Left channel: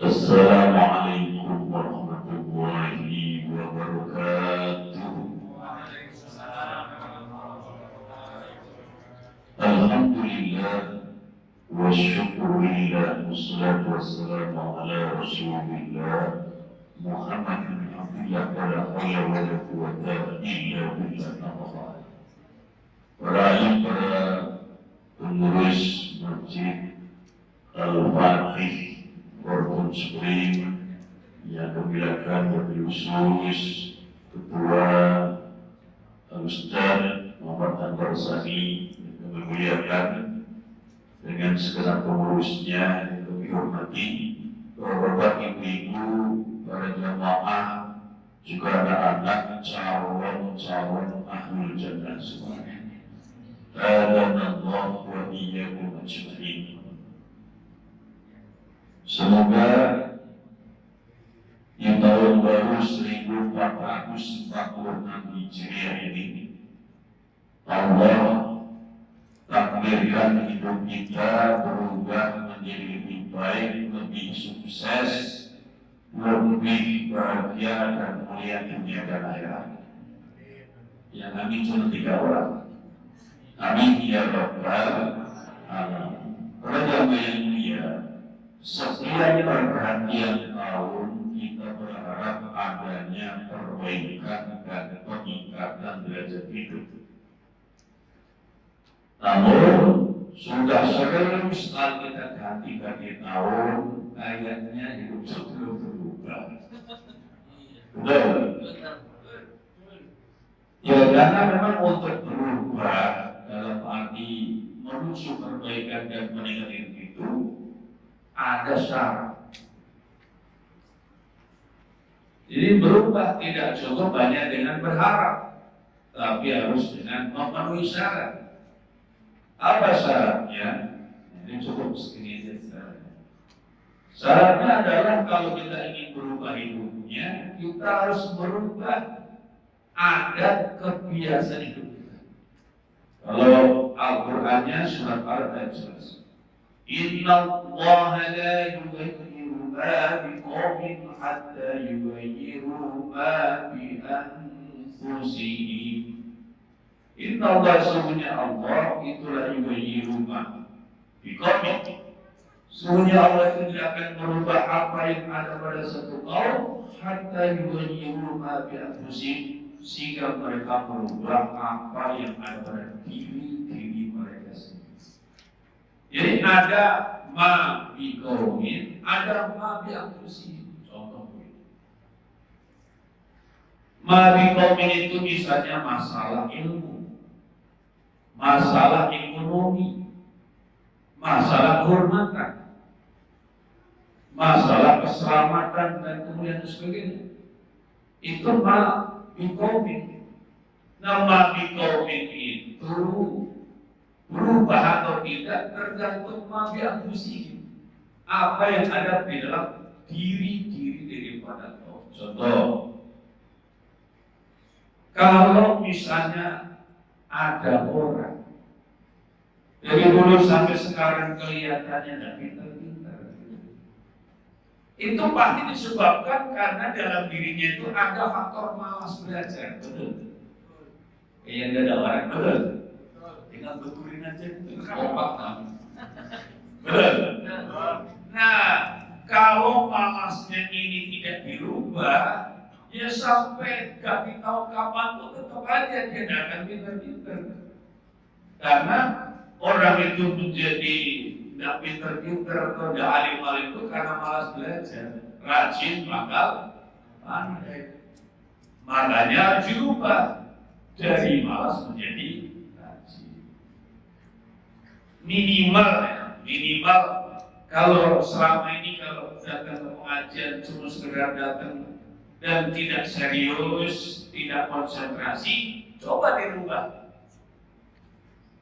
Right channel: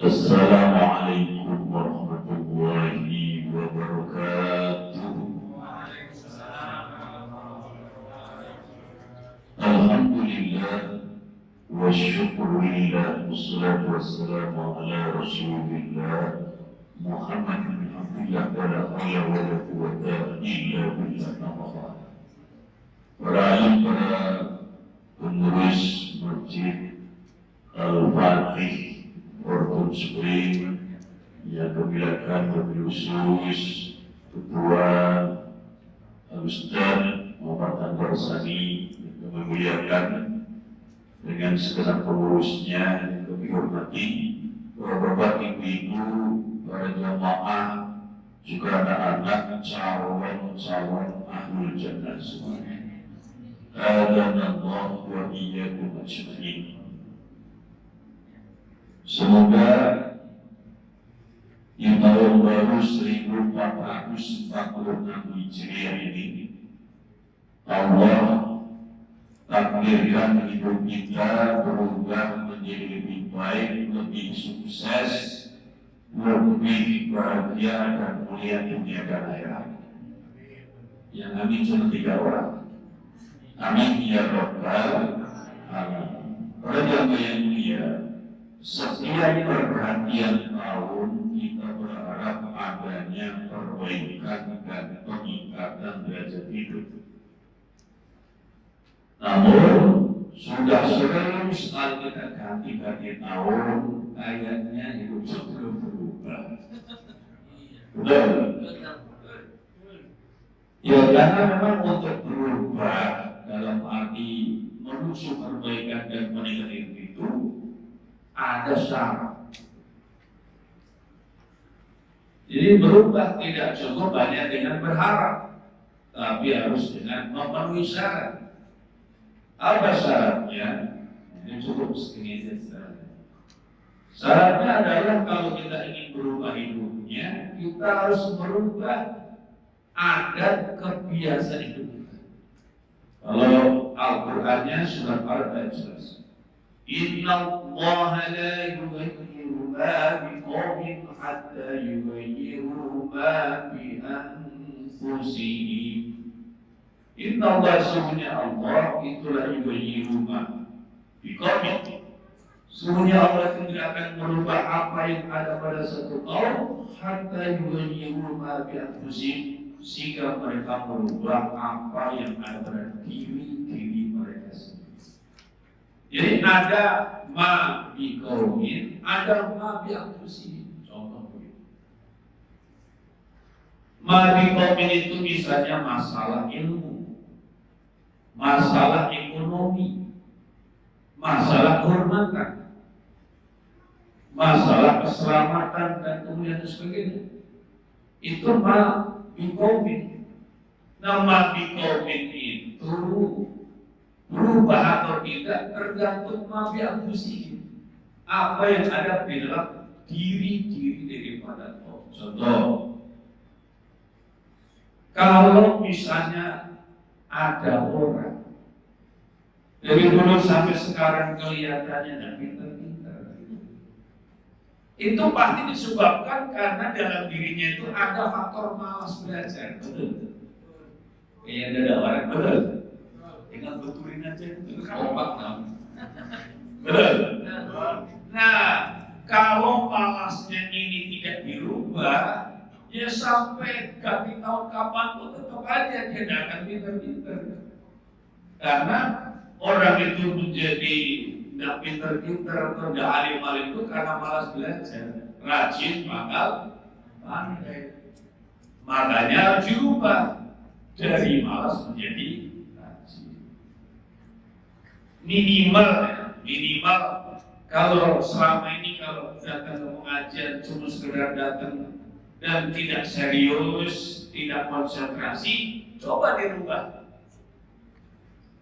Assalamualaikum warahmatullahi wabarakatuh. Alhamdulillah wa syukurillah wassalatu wassalamu ala rasulillah Muhammad bin Abdullah wa la hawla wa la quwwata illa billah. Para pengurus Masjid Al-Fatih Orkun Supreme yang kemuliaan Wabil Khusus Ketua Al-Ustaz Muhammad Anwar Sani yang memuliakan dengan segenap pengurusnya yang kami hormati, para bapak ibu-ibu, para jamaah, juga anak-anak calon ahlul jannah semuanya. Adanallahu wa iyyakum ajma'in. Semoga di tahun baru 1446 Hijriah ini Allah takdirkan hidup kita berubah menjadi lebih baik, lebih sukses, lebih bahagia dan mulia dunia dan akhirat. Yang amin cuma 3 orang. Amin ya rabbal alamin. Para jamaah yang mulia, setiap pergantian tahun kita berharap adanya perbaikan dan peningkatan derajat hidup. Namun sudah sering sekali kita ganti tahun, kayaknya hidup sebelum berubah. Betul? Ya, karena memang untuk berubah dalam arti menuju perbaikan dan peningkatan hidup itu ada syarat. Jadi berubah tidak cukup hanya dengan berharap, tapi harus dengan memenuhi syarat. Apa syaratnya? Ini cukup segini saja. Syaratnya adalah kalau kita ingin berubah hidupnya, kita harus merubah adat kebiasaan hidup kita. Kalau Al-Qur'annya surat Al-Baqarah jelas. Inna Allah la yughayyiru ma biqawmin hatta yughayyiru ma bi anfusihim. Inna Allah sesungguhnya Allah itulah yughayyiru ma biqawmin. Sesungguhnya Allah itu tidak akan merubah apa yang ada pada satu kaum hatta yughayyiru ma bi anfusihim, sehingga mereka merubah apa yang ada pada diri mereka sendiri. Jadi ada ma bi qaumin, ada ma bi anfusihim. Contoh begitu. Ma bi qaumin itu misalnya masalah ilmu, masalah ekonomi, masalah kehormatan, masalah keselamatan dan kemudian sebagainya. Itu ma bi qaumin. Nah, ma bi qaumin itu berubah atau tidak tergantung ma bi anfusihim, apa yang ada di dalam diri daripada kaum. Contoh, kalau misalnya ada orang dari dulu sampai sekarang kelihatannya dan pintar-pintar, itu pasti disebabkan karena dalam dirinya itu ada faktor malas belajar. Betul? Yang ada orang betul. Tinggal betulin aja itu kompak namanya. Betul? Nah, kalau malasnya ini tidak dirubah, ya sampai ganti tahun kapanpun tetap aja dia tidak akan pintar-pintar. Karena orang itu menjadi tidak pintar-pintar atau tidak alim-alim itu karena malas belajar. Rajin bakal pandai. Makanya harus dirubah dari malas menjadi minimal kalau selama ini kalau datang ke pengajian cuma sekedar datang dan tidak serius, tidak konsentrasi, coba dirubah.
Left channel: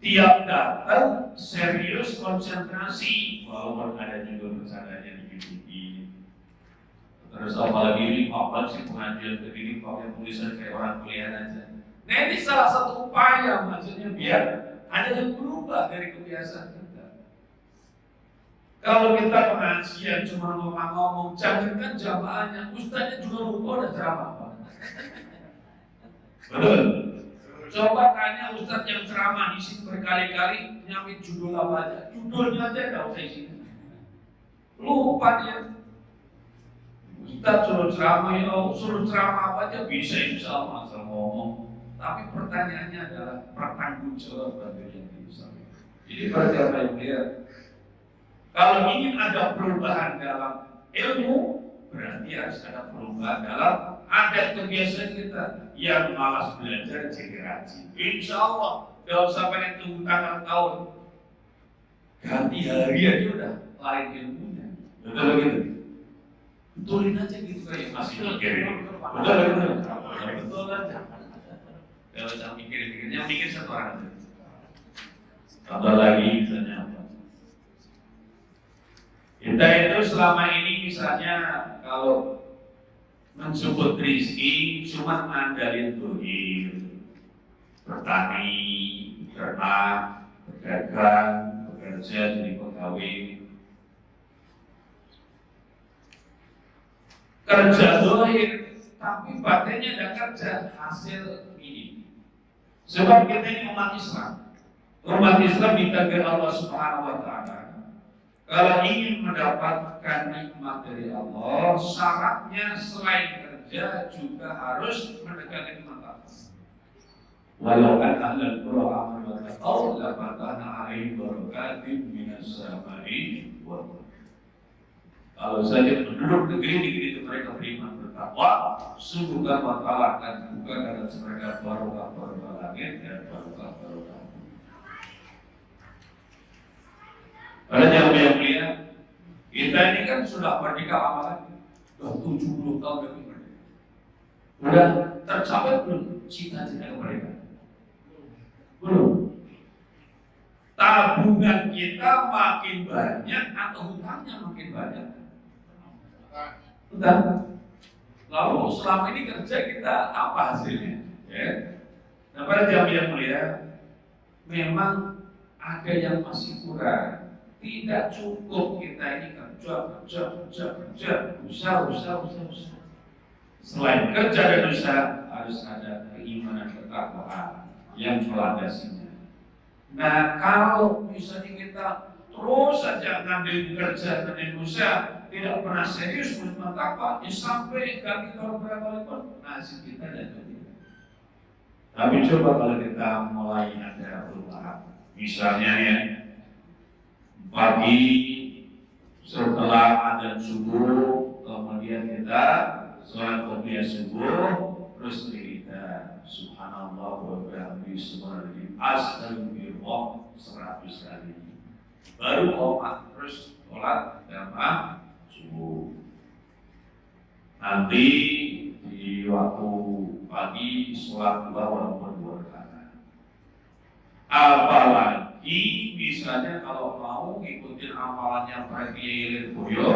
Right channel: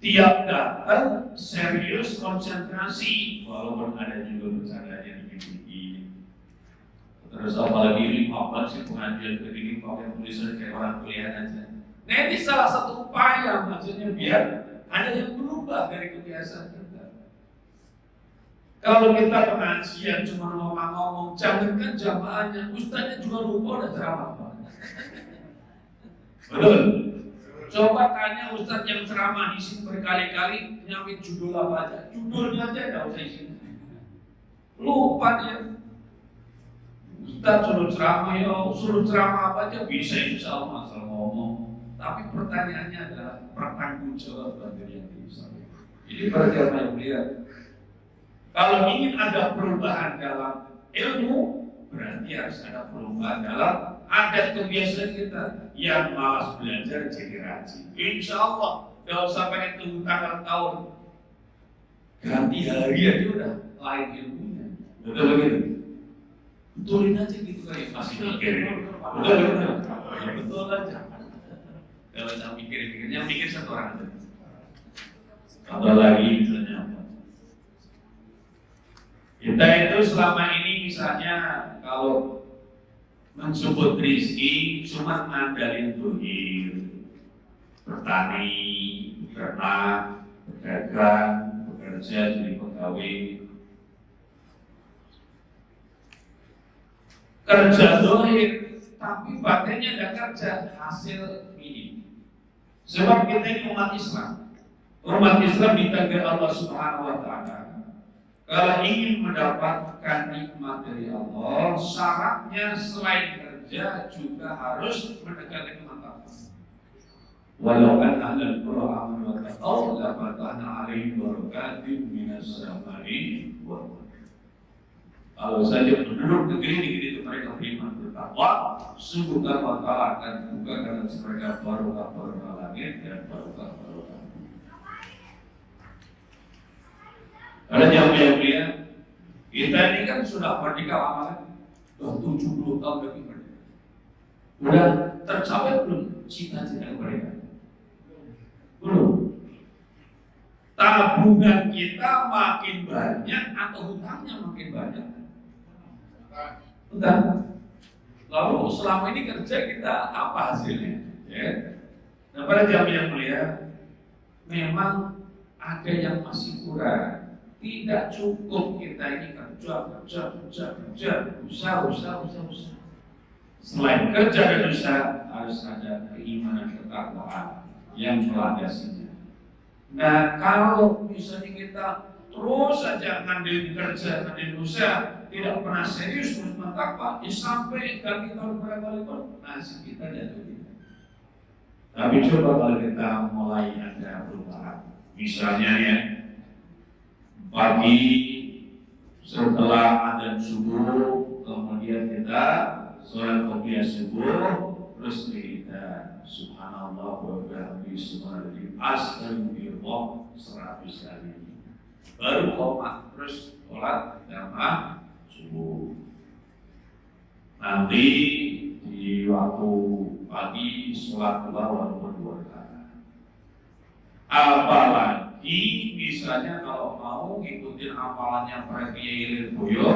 Tiap datang serius konsentrasi, walaupun ada juga bercandanya dikit-dikit. Terus apalagi apa sih pengajian begini pakai tulisan kayak orang kuliah aja. Nah, ini salah satu upaya maksudnya biar ada yang berubah dari kebiasaan kita. Kalau kita pengajian cuma ngomong jangankan jamaahnya, ustaznya juga lupa udah ceramah apa. Betul. Coba tanya ustaz yang ceramah di sini berkali-kali, nyampe judul apa aja, judulnya aja nggak usah isi. Lupa dia. Ustaz suruh ceramah apa aja bisa, insya Allah asal ngomong. Tapi pertanyaannya adalah pertanggungjawaban dari yang disampaikan. Jadi para jamaah yang melihat, kalau ingin ada perubahan dalam ilmu, berarti harus ada perubahan dalam adat kebiasaan kita. Yang malas belajar jadi rajin. Insya Allah, gak usah pengen tunggu tanggal tahun, ganti hari aja udah lain ilmunya. Betul begitu? Betulin aja gitu kayak masih mikir. Betul begitu? Betul aja. Kalau saya mikir-mikirnya, mikir satu orang aja. Atau lagi misalnya apa? Kita itu selama ini misalnya kalau mensupport rezeki cuma ngandalin dohir, bertani, beternak, berdagang, bekerja jadi pegawai. Kerja dohir, tapi batinnya ada kerja, hasil minim. Sebab kita ini umat Islam. Umat Islam ditakdir Allah Subhanahu wa Ta'ala. Kalau ingin mendapatkan nikmat dari Allah, syaratnya selain kerja juga harus menegakkan iman. Walau an ahlul qura amanu wa taqaw la fatahna 'alaihim barakatin minas sama'i wal ardh. Kalau saja penduduk negeri itu mereka beriman bertakwa, sungguh Allah Ta'ala akan bukakan mereka barokah langit dan barokah. Ada yang mulia, kita ini kan sudah merdeka lama kan, 70 tahun lebih merdeka. Sudah tercapai belum cita-cita mereka? Belum. Tabungan kita makin banyak atau hutangnya makin banyak? Hutang. Lalu selama ini kerja kita apa hasilnya? Ya. Nah, pada jam yang mulia, memang ada yang masih kurang. Tidak cukup kita ini kerja, usaha. Selain kerja dan usaha, harus ada keimanan ketakwaan yang melandasinya. Nah, kalau misalnya kita terus saja ngambil kerja, ngambil usaha, tidak pernah serius menuntut takwa, ya sampai ganti tahun berapa pun nasib kita jatuh. Tapi coba kalau kita mulai ada perubahan, misalnya ya, pagi setelah adzan subuh, kemudian kita sholat qobliyah subuh, terus kita subhanallah wa bihamdihi subhanallah astagfirullah 100 kali. Baru qomat, terus sholat jamaah subuh. Nanti di waktu pagi sholat dua walaupun 2 rakaat. Apalagi misalnya kalau mau ngikutin hafalannya para kiai Lirboyo,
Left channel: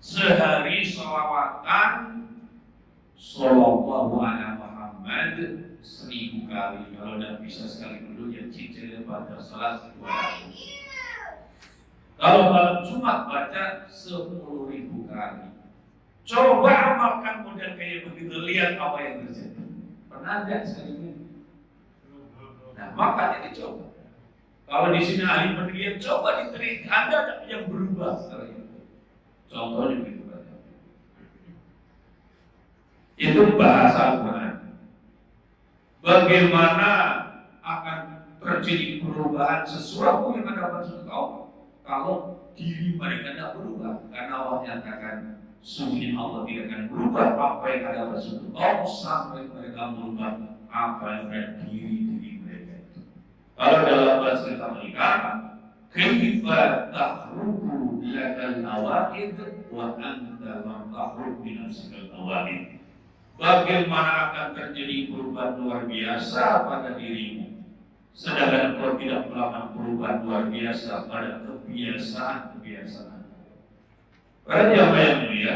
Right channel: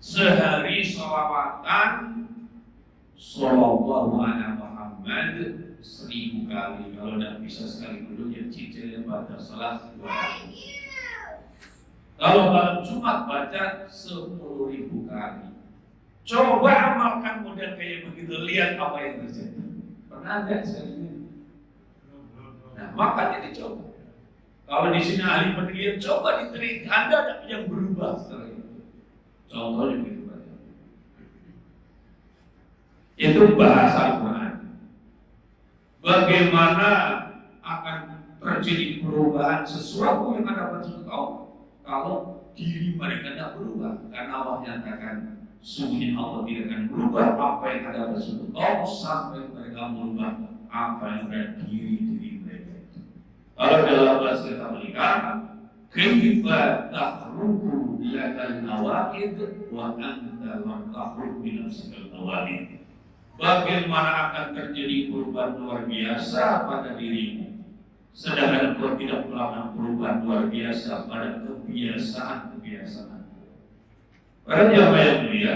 sehari sholawatan Shallallahu ala Muhammad 1000 kali. Kalau tidak bisa sekali dulu ya cicil pada salat 200. Kalau malam Jumat baca 10.000 kali. Coba amalkan model kayak begitu, lihat apa yang terjadi. Pernah nggak sekali ini? Nah, makanya dicoba. Kalau di sini ahli penilaian, coba diteliti, Anda ada yang berubah setelah itu. Contohnya begitu banyak. Itu bahasa Al-Quran. Bagaimana akan terjadi perubahan sesuatu yang ada pada suatu kaum kalau diri mereka tidak berubah? Karena Allah nyatakan sungguhnya Allah tidak akan berubah apa yang ada pada suatu kaum sampai mereka merubah apa yang ada diri mereka itu. Kalau dalam bahasa kita menikah, kaifa tahruku lakal nawaqid wa anta lam tahruk bi nafsikal nawaqid. Bagaimana akan terjadi perubahan luar biasa pada dirimu, sedangkan kau tidak melakukan perubahan luar biasa pada kebiasaan. Para jamaah yang mulia,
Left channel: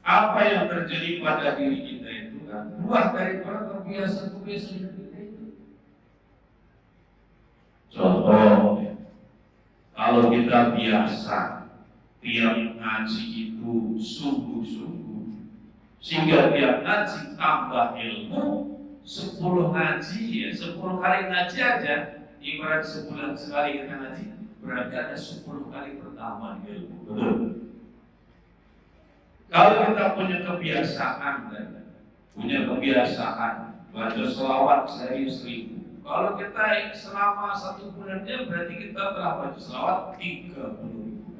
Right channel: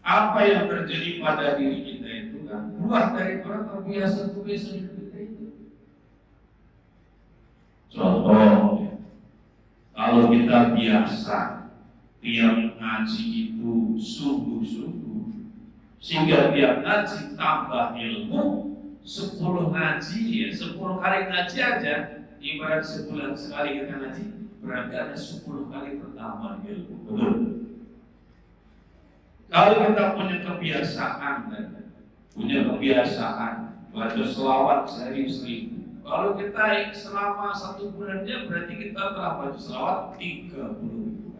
apa yang terjadi pada diri kita itu kan buah daripada kebiasaan kita itu. Contoh, kalau kita biasa tiap ngaji itu sungguh-sungguh, sehingga tiap ngaji tambah ilmu. 10 ngaji ya, 10 kali ngaji aja, ibarat sebulan sekali kita ngaji, berarti ada 10 kali pertama ilmu. Betul? Kalau kita punya kebiasaan baca selawat sehari 1000. Kalau kita selama 1 bulannya, berarti kita telah baca selawat 30.000.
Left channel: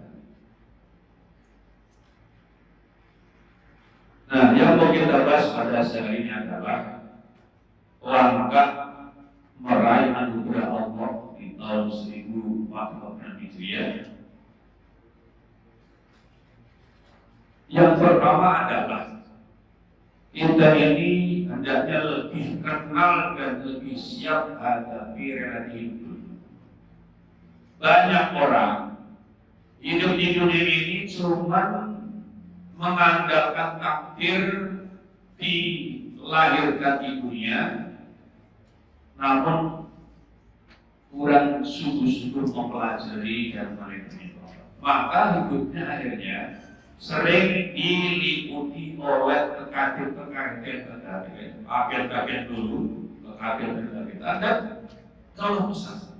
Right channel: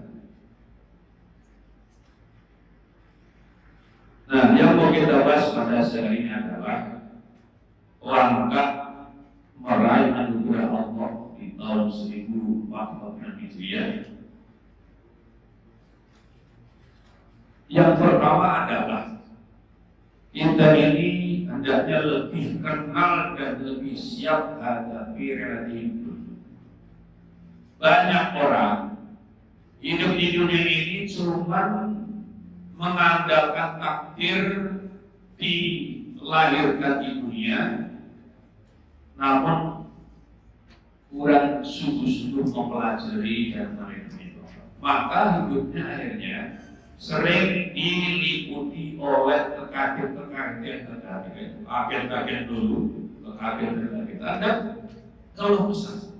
Nah, yang mau kita bahas pada hari ini adalah langkah meraih anugerah Allah di tahun 1446 Hijriah. Yang pertama adalah kita ini hendaknya lebih kenal dan lebih siap hadapi realita hidup. Banyak orang hidup di dunia ini cuma mengandalkan takdir, dilahirkan di dunia, namun kurang sungguh-sungguh mempelajari dan menikmati. Maka hidupnya akhirnya sering diliputi oleh kekaget-kekaget, kaget dulu, kekaget-kekagetan, dan keluh kesah.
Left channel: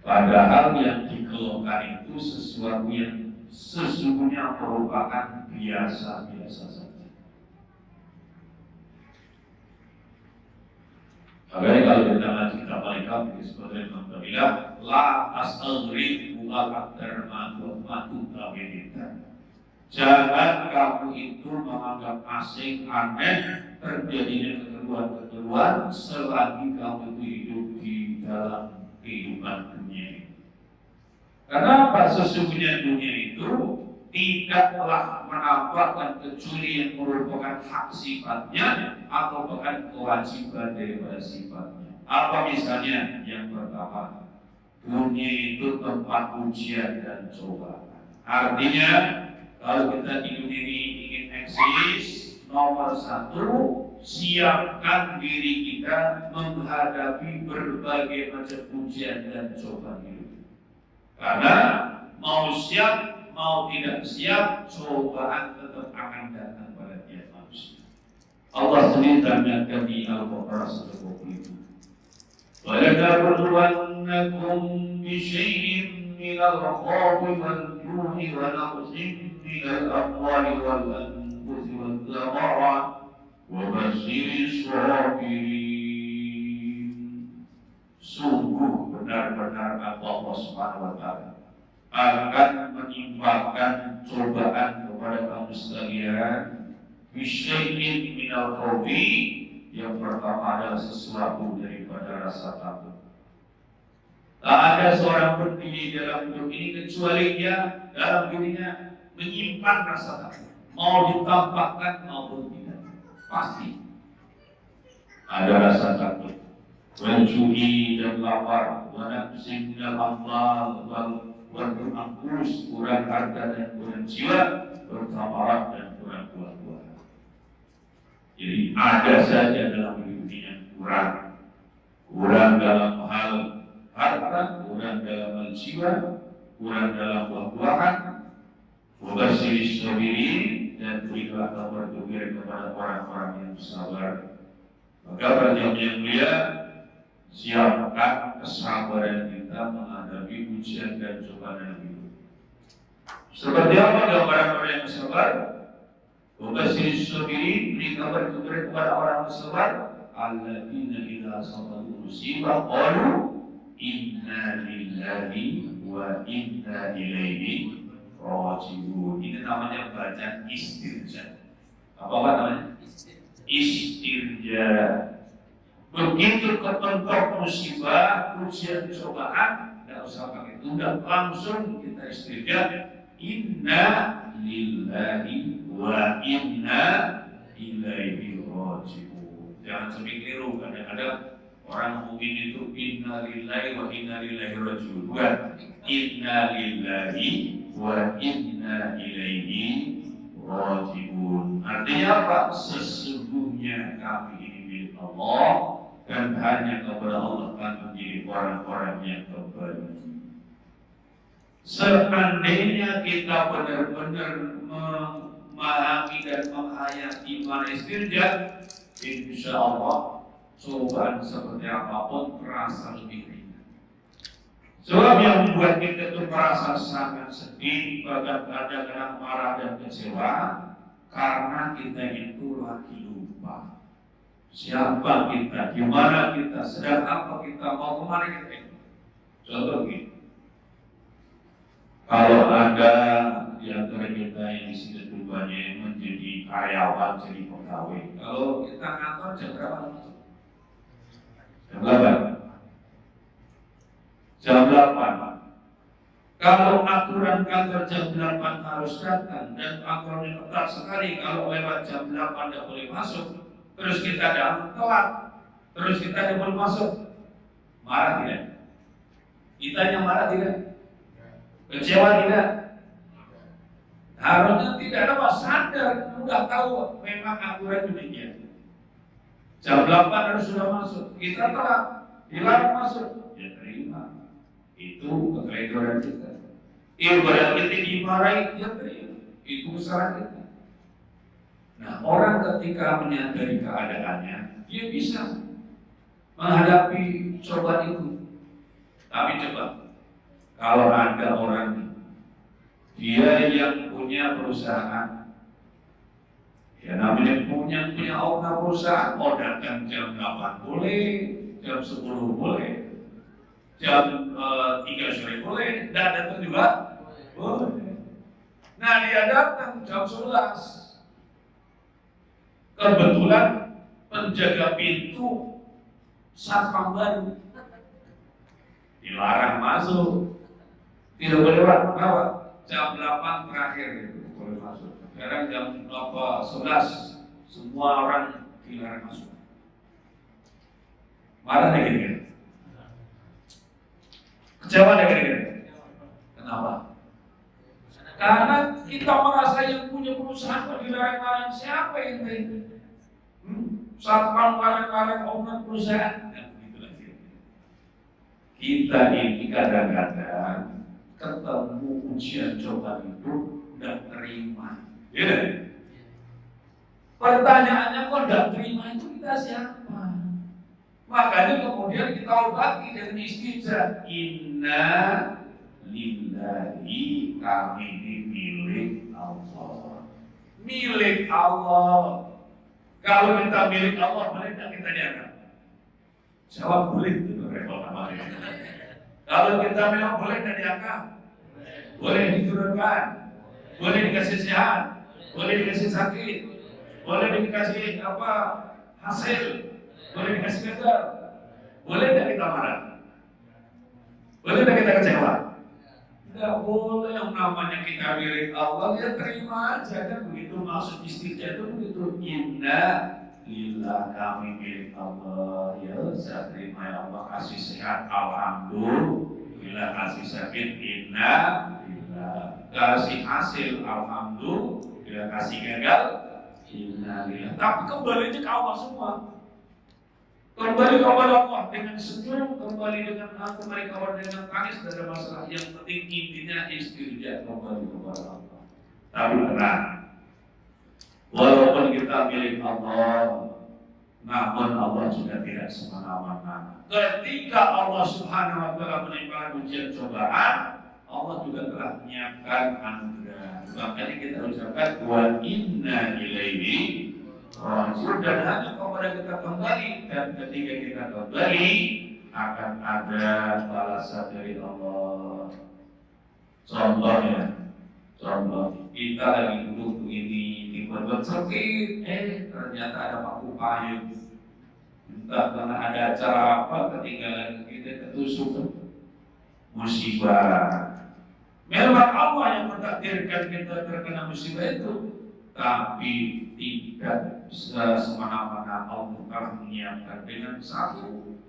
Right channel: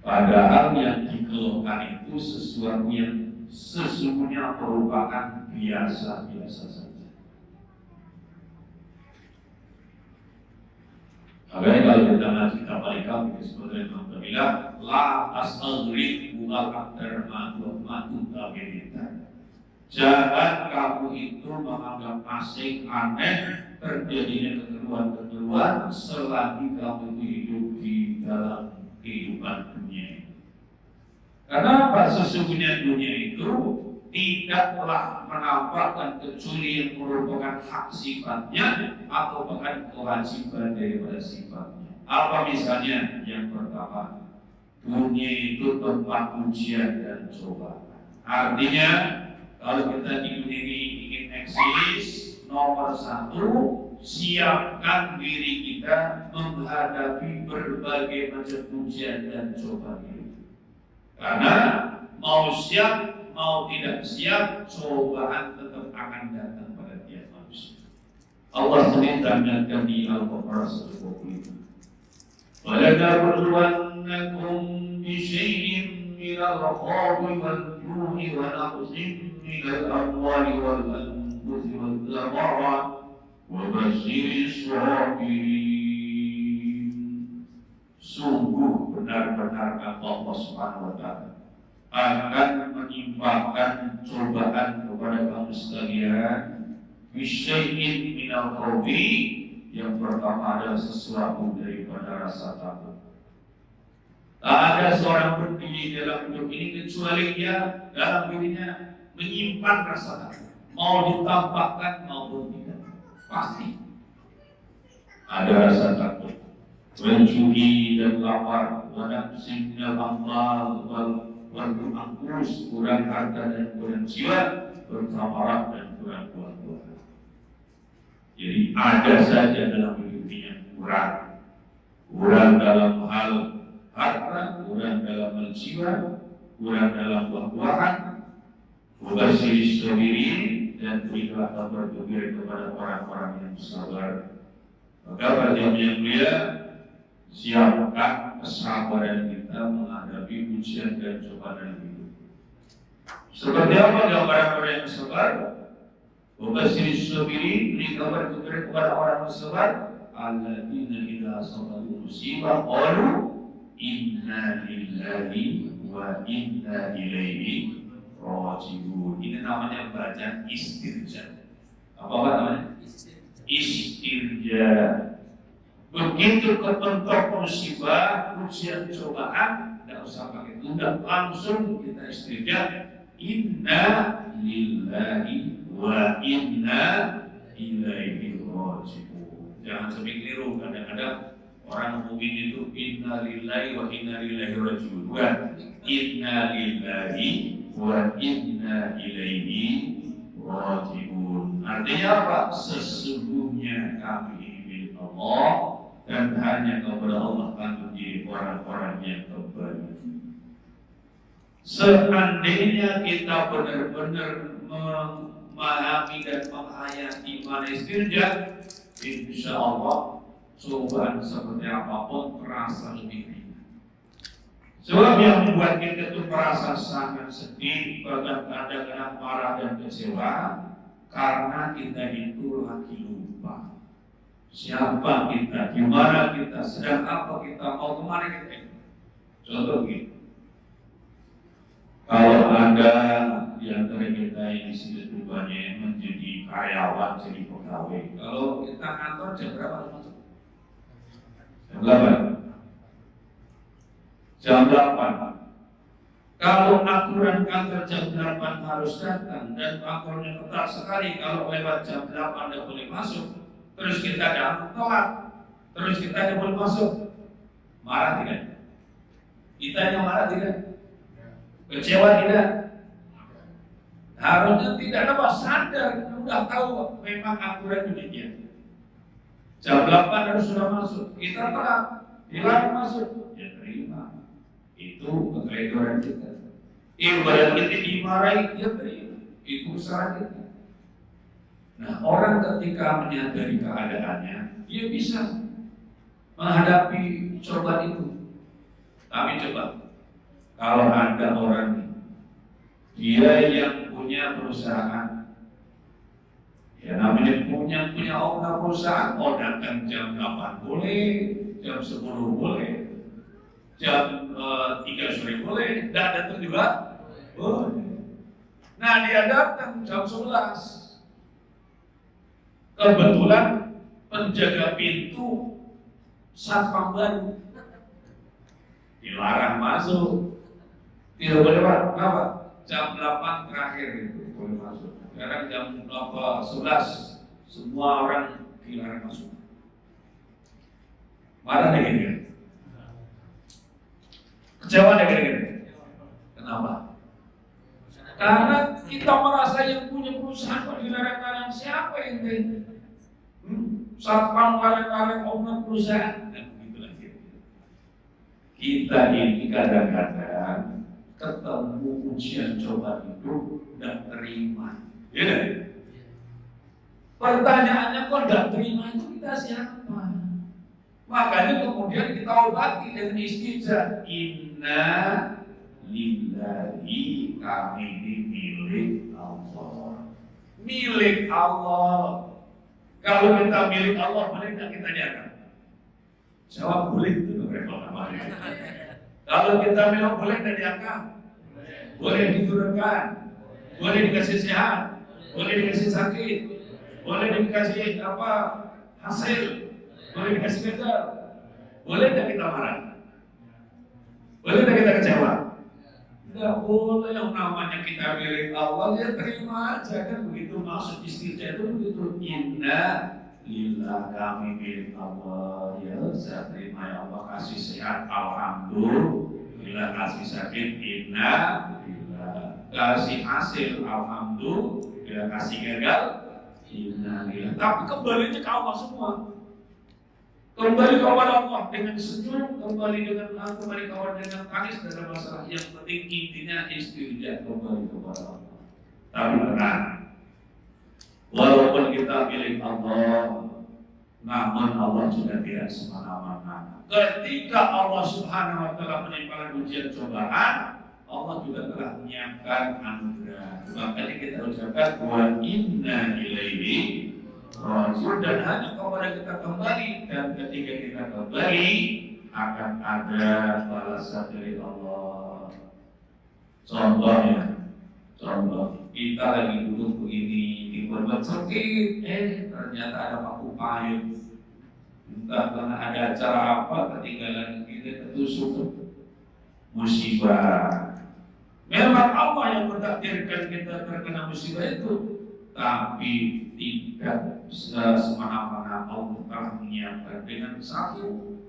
Padahal yang dikeluhkan itu sesuatu yang sesungguhnya merupakan biasa-biasa saja. Makanya kalau kita ngaji kitab Al-Hikam sebagai Alhamdulillah, la as'aghrib wa aktar matu tabidita. Jangan kamu itu menganggap asing, aneh terjadinya kekeluhan selagi kamu itu hidup di dalam kehidupan dunia. Karena sesungguhnya dunia itu tidaklah menampakkan kecuali yang merupakan hak sifatnya atau bahkan kewajiban daripada sifatnya. Apa misalnya? Yang pertama, dunia itu tempat ujian dan cobaan. Artinya, kalau kita di dunia ini ingin eksis, nomor 1, siapkan diri kita menghadapi berbagai macam ujian dan cobaan ini. Karena mau siap mau tidak siap, cobaan tetap akan datang pada tiap manusia. Allah sendiri terangkan di Al-Baqarah 125. وَلَنَبْلُوَنَّكُمْ بِشَيْءٍ مِنَ الْخَوْفِ وَالْجُوعِ وَنَقْصٍ مِنَ الْأَمْوَالِ وَالْأَنفُسِ وَالثَّمَرَاتِ وَبَشِّرِ الصَّابِرِينَ. Sungguh benar-benar Allah Subhanahu wa Ta'ala akan menimpakan cobaan kepada kamu sekalian. Bisyai'in minal khawfi, yang pertama adalah sesuatu daripada rasa takut. Tak ada seorang pun di dalam hidup ini kecuali dia dalam dirinya menyimpan rasa takut, mau ditampakkan maupun tidak, pasti ada rasa takut. Mencuri dan lapar, wanafsin al-amwal berangkus, kurang harta dan kurang jiwa, bertamarat dan kurang buah-buahan. Jadi ada saja dalam hidup ini yang kurang dalam hal harta, kurang dalam hal jiwa, kurang dalam buah-buahan. Wabashir sabirin, dan berilah kabar gembira kepada orang-orang yang sabar. Maka pada jam yang mulia, siapkan kesabaran kita menghadapi ujian dan cobaan dalam hidup. Seperti apa gambaran orang yang sabar? Wabashir sabirin, beri kabar gembira kepada orang yang sabar. Alladzina idza asabathum musibah qalu inna lillahi wa inna ilaihi raji'un. Ini namanya bacaan istirja. Apa namanya? Istirja. Begitu kepentok musibah, ujian, cobaan, tidak usah pakai tunda, langsung kita istirja. Inna lillahi wa inna ilaihi raji'un. Jangan sampai keliru, kadang-kadang orang mukmin itu inna lillahi wa inna ilaihi raji'un. Bukan inna lillahi wa inna ilaihi raji'un. Artinya apa? Sesungguhnya kami ini milik Allah, dan hanya kepada Allah akan menjadi orang-orang yang terbaik. Seandainya kita benar-benar memahami dan menghayati mana istirja, insya Allah cobaan seperti apapun terasa lebih ringan. Sebab yang membuat kita itu merasa sangat sedih, bahkan kadang-kadang marah dan kecewa, karena kita itu lagi lupa siapa kita, di mana kita, sedang apa kita, mau kemana kita. Contoh begini. Kalau ada di antara kita yang di sini tujuannya menjadi karyawan, jadi pegawai. Kalau kita kantor jam berapa masuk? Jam 8. Jam 8. Kalau aturan kantor jam 8 harus datang dan kantornya ketat sekali, kalau lewat jam 8 tidak boleh masuk, terus kita datang telat, terus kita tidak boleh masuk, marah tidak? Kita yang marah tidak? Kecewa tidak? Harusnya tidak, ada sadar, sudah tahu memang aturan demikian. Jam 8 harus sudah masuk, kita telat, dilarang masuk, ya terima. Itu keteledoran kita. Ibarat kita dimarahi, ya terima. Itu kesalahan kita. Nah, orang ketika menyadari keadaannya, dia bisa menghadapi cobaan itu. Tapi coba, kalau ada orang dia yang punya perusahaan, ya namanya punya owner perusahaan, mau datang jam 8 boleh, jam 10 boleh, jam 3 sore boleh, dan datang juga boleh. Nah, dia datang jam 11. Kebetulan penjaga pintu satpam baru, dilarang masuk. Tidak boleh masuk. Kenapa? Jam 8 terakhir itu boleh masuk. Sekarang jam 11 semua orang dilarang masuk. Marah deh kira-kira. Kecewa deh kira-kira. Kenapa? Karena kita merasa yang punya perusahaan kok dilarang-larang. Siapa yang ini? Satpam larang-larang owner perusahaan. Nah, begitulah kira-kira. Kita ini kadang-kadang ketemu ujian coba itu tidak terima. Ya, pertanyaannya kok tidak terima itu kita siapa? Makanya kemudian kita obati dengan istinja. Inna lillahi, kami ini milik Allah. Milik Allah. Kalau kita milik Allah, boleh tidak kita diangkat? Jawab boleh itu repot apa? Kalau kita milik Allah, boleh tidak diangkat? Boleh diturunkan, boleh dikasih sehat, boleh dikasih sakit, boleh dikasih hasil, boleh dikasih gagal. Boleh tidak kita marah? Boleh tidak kita kecewa? Tidak boleh. Yang namanya kita milik Allah, ya terima aja kan begitu. Maksud istilahnya itu begitu. Inna lillah, kami milik Allah. Ya saya terima ya Allah, kasih sehat alhamdulillah, kasih sakit inna lillah, kasih hasil alhamdulillah, kasih gagal inna lillah. Tapi kembalinya ke Allah semua. Kembali kepada Allah dengan senyum, kembali kepada dengan tangis, tidak ada masalah. Yang penting intinya istirja, kembali kepada Allah. Tapi tenang, walaupun kita milik Allah, namun Allah juga tidak semena-mena. Ketika Allah Subhanahu wa Ta'ala menimpakan ujian cobaan, Allah juga telah menyiapkan anugerah. Makanya kita ucapkan wa inna ilaihi raji'un, dan hanya kepada kita kembali, dan ketika kita kembali akan ada balasan dari Allah. Contoh kita lagi duduk begini di berbuat sakit, ternyata ada paku payung, entah karena ada acara apa, ketinggalan kita ketusuk, musibah. Memang Allah yang mentakdirkan kita terkena musibah itu, tapi tidak bisa semena-mena. Allah telah menyiapkan dengan satu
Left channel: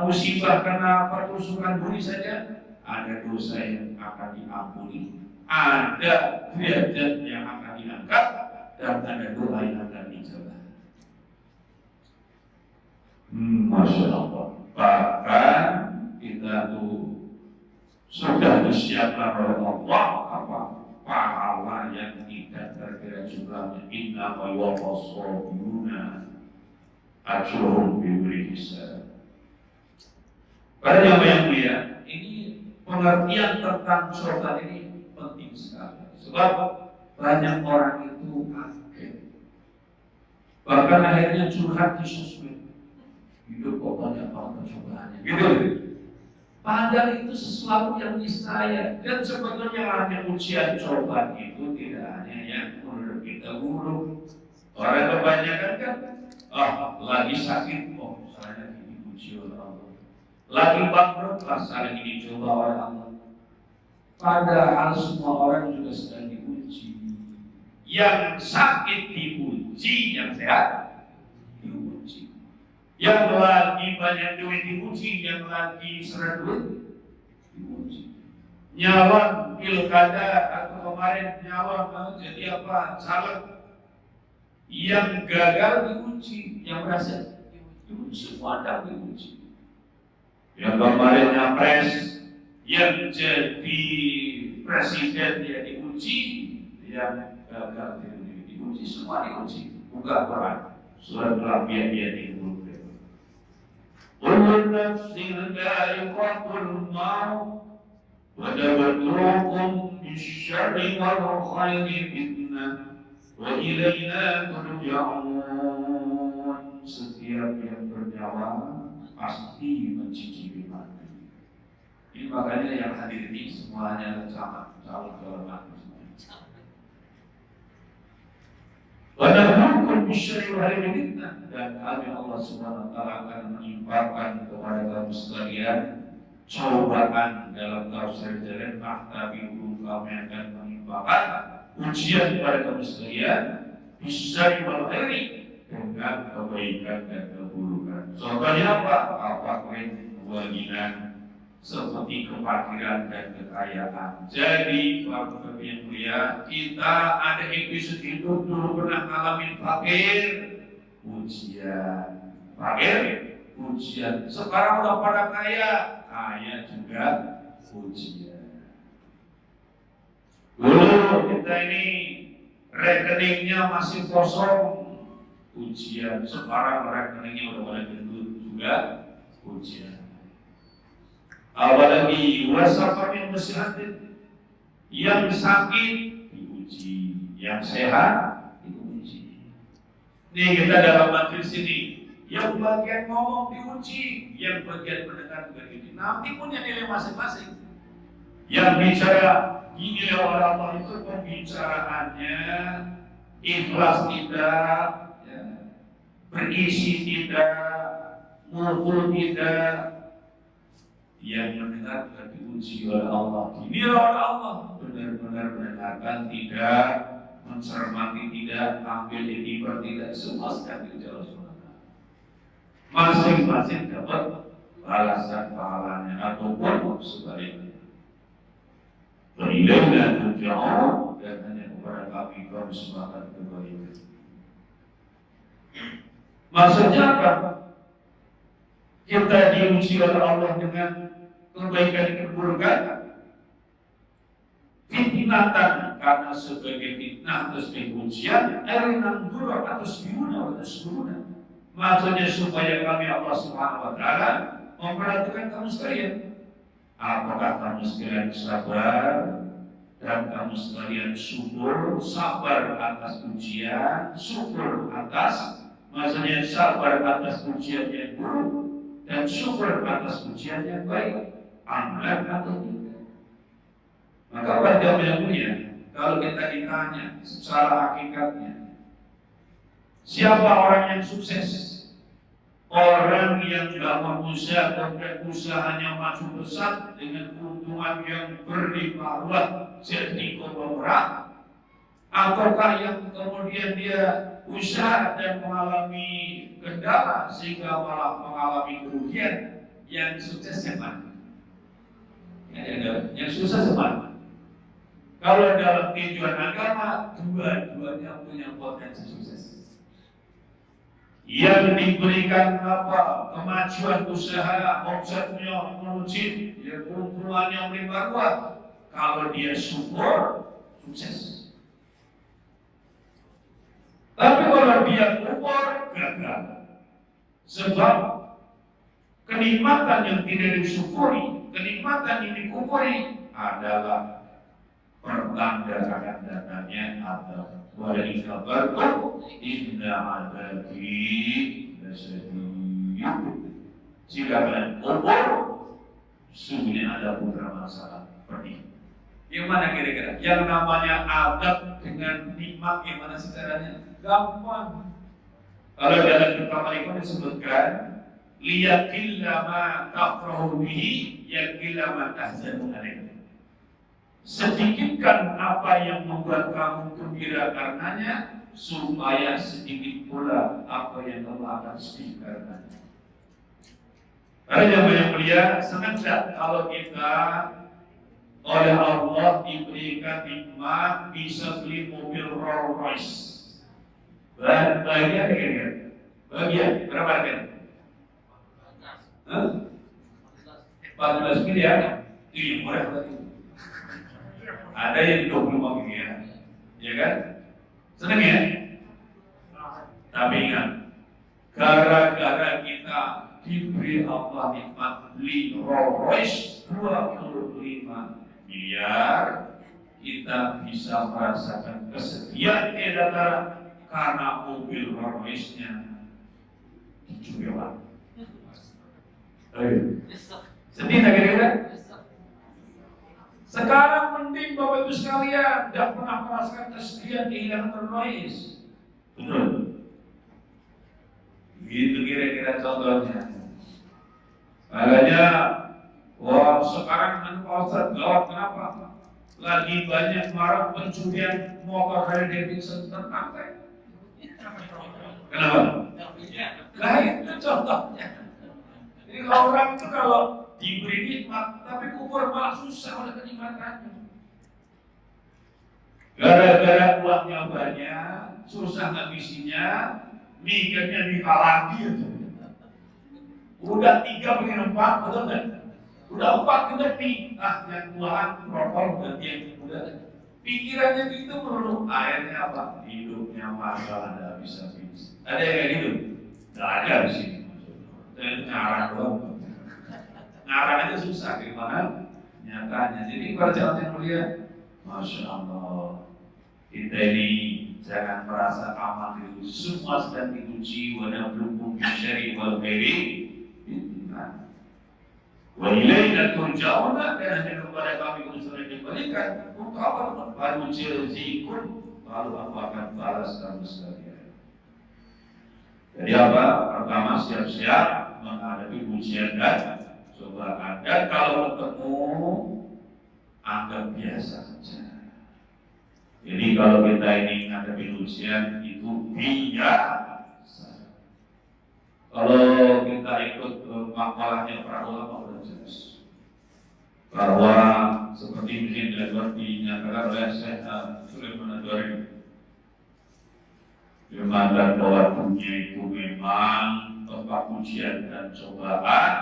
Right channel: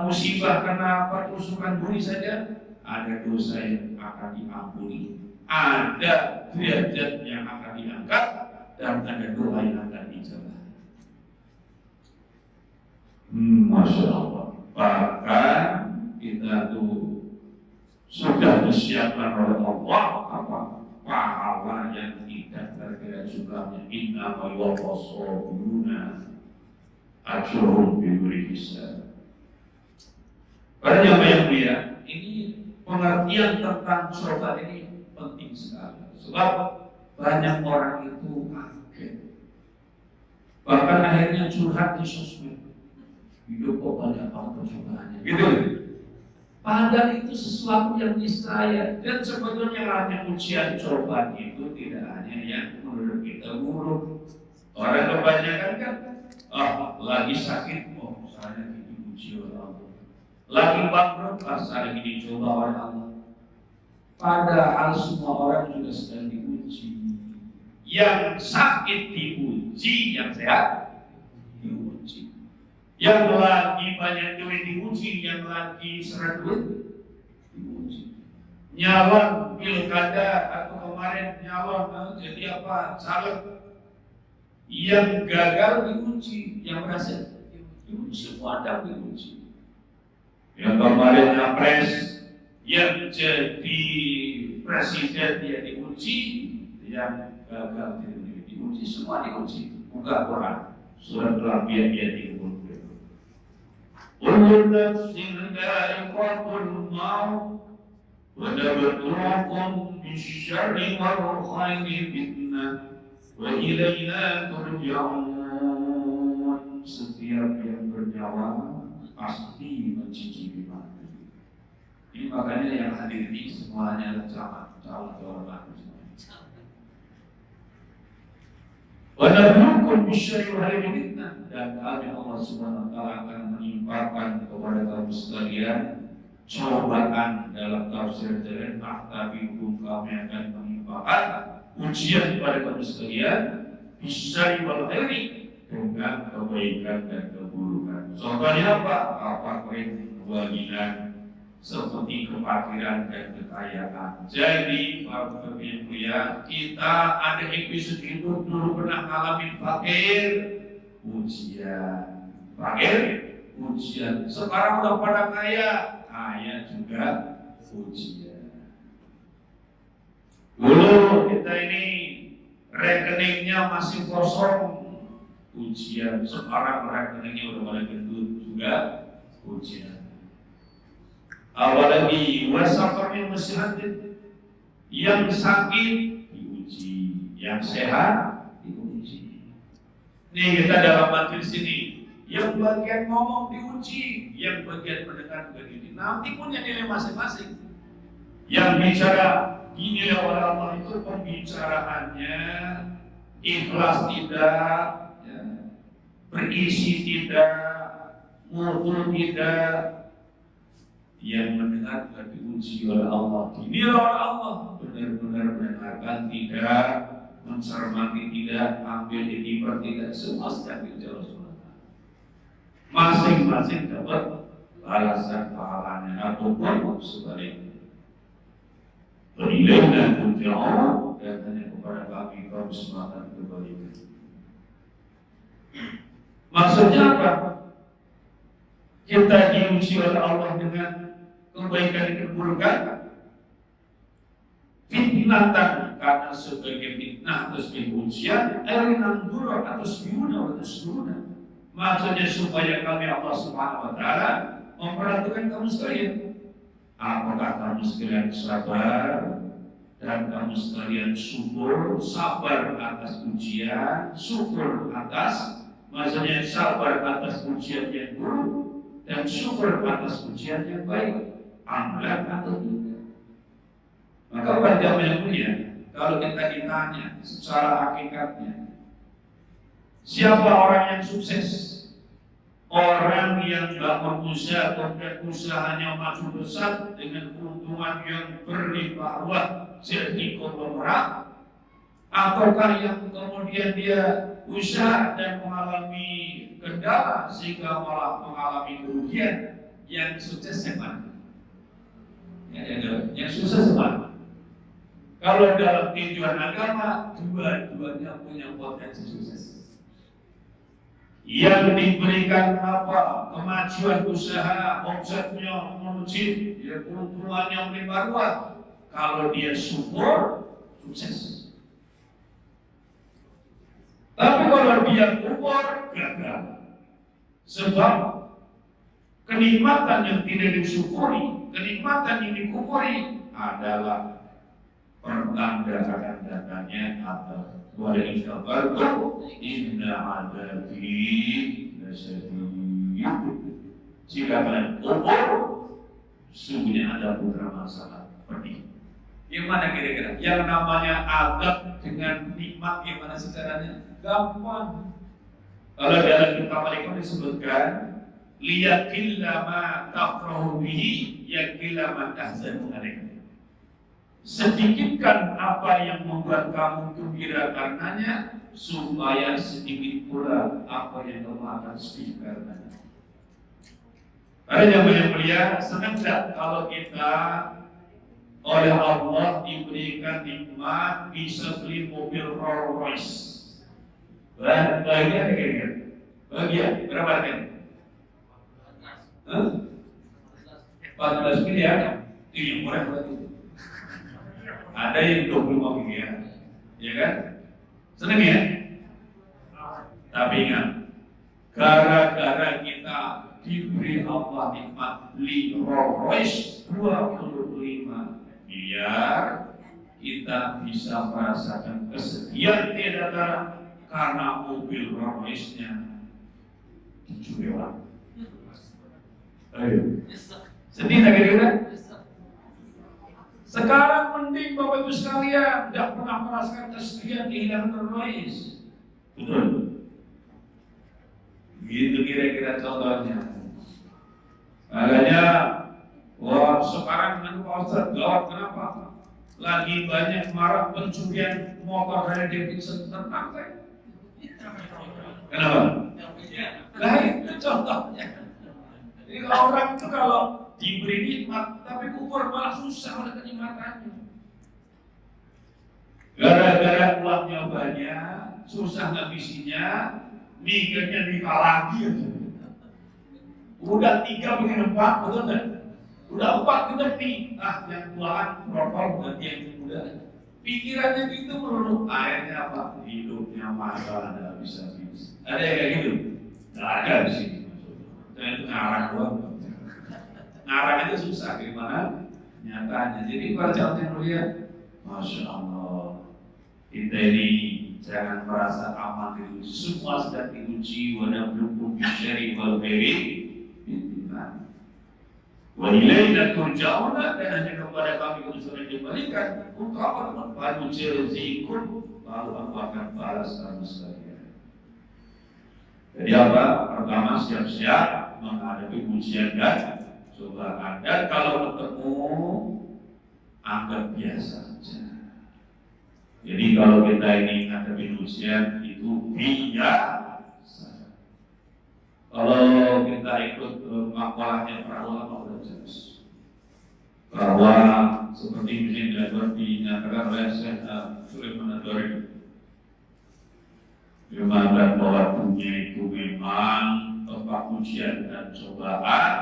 musibah kena tusukan duri saja, ada dosa yang akan diampuni, ada derajat yang akan diangkat, dan ada doa yang akan dijawab. Masya Allah. Bahkan kita tuh sudah disiapkan oleh Allah apa pahala yang tidak terkira jumlahnya. Innama yuwaffas-sabiruna ajruhum bighairi hisab. Para jamaah yang mulia, ini pengertian tentang cobaan ini penting sekali. Sebab banyak orang itu kaget, bahkan akhirnya curhat di sosmed. Hidup kok banyak banget cobaannya, gitu. Padahal itu sesuatu yang niscaya. Dan sebetulnya arti ujian cobaan itu tidak hanya yang menurut kita buruk. Orang kebanyakan kan, lagi sakit, saya lagi diuji oleh Allah. Lagi bangkrut, saya lagi dicoba oleh Allah. Padahal semua orang juga sedang diuji. Yang sakit diuji, yang sehat diuji. Yang lagi banyak duit diuji, yang lagi seret duit diuji. Nyalon pilkada atau kemarin nyalon jadi apa caleg, yang gagal diuji, yang berhasil diuji, semua ada diuji. Yang kemarin nyapres, yang jadi presiden dia diuji, yang gagal diuji, semua diuji. Buka Quran surat Al-Anbiya dia diuji. Kullu nafsin dha'iqatul maut wa nabluukum bisyarri wal khairi fitnah wa ilaina turja'un. Setiap yang bernyawa pasti mencicipi mati. Ini makanya yang hadir ini semuanya calon mati. Wa nabluukum bisyarri wal khairi fitnah, dan kami Allah Subhanahu wa taala akan menimpakan kepada kamu sekalian cobaan. Dalam tafsir Jalalain, tapi kami akan menimpakan ujian pada kamu sekalian bisyarri wal khairi, dengan kebaikan dan keburukan. Contohnya apa? Al-Fakrin waginan, seperti kefakiran dan kekayaan. Jadi Bapak Ibu ya, kita ada episode hidup dulu pernah ngalamin fakir, ujian. Fakir, ujian. Sekarang udah pada kaya, kaya juga ujian. Dulu kita ini rekeningnya masih kosong, ujian. Sekarang rekeningnya udah pada gendut juga ujian. Awalagi wasaqamin musihatin, yang sakit diuji, yang sehat diuji. Nih kita dalam majelis ini, yang bagian ngomong diuji, yang bagian mendengar begini. Nanti punya nilai masing-masing. Yang bicara dinilai oleh Allah itu pembicaraannya ikhlas tidak, ya, berisi tidak, mukul tidak. Yang mendengar juga diuji oleh Allah, dinilai oleh Allah, benar-benar mendengarkan tidak, mencermati tidak, ambil iktibar tidak, semua sedang diuji oleh Allah. Masing-masing dapat balasan pahalanya ataupun sebaliknya. Ilaina turja'un, dan hanya kepada kami kaum semua akan kembali. Maksudnya apa? Kita diuji oleh Allah dengan kebaikan dan keburukan, fitnatan, karena sebagai fitnah atau sebagai ujian, airinam duru atau sebiuna atau sebiuna. Maksudnya supaya kami Allah Subhanahu wa taala memperhatikan kamu sekalian. Apakah kamu sekalian sabar dan kamu sekalian syukur, sabar atas ujian, syukur atas, maksudnya sabar atas ujian yang buruk dan syukur atas ujian yang baik. Amlan atau tidak. Maka pada jamaah yang mulia, kalau kita ditanya secara hakikatnya, siapa orang yang sukses? Orang yang bangun usaha, kemudian usahanya maju besar dengan keuntungan yang berlimpah ruah jadi konglomerat, ataukah yang kemudian dia usaha dan mengalami kendala sehingga malah mengalami kerugian? Yang sukses yang mana? Yang susah semua. Kalau dalam tujuan agama, dua-duanya punya potensi sukses. Yang diberikan apa? Kemajuan usaha, omsetnya masjid, ya kumpulannya melebar luas. Kalau dia syukur, sukses. Tapi kalau dia kufur, gagal. Sebab kenikmatan yang tidak disyukuri, kenikmatan yang dikufuri adalah pertanda akan datangnya azab. Wa in kafartum inna adzabi lasyadid. Jika kalian kufur, sungguhnya ada putra masalah pedih. Yang mana kira-kira? Yang namanya azab dengan nikmat yang mana secaranya? Gampang. Kalau dalam kitab Al-Iqam disebutkan liyakilla ma tafrahu bihi yakilla ma tahzanu alaihi. Sedikitkan apa yang membuat kamu gembira karenanya, supaya sedikit pula apa yang kamu akan sedih karenanya. Karena yang banyak mulia, senang kalau kita oleh Allah diberikan nikmat bisa beli mobil Rolls Royce. Bahagia kira-kira? Bahagia? Berapa harganya? 14 miliar? Itu yang murah berarti. Ada yang 25 miliar, ya kan? Senang ya? Tapi ingat, gara-gara kita diberi Allah nikmat beli Rolls Royce 25 miliar, kita bisa merasakan kesedihan tidak tara karena mobil Rolls Royce-nya dicuri orang. Sedih tak kira-kira? Sekarang mending Bapak Ibu sekalian tidak pernah merasakan kesedihan kehilangan Rolls Royce. Betul? Gitu kira-kira contohnya. Makanya wah sekarang kan Pak Ustaz gawat, kenapa? Lagi banyak marah pencurian motor Harley Davidson tenang saya. Kenapa? Nah itu contohnya. Jadi orang itu kalau diberi nikmat tapi kufur malah susah oleh kenikmatannya. Gara-gara uangnya banyak, susah ngabisinya, mikirnya nikah lagi itu. Udah 3 pengen 4, betul nggak? Udah 4 genep nih, yang tuaan protol ganti yang muda. Pikirannya gitu melulu. Akhirnya apa? Hidupnya masalah ada bisa-bisa. Ada yang kayak gitu? Nggak ada di sini. Saya itu ngarang doang. Ngarang aja susah, gimana? Nyatanya. Jadi para jamaah yang mulia, Masya Allah, kita ini jangan merasa aman itu. Semua sedang diuji. Wa nabluukum bisyarri wal khairi. Wa ilaina turja'una, dan hanya kepada kami urusan dibalikan. Untuk apa? Baru jazikum, lalu aku akan balas kamu sekalian. Jadi apa? Pertama siap-siap menghadapi ujian dan cobaan. Dan kalau ketemu anggap biasa saja. Jadi kalau kita ini menghadapi ujian itu biasa. Kalau kita ikut makalahnya para ulama sudah jelas bahwa seperti yang dinyatakan oleh Syekh Sulaiman Ad-Darimi, memandang bahwa dunia itu memang tempat ujian dan cobaan,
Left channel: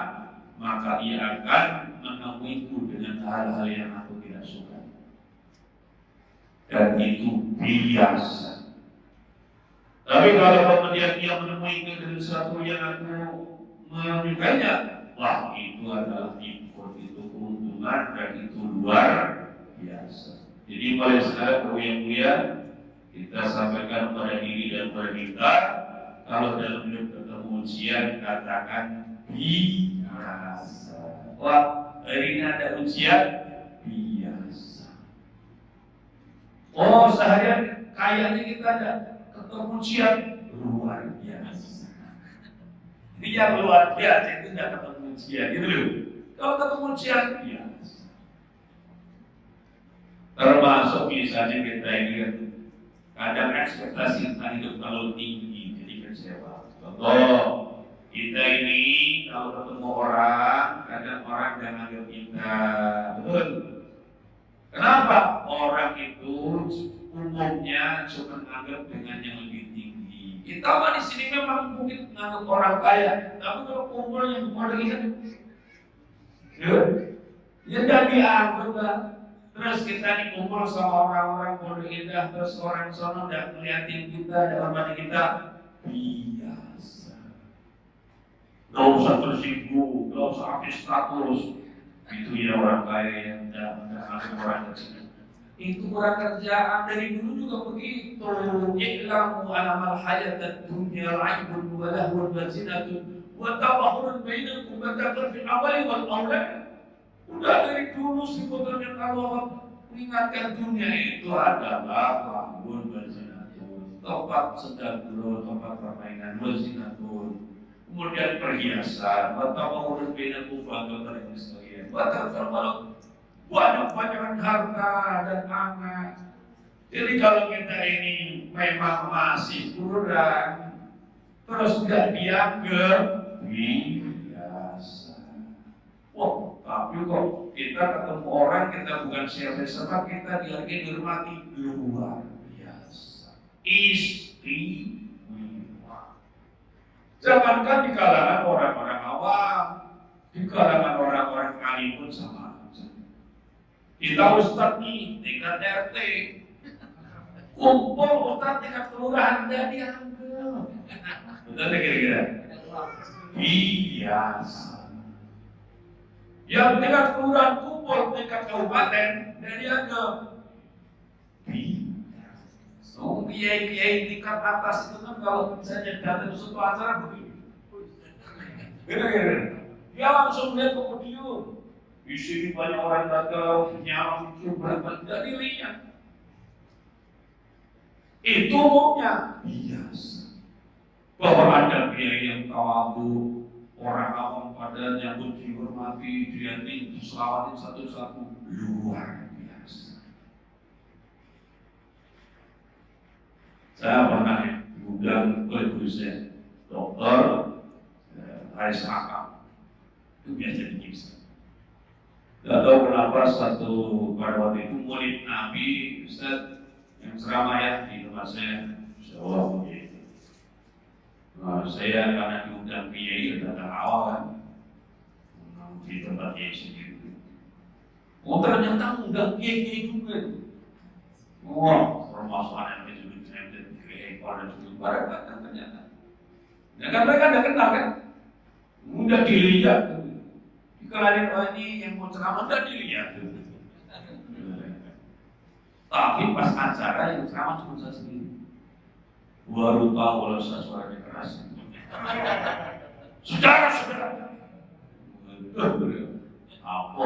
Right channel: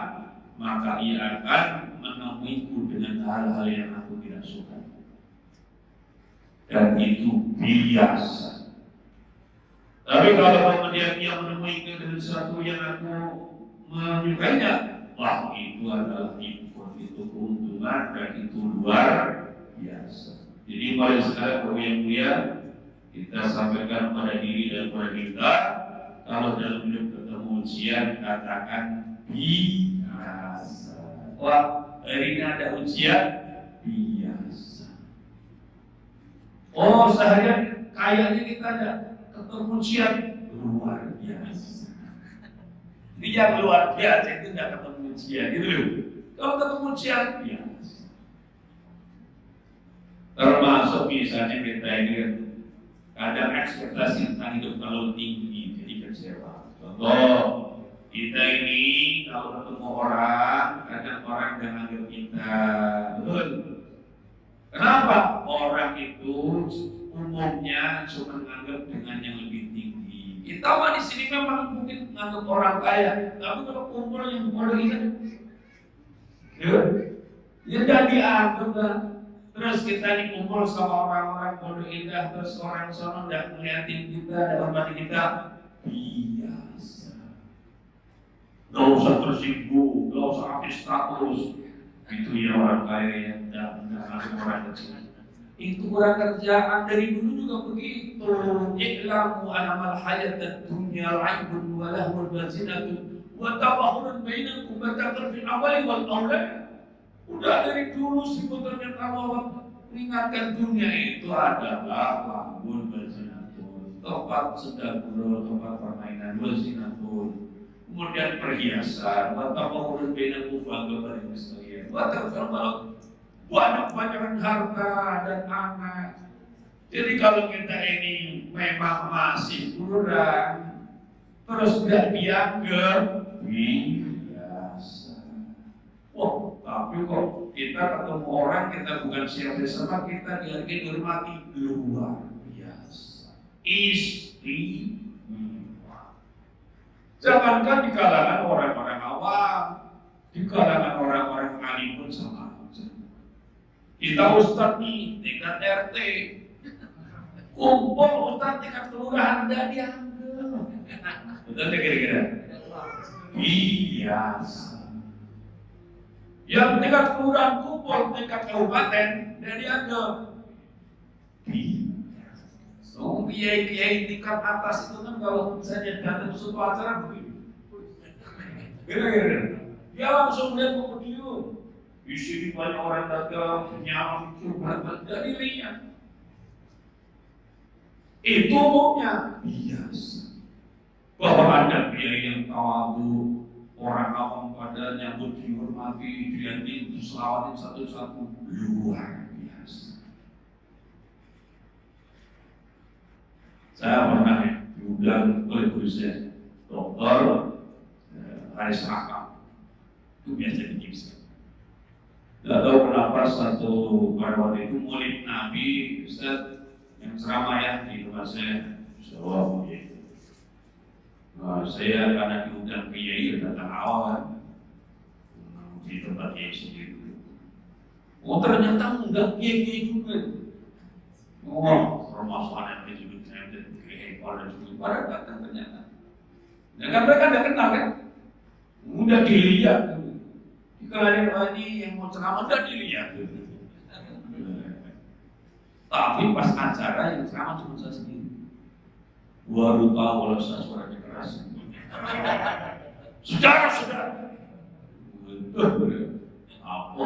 maka ia akan menemuiku dengan hal-hal yang aku tidak suka, dan itu biasa. Tapi kalau kemudian dia menemui dengan sesuatu yang aku menyukainya, wah itu adalah nikmat, itu keuntungan, dan itu luar biasa. Jadi mulai sekarang yang mulia, kita sampaikan pada diri dan pada kita, kalau dalam hidup ketemu ujian, katakan biasa. Wah, hari ini ada ujian, biasa. Oh, seharian kayaknya kita ada ujian luar biasa. Jadi yang luar biasa itu tidak ketemu ujian, gitu loh. Kalau ketemu ujian, biasa. Termasuk misalnya kita ini kadang ekspektasi tentang hidup terlalu tinggi, jadi kecewa. Contoh, kita ini kalau ketemu orang, kadang orang yang anggap kita, betul. Kenapa? Orang itu umumnya cuma menganggap dengan yang lebih tinggi. Kita mah di sini memang mungkin menganggap orang kaya, tapi kalau kumpul yang keluarga kita, Ya tidak dianggap lah. Terus kita dikumpul sama orang-orang Pondok Indah, terus orang sono tidak ngeliatin kita, tidak hormati kita, biasa. Gak usah tersinggung, gak usah update status. Itu ya orang kaya yang tidak orang kecil. Itu kurang kerjaan dari dulu juga begitu. Iklamu anamal hayat dunya laibun wa lahwun wa zinatun wa tafakhurun bainakum wa taqul fil awali wal awlad. Udah dari dulu sebetulnya kalau mengingatkan dunia itu adalah lahwun wa zinatun, tempat sedekah, tempat permainan wa zinatun, kemudian perhiasan, wa tafakhurun bainakum bangga pada sekalian. Wa taqul banyak-banyakan harta dan anak. Jadi kalau kita ini memang masih kurang, terus tidak dianggap biasa. Wah, tapi kok kita ketemu orang, kita bukan siapa-siapa, kita dihargai, dihormati, luar biasa. Istimewa. Jangankan di kalangan orang-orang awam, di kalangan orang-orang alim pun sama. Kita ustadz nih, tingkat RT, kumpul ustadz tingkat kelurahan tidak dianggap. Betul ya kira-kira? Biasa. Yang tingkat kelurahan kumpul tingkat kabupaten tidak dianggap. Biasa. Kiai-kiai tingkat atas itu kan kalau saya datang suatu acara begitu. Kira-kira? Dia langsung lihat ke podium. Di sini banyak orang datang, nyaman itu tidak dilihat. Itu umumnya biasa. Bahwa ada kiai yang tawadhu, orang awam pada nyambut dihormati, dilihatin, diselawatin satu-satu, luar biasa. Saya pernah diundang oleh guru saya, Dr. Haris Hakam. Itu biasa dikirimkan. Tidak tahu kenapa satu pada waktu itu murid Nabi Ustaz yang ceramah ya di tempat saya, saya karena diundang kiai datang awal di tempat kiai sendiri. Oh ternyata undang kiai juga itu. Oh termasuk anak itu saya jadi kiai pada juga pada datang ternyata. Dan kan mereka tidak kenal kan, udah dilihat. Kelahiran ini yang mau ceramah tidak dilihat. Tapi pas acara yang ceramah cuma saya sendiri. Baru tahu kalau saya suaranya keras. Saudara-saudara. Apa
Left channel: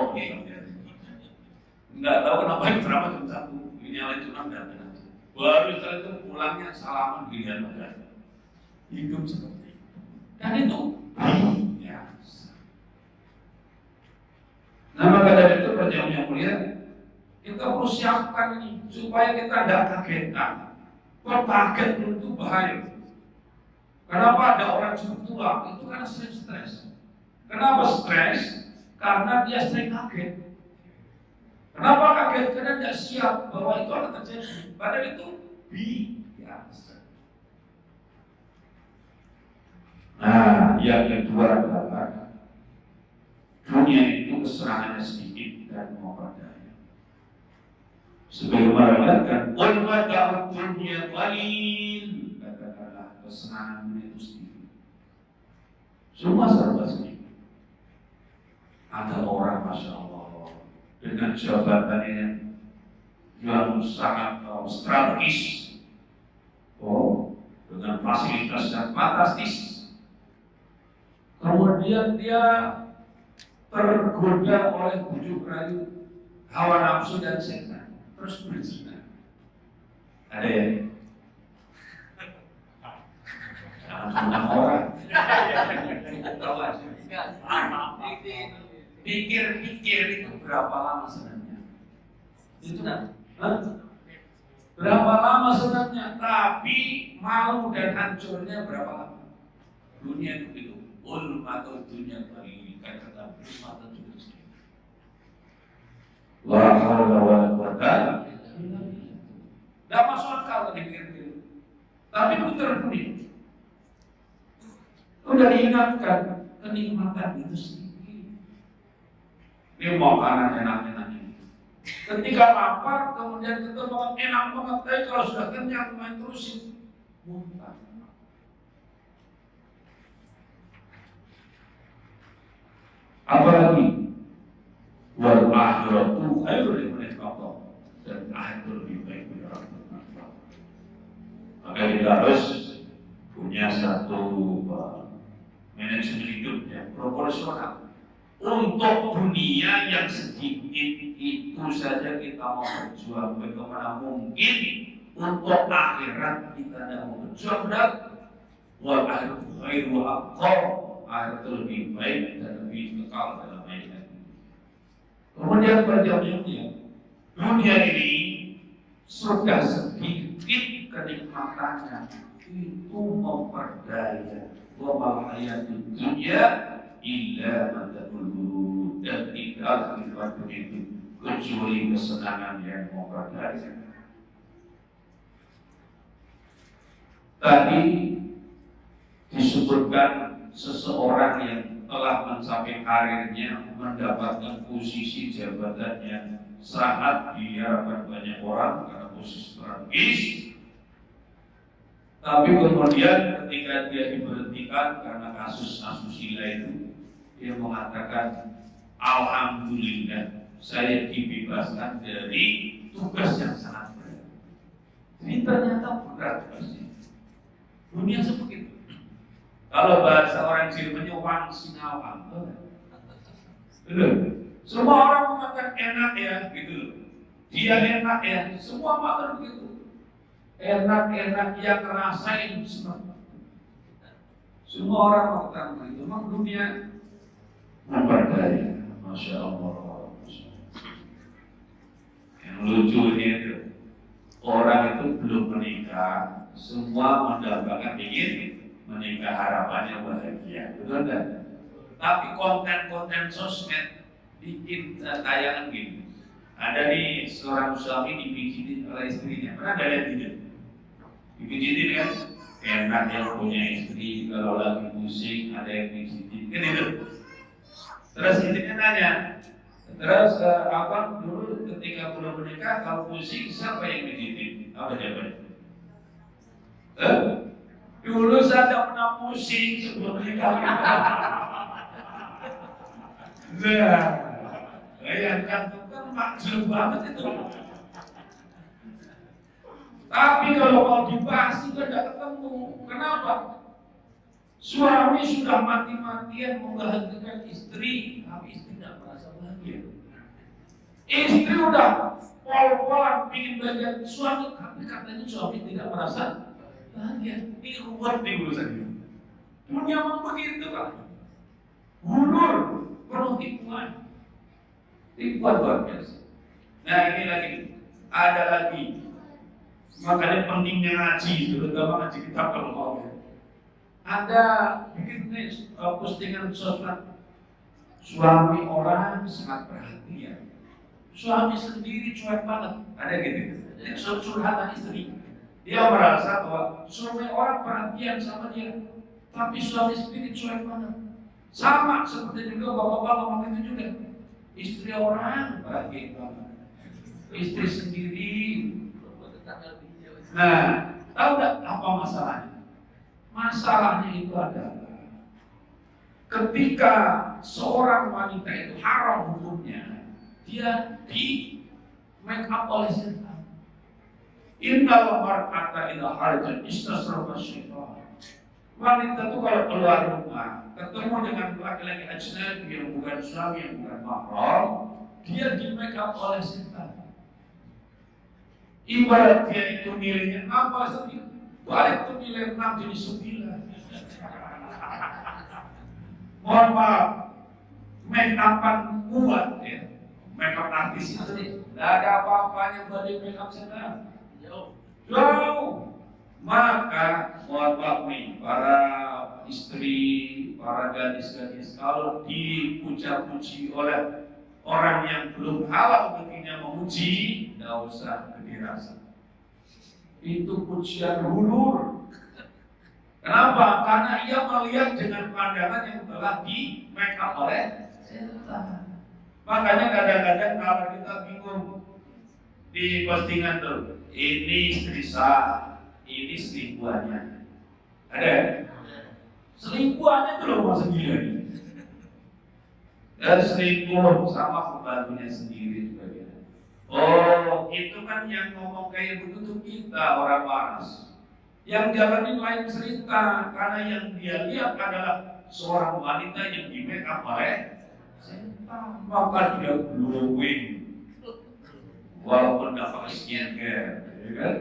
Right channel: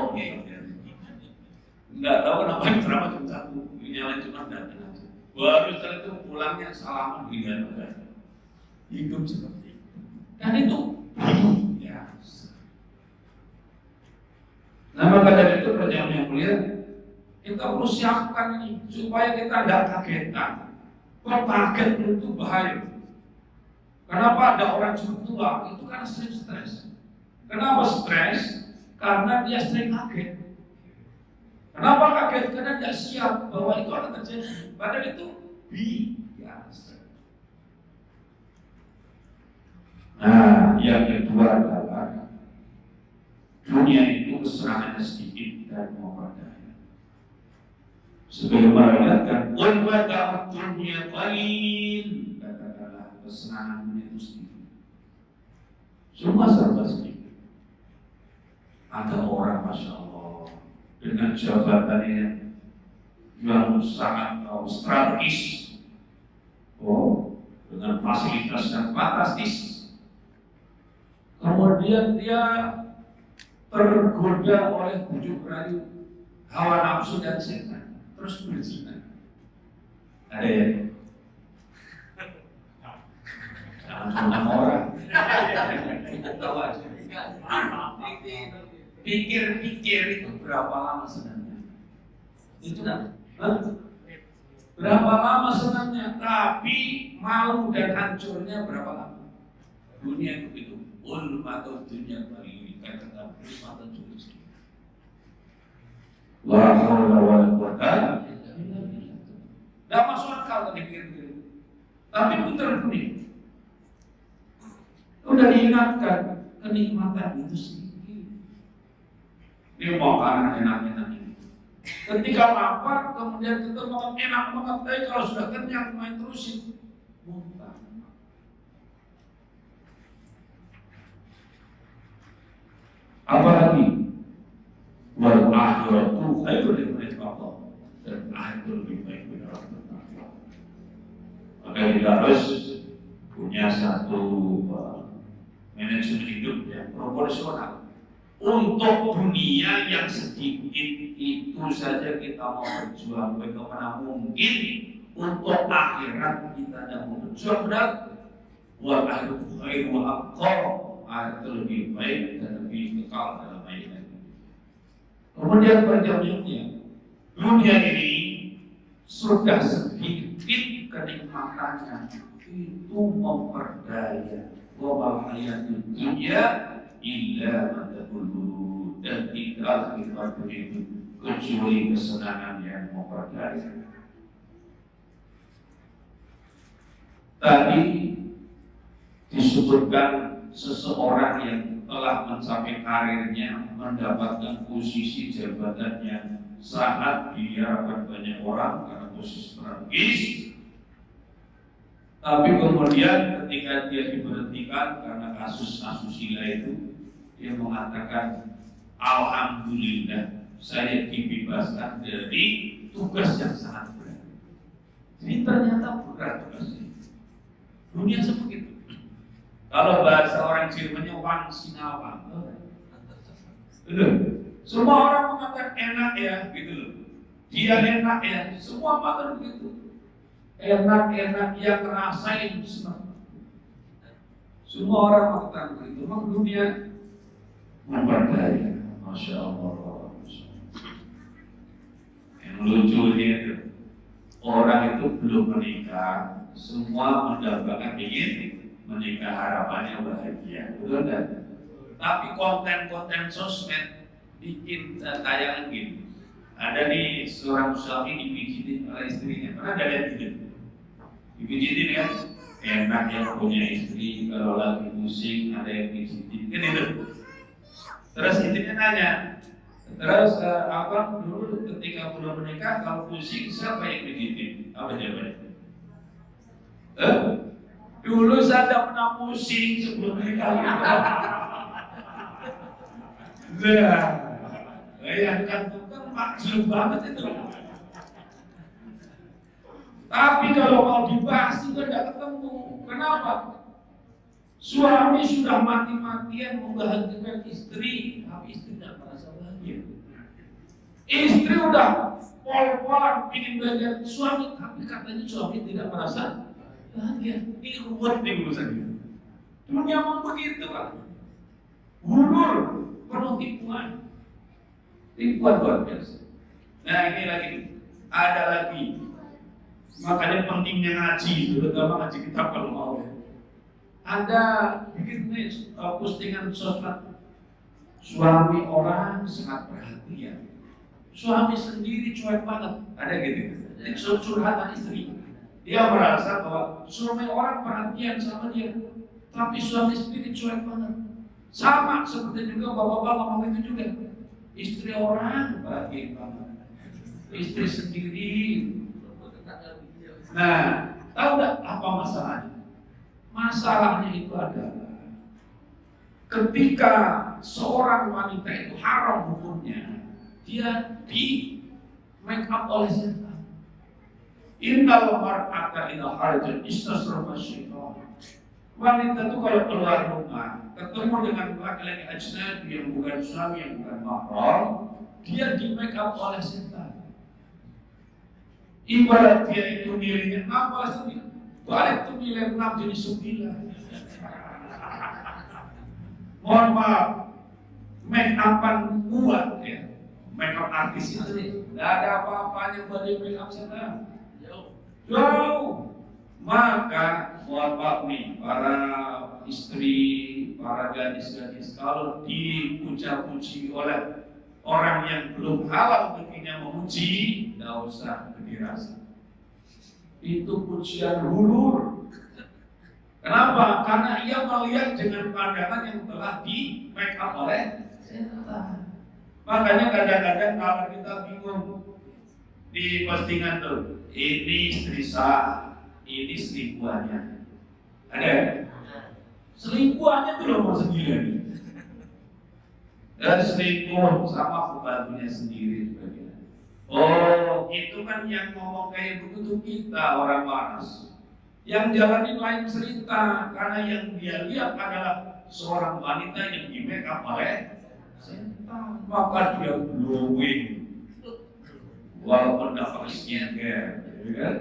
enggak tahu kenapa yang ceramah cuma satu. Yang lain cuma datang aja. Baru setelah itu pulangnya salaman dilihat aja. Hidup seperti itu. Dan itu nah maka dari itu perjalanan yang mulia kita perlu siapkan ini supaya kita tidak kagetan. Kalau kaget itu bahaya. Kenapa ada orang cepat tua? Itu karena sering stres. Kenapa stres? Karena dia sering kaget. Kenapa kaget? Karena tidak siap bahwa itu akan terjadi. Padahal itu biasa. Nah, yang kedua adalah dunia itu kesenangannya sedikit dan memperdaya. Sebelum mengatakan wal mata'ud dunya qalil, katakanlah kesenangan dunia itu sedikit. Semua serba sedikit. Ada orang masya Allah dengan jabatan yang sangat strategis, dengan fasilitas yang fantastis. Kemudian dia tergoda oleh bujuk rayu hawa nafsu dan setan, terus berzina. Ada ya? Jangan cuma orang. Tahu aja. Pikir-pikir itu berapa lama sebenarnya? Itu kan? Berapa lama sebenarnya? Tapi malu dan hancurnya berapa lama? Dunia itu atau dunia bagi kata-kata mata tulis. La haula wala quwwata illa billah. Enggak masuk akal tadi pikir-pikir. Tapi putar kuning. Udah diingatkan kenikmatan itu sedikit. Ini makanan enak-enak ini. Ketika lapar, kemudian ketemu makan enak banget. Tapi kalau sudah kenyang, main terusin. Muntah. Apalagi wal akhiratu khairun liman ittaqaa, dan akhir lebih baik dari orang bertakwa. Maka kita harus punya satu manajemen hidup yang proporsional. Untuk dunia yang sedikit itu saja kita mau berjuang bagaimana mungkin. Untuk akhirat kita tidak mau berjuang, benar. Wal akhiratu khairun wa abqa, akhirat lebih baik dan lebih kekal dalam hayat. Kemudian berikutnya, dunia ini sudah sedikit kenikmatannya itu memperdaya. Wa mal hayatud dunya illa mata'ul ghurur, dan tidaklah kehidupan itu kecuali kesenangan yang memperdaya. Tadi disebutkan seseorang yang telah mencapai karirnya, mendapatkan posisi jabatan yang sangat diharapkan banyak orang karena posisi strategis. Tapi kemudian ketika dia diberhentikan karena kasus asusila itu, dia mengatakan alhamdulillah saya dibebaskan dari tugas yang sangat berat. Jadi ternyata berat tugasnya. Dunia seperti itu. Kalau bahasa orang Cirebonnya wang sinawang. Semua orang mengatakan enak ya, gitu loh. Dia enak ya, semua mengatakan begitu. Enak-enak yang ngerasain senang. Semua orang mengatakan begitu. Memang dunia memperdaya. Masya Allah. Yang lucu itu, orang itu belum menikah, semua mendapatkan ingin menikah, harapannya bahagia, betul kan? Tapi konten-konten sosmed bikin tayangan gini. Ada nih seorang suami dipijitin oleh istrinya. Pernah ada lihat gitu? Dipijitin kan? Enak yang punya istri, kalau lagi pusing ada yang pijitin, kan itu. Terus istrinya nanya, terus abang dulu ketika belum menikah kalau pusing siapa yang pijitin? Apa jawabannya? Dulu saya tidak pernah pusing sebelum menikah. Yang kan makjul banget itu. Tapi kalau mau dibahas juga tidak ketemu. Kenapa? Suami sudah mati-matian membahagiakan istri, tapi istri tidak merasa bahagia. Istri udah pol-polan ingin bahagia suami, tapi katanya suami tidak merasa bahagia. Ini ruwet nih urusannya. Dunia memang begitu kan. Hulur, penuh tipuan. Tipuan luar biasa. Nah ini lagi, ada lagi. Makanya pentingnya ngaji, terutama ngaji kitab kalau mau ya. Ada bikin postingan sosmed. Suami orang sangat perhatian. Suami sendiri cuek banget. Ada gitu. Ini curhatan istri. Dia merasa bahwa suami orang perhatian sama dia, tapi suami sendiri cuek banget. Sama seperti juga bapak-bapak ngomong itu juga. Istri orang perhatian banget, istri sendiri. Nah, tahu nggak apa masalahnya? Masalahnya itu adalah ketika seorang wanita itu haram hukumnya, dia di make up oleh setan. Innal mar'ata idza kharajat istasrafa syaitan. Wanita itu kalau keluar rumah ketemu dengan laki-laki ajnabi yang bukan suami, yang bukan mahram, dia di make up oleh setan. Ibarat dia itu nilainya apa sih? Balik tuh nilai 6 jadi 9. Mohon maaf, make upan kuat ya. Make up artis itu nih, tidak ada apa-apanya balik make up setan. Jauh. Maka mohon maaf nih para istri, para gadis-gadis, kalau dipuja-puji oleh orang yang belum halal baginya memuji, tidak usah gede rasa. Itu pujian hulur. Kenapa? Karena ia melihat dengan pandangan yang telah di make up oleh setan. Makanya kadang-kadang kalau kita bingung di postingan tuh, ini istri sah, ini selingkuhannya. Ada ya? Selingkuhannya tuh loh sendiri. Dan selingkuh sama pembantunya sendiri sebagainya. Oh, itu kan yang ngomong kayak begitu kita orang waras. Yang jalanin lain cerita, karena yang dia lihat adalah seorang wanita yang di make up oleh setan, maka dia glowing. Walaupun tidak pakai skincare, ya kan?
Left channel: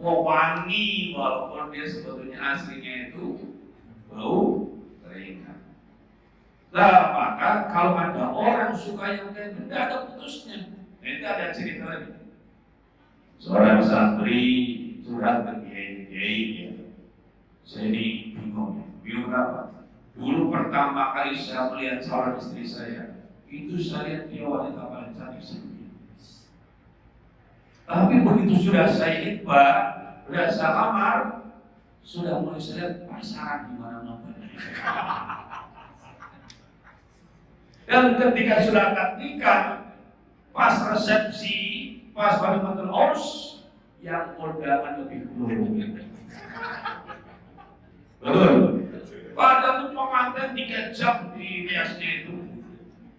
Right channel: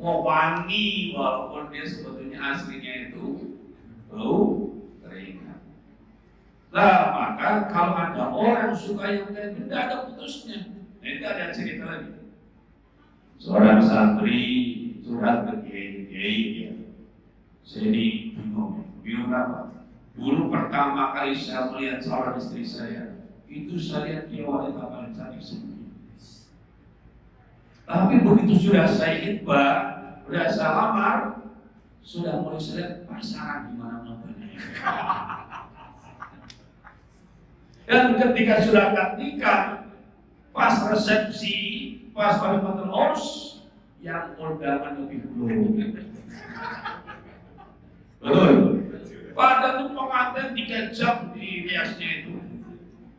Wangi walaupun dia sebetulnya aslinya itu bau keringat. Nah, maka kalau ada orang suka yang kayak tidak ada putusnya, itu ada cerita lagi. Seorang santri curhat ke kiai ya. Saya ini bingung apa? Dulu pertama kali saya melihat calon istri saya, itu saya lihat dia wanita paling cantik sedunia. Tapi begitu sudah saya hitbah, sudah saya lamar, sudah mulai saya lihat pasaran di mana-mana. Dan ketika sudah akad nikah, pas resepsi, pas pada makan ors, yang undangan lebih dulu. Betul. Padahal pengantin 3 jam di riasnya itu,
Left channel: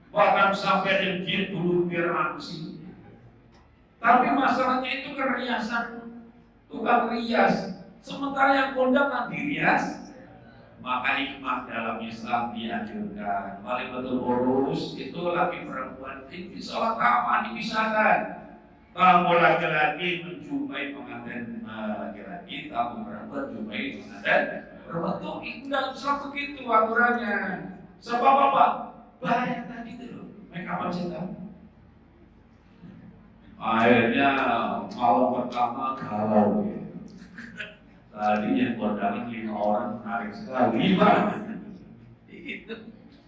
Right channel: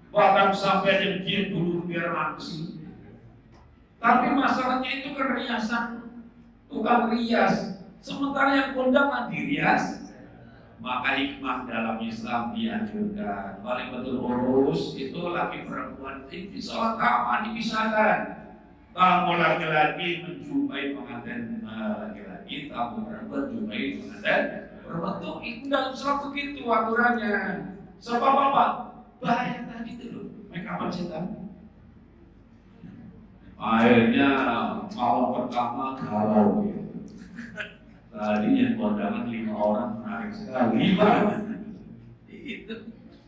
bahkan sampai yang dia dulu biar langsing. Tapi masalahnya itu kan riasan, tukang rias. Sementara yang kondangan dirias. Maka hikmah dalam Islam dianjurkan paling betul urus itu laki perempuan itu sholat kapan dipisahkan. Tamu laki-laki menjumpai pengantin laki-laki, tamu perempuan menjumpai pengantin perempuan. Itu dalam Islam begitu aturannya. Sebab apa? Bahaya tadi itu loh, make up setan. Akhirnya malam pertama galau gitu. Tadi yang kondangan 5 orang menarik sekali.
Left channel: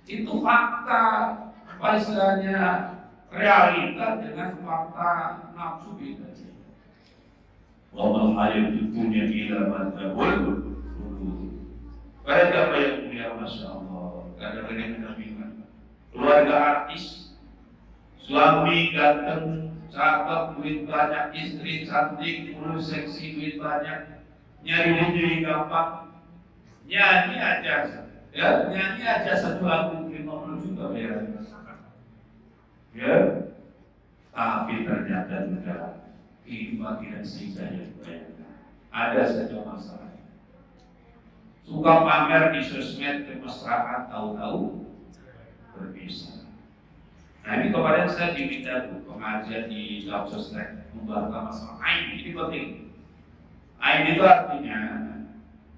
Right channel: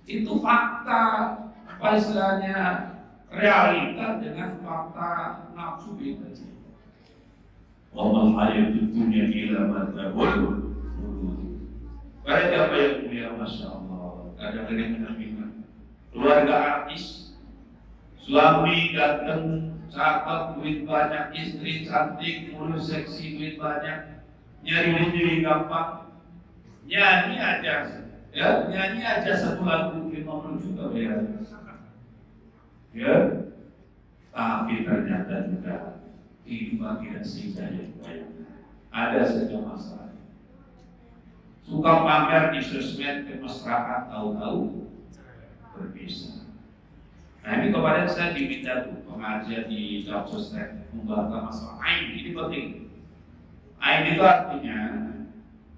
Itu fakta, apa istilahnya realita dengan fakta nafsu beda. Wamal hayat dunya ila mata'ul. Pada siapa yang mulia, masya Allah. Kadang-kadang kita bingung. Keluarga artis, suami ganteng, cakep, duit banyak, istri cantik, mulus seksi, duit banyak. Nyari duit gampang, nyanyi aja, ya nyanyi aja satu lagu 50 juta bayar, ya. Tapi ternyata juga kehidupan tidak sejaya bayangkan. Ada saja masalah. Suka pamer di sosmed kemesraan, tahu-tahu berpisah. Nah ini kemarin saya diminta pengajar di dalam sosmed membahas masalah ain, ini penting. Ain itu artinya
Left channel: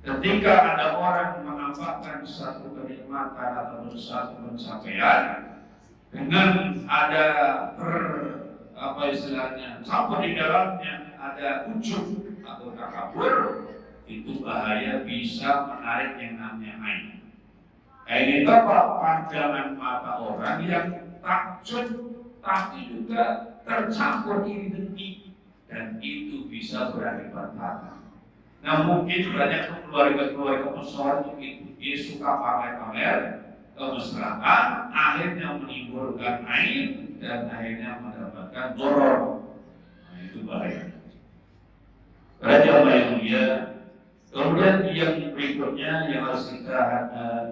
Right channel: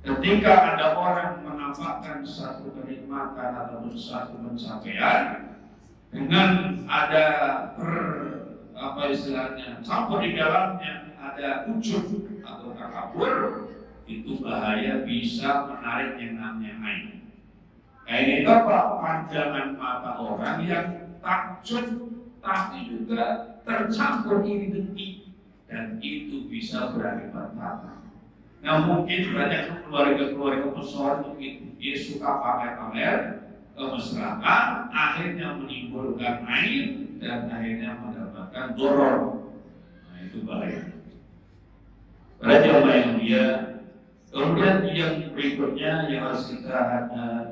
ketika ada orang menampakkan satu kenikmatan atau satu pencapaian dengan ada campur di dalamnya ada ujub atau takabur, itu bahaya, bisa menarik yang namanya ain. Ain itu apa? Pandangan mata orang yang takjub tapi juga tercampur iri dengki. Dan itu bisa berakibat fatal. Nah mungkin banyak keluarga-keluarga pesawat itu dia suka pamer-pamer kemesraan, akhirnya menimbulkan ain dan akhirnya mendapatkan doror. Nah itu bahaya. Para jamaah yang mulia, kemudian yang berikutnya yang harus kita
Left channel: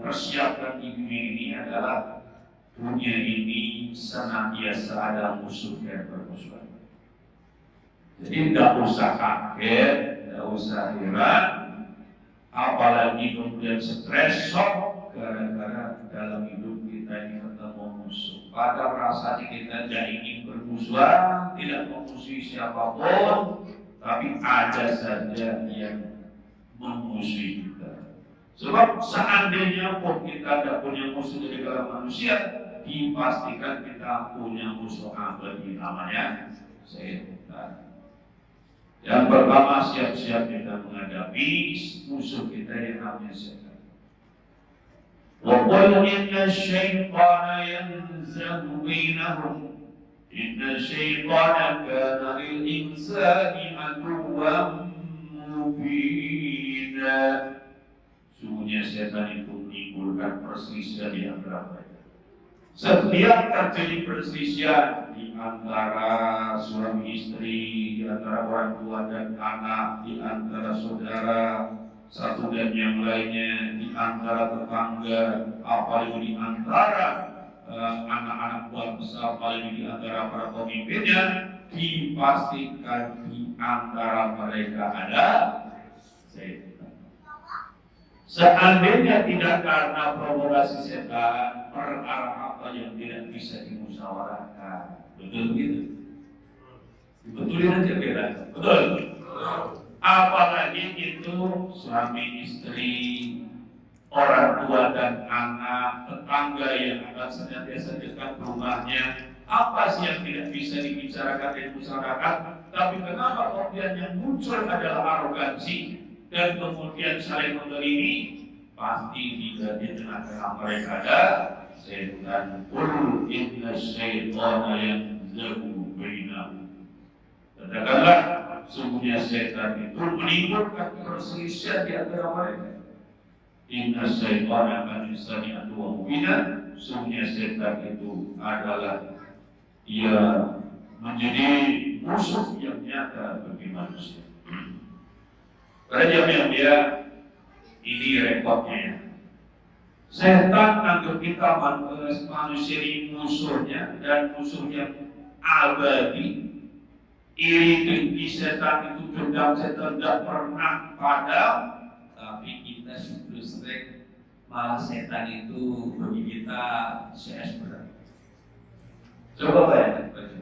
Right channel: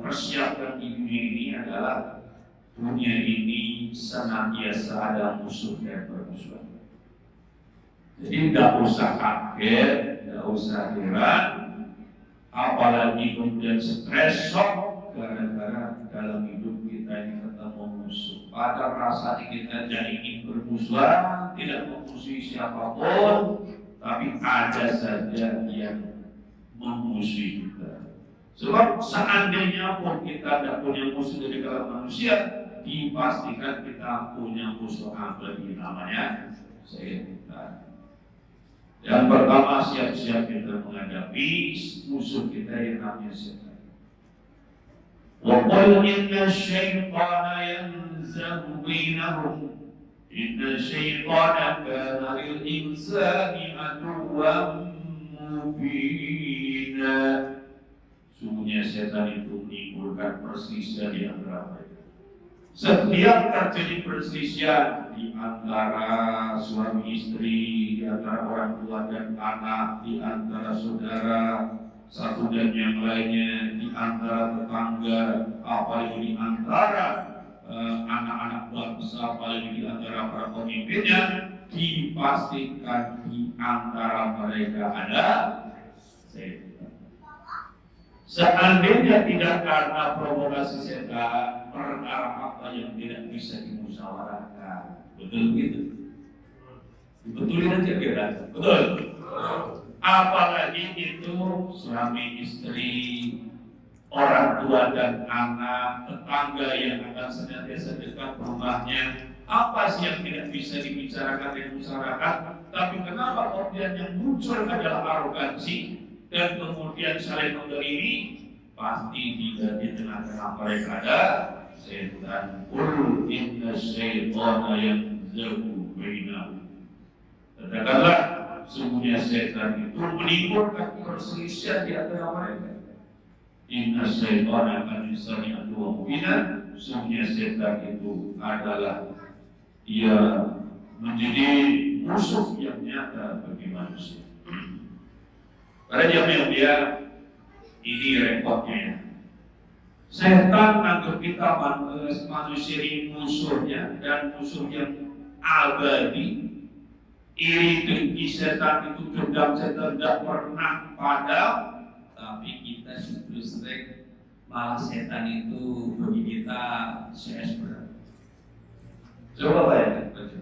persiapkan di dunia ini adalah dunia ini senantiasa ada musuh dan permusuhan. Jadi tidak usah kaget, tidak usah heran, apalagi kemudian stres, shock gara-gara dalam hidup kita ini ketemu musuh. Pada rasanya kita tidak ingin bermusuhan, tidak memusuhi siapapun, tapi ada saja yang memusuhi kita. Sebab seandainya pun kita tidak punya musuh dari kalangan manusia, dipastikan kita punya musuh abadi namanya setan. Yang pertama, siap-siap kita menghadapi musuh kita yang namanya setan. Wa qul inna asy-syaitana yanzahu bainahum inna asy-syaitana kana lil insani aduwwan mubina. Sungguhnya setan itu menimbulkan perselisihan di antara mereka. Setiap terjadi perselisihan di antara suami istri, di antara orang tua dan anak, di antara saudara satu dan yang lainnya, di antara tetangga, apalagi di antara anak-anak bangsa, apalagi di antara para pemimpinnya, dipastikan di antara mereka ada setan. Seandainya tidak karena provokasi setan, perkara apa yang tidak bisa dimusyawarahkan, betul begitu? Dibetulin aja beda, betul. Apalagi itu suami istri, orang tua dan anak, tetangga yang akan senantiasa dekat rumahnya. Apa sih yang tidak bisa dibicarakan dan dimusyawarahkan? Tapi kenapa kemudian yang muncul adalah arogansi dan kemudian saling menggelini? Pasti di tengah-tengah mereka ada setan. Qul inna syaitana yanzagu bainahum. Katakanlah, sungguhnya setan itu menimbulkan perselisihan di antara mereka. Inna syaitana kana linsani aduwwan mubinan. Sungguhnya setan itu adalah ia menjadi musuh yang nyata bagi manusia. Para jamaah dia, ini repotnya. Setan anggap kita manusia ini musuhnya dan musuh yang abadi. Iri dengki setan itu, dendam setan tidak pernah padam. Tapi kita justru sering malah setan itu bagi kita CS berat. Coba bayangkan,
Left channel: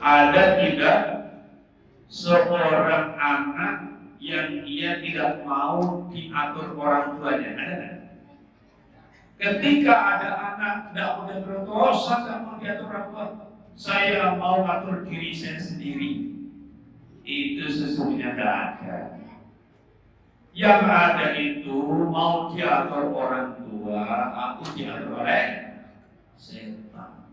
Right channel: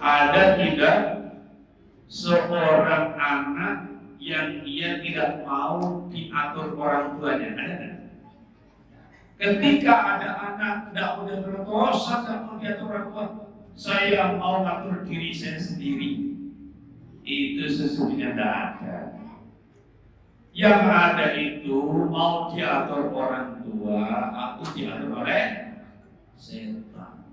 ada tidak seorang anak yang ia tidak mau diatur orang tuanya? Ada kan? Ketika ada anak tidak mau berdosa, tidak mau diatur orang tua, saya mau atur diri saya sendiri. Itu sesungguhnya tidak ada. Yang ada itu mau diatur orang tua atau diatur oleh setan.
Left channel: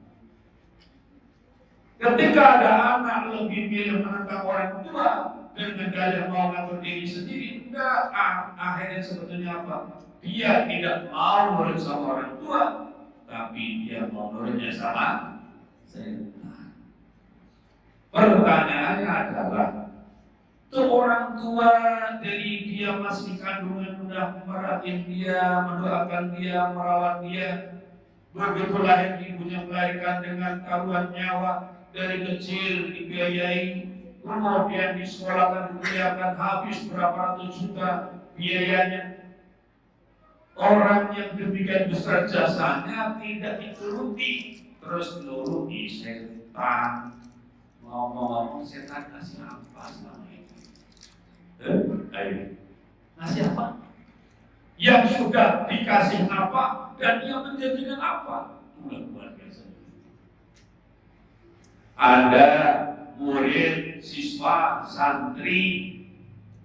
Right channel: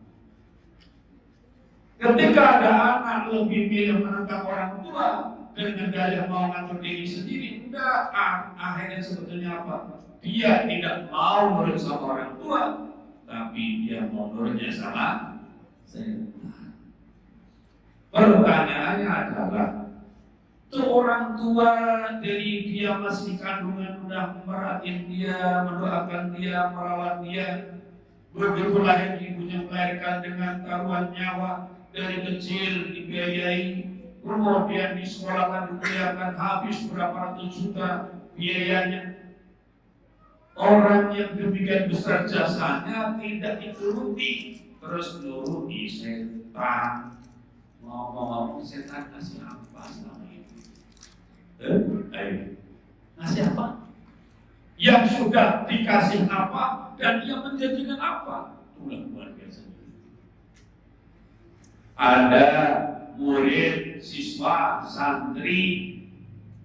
Ketika ada anak lebih milih menentang orang tua dengan dalih mau ngatur diri sendiri, enggak, akhirnya sebetulnya apa? Dia tidak mau nurut sama orang tua, tapi dia mau nurutnya sama setan. Pertanyaannya adalah, tuh orang tua dari dia masih kandungan udah merhatiin dia, mendoakan dia, merawat dia. Begitu lahir ibunya melahirkan dengan taruhan nyawa, dari kecil dibiayai, kemudian disekolahkan, dikuliahkan, habis berapa ratus juta biayanya. Orang yang demikian besar jasanya tidak dituruti, terus nuruti setan. Ngomong-ngomong, setan ngasih apa selama ini? Ayo, ngasih apa? Yang sudah dikasih apa dan yang menjanjikan apa? Luar biasa. Ada murid, siswa, santri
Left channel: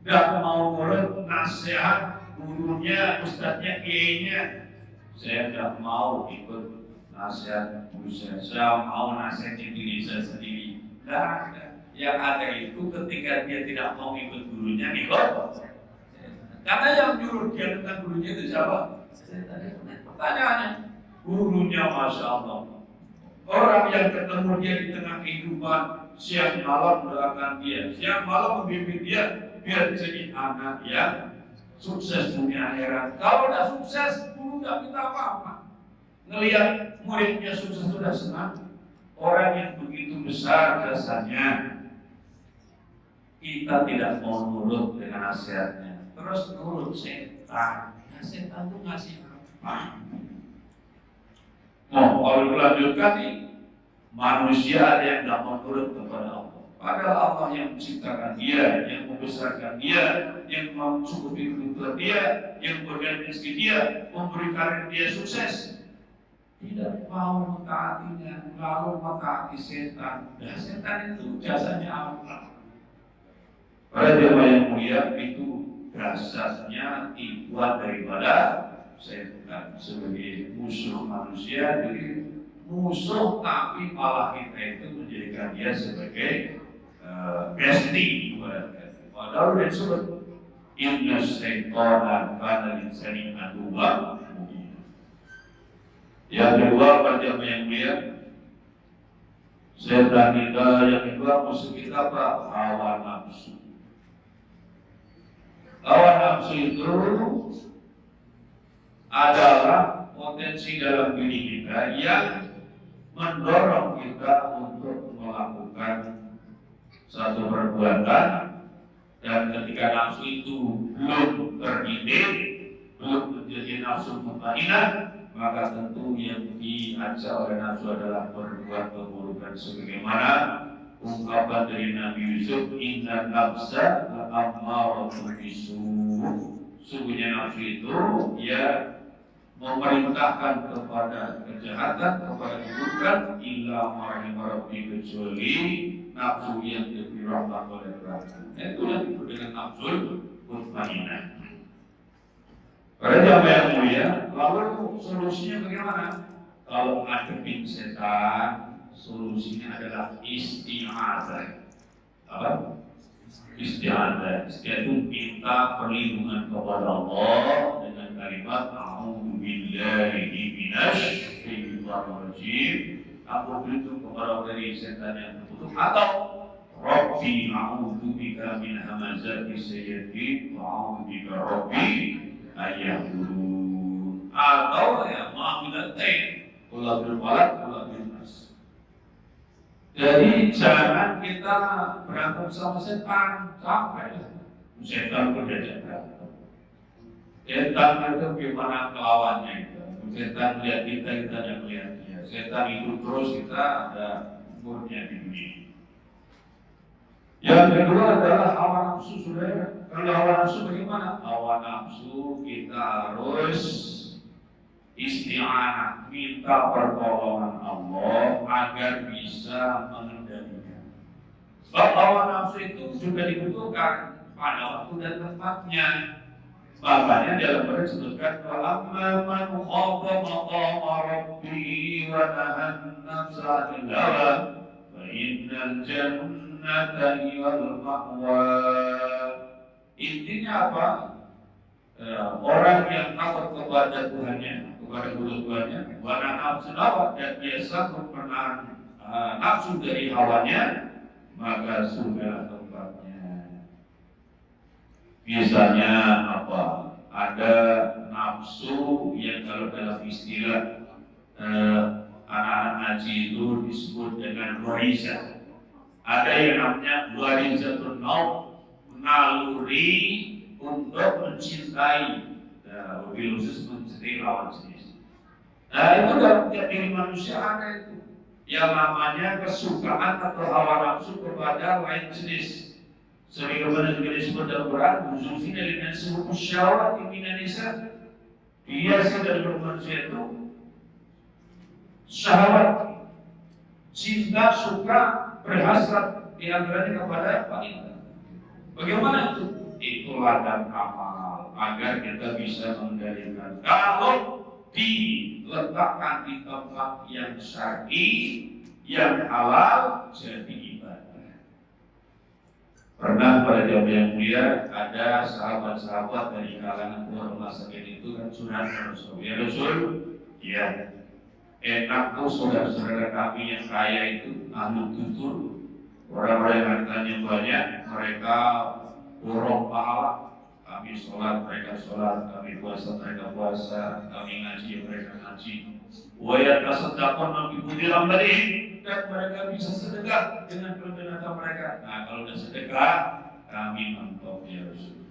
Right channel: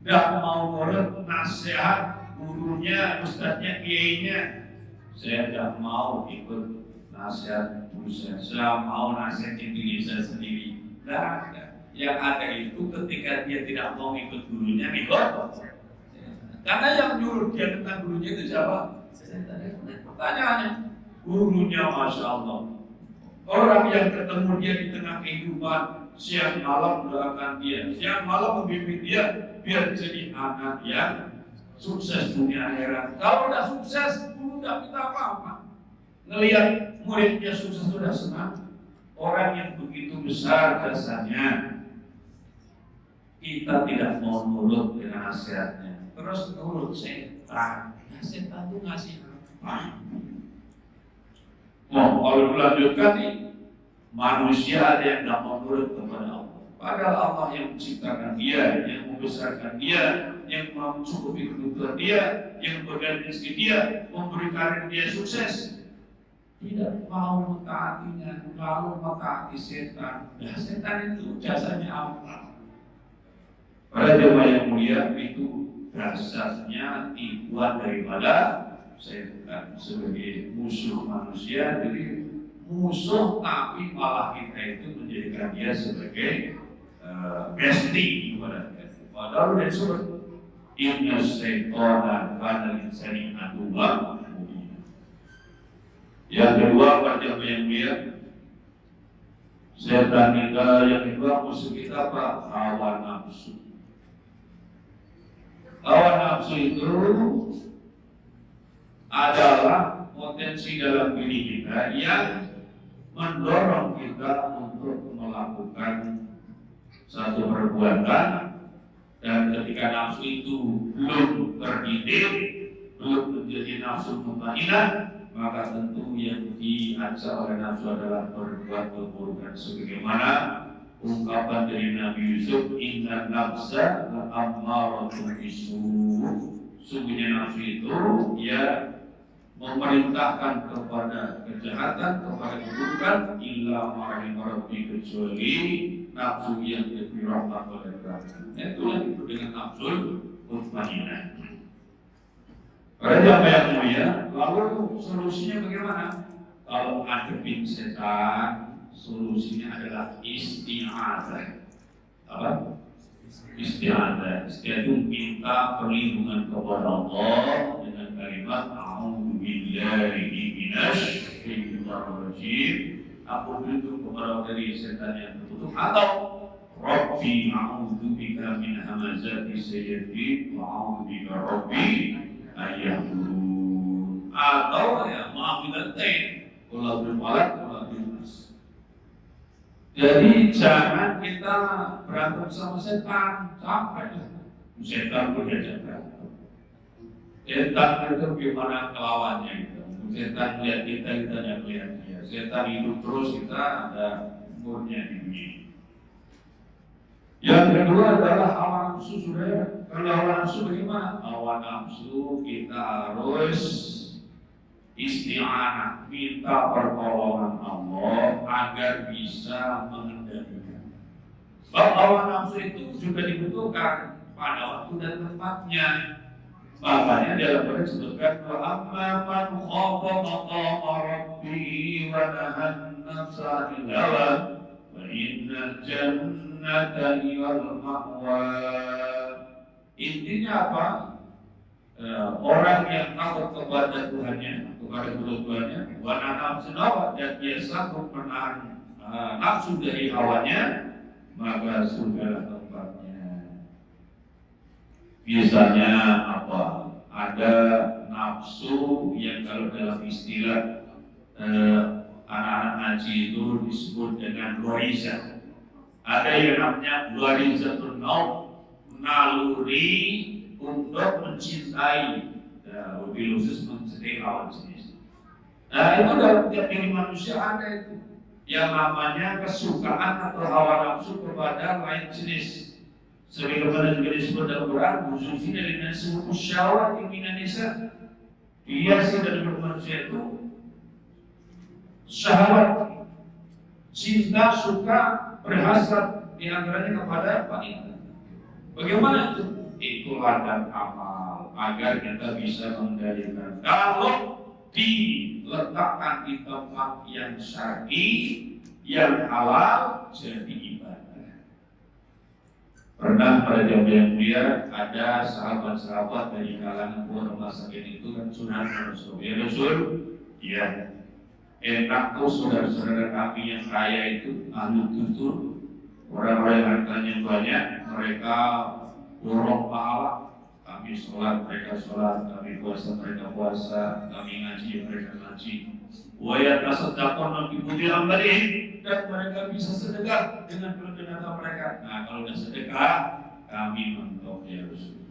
tidak mau nurut nasihat gurunya, ustadznya, kiainya. Saya tidak mau ikut nasihat guru saya mau nasihat diri saya sendiri. Tidak ada. Yang ada itu ketika dia tidak mau ikut gurunya, ikut. Karena yang nyuruh dia tentang gurunya itu siapa? Pertanyaannya, gurunya Masya Allah. Orang yang ketemu dia di tengah kehidupan, siang malam mendoakan dia, siang malam membimbing dia biar jadi anak yang sukses dunia akhirat. Kalau udah sukses, guru tidak minta apa-apa. Ngelihat muridnya sukses sudah senang. Orang yang begitu besar jasanya, kita tidak mau nurut dengan nasihatnya, terus nurut setan. Nah, setan itu ngasih apa? Kalau dilanjutkan nih, manusia ada yang tidak mau nurut kepada Allah. Padahal Allah yang menciptakan dia, yang membesarkan dia, yang mencukupi kebutuhan dia, yang memberikan rezeki dia, memberi karir dia sukses. Tidak mau mentaatinya, lalu mentaati setan. Nah, setan itu jasanya apa? Para jemaah yang mulia, itu dasarnya dibuat daripada setan sebagai musuh manusia. Jadi musuh, tapi malah kita itu menjadikan dia sebagai bestie ibaratnya. Padahal dia disebut inna syaitana kana linsani aduwwan mubina. Yang kedua, perjalanan yang mulia, setan kita yang kedua musuh kita apa? Hawa nafsu. Hawa nafsu itu adalah potensi dalam diri kita yang mendorong kita untuk melakukan satu perbuatan, dan ketika nafsu itu belum terdidik, belum menjadi nafsu mutmainnah, maka tentu yang diajak oleh nafsu adalah berbuat keburukan, sebagaimana ungkapan dari Nabi Yusuf, inna nafsa la'ammaratun bisu'. Sungguhnya nafsu itu ya memerintahkan kepada kejahatan, kepada keburukan, illa marahimarabi, kecuali nafsu yang diberi rahmat oleh Rabbi. Itu yang disebut dengan nafsul mutmainnah. Para jamaah yang mulia, lalu solusinya bagaimana? Kalau ngadepin setan, solusinya adalah isti'adzah. Apa? Isti'adzah. Itu minta perlindungan kepada Allah dengan kalimat a'udzubillahi minasyaitonir rajim. Aku berlindung kepada dari setan yang tertutup, atau Rabbi a'udzubika min hamazati sayyi'in wa a'udzubika Rabbi ayyahudun, atau ya ma'aminatain kula bilwalad kula bilnas. Jadi jangan kita berantem sama setan, capek lah. Setan berjaya berantem. Setan itu gimana kelawannya itu? Setan melihat kita tidak melihatnya. Setan hidup terus, kita ada umurnya di dunia. Yang kedua adalah hawa nafsu, sudah ya. Kalau hawa nafsu bagaimana? Hawa nafsu kita harus isti'anah, minta pertolongan Allah agar bisa mengendalikan. Sebab hawa nafsu itu juga dibutuhkan pada waktu dan tempatnya. Makanya dalam Quran disebutkan wa amma man khafa maqama rabbih wa nahan nafsa 'anil hawa fa innal jannata hiyal ma'wa. Intinya apa? Orang yang takut kepada Tuhannya, kepada kebutuhannya, wa nahan nafsa dan dia sanggup menahan nafsu dari hawanya, maka surgalah tempatnya. Biasanya apa? Ada nafsu yang kalau dalam istilah anak-anak haji itu disebut dengan gharizah. Ada yang namanya gharizatun naum, naluri untuk mencintai, lebih khusus mencintai lawan jenis. Nah itu dalam tiap diri manusia ada itu yang namanya kesukaan atau hawa nafsu kepada lain jenis. Sebagaimana juga disebut dalam Quran, khususnya dengan sebuah syahwat minan nisa. Dia sudah bermanusia itu syahwat, cinta, suka, berhasrat di antaranya kepada wanita. Bagaimana itu? Itu ladang amal agar kita bisa mengendalikan. Kalau diletakkan di tempat yang syar'i, yang halal, jadi ibadah. Pernah pada jam yang mulia ada sahabat-sahabat dari kalangan orang masakin itu kan sunat Rasul. Ya Rasul, ya enak tuh saudara-saudara kami yang kaya itu ahlu tutur, orang-orang yang hartanya banyak, mereka borong pahala. Kami sholat, mereka sholat, kami puasa, mereka puasa, kami ngaji, mereka ngaji. Wayat tasaddaqun nabi putih ambalih, dan mereka bisa sedekah dengan kelebihan mereka. Nah kalau sudah sedekah, kami mentok ya Rasul.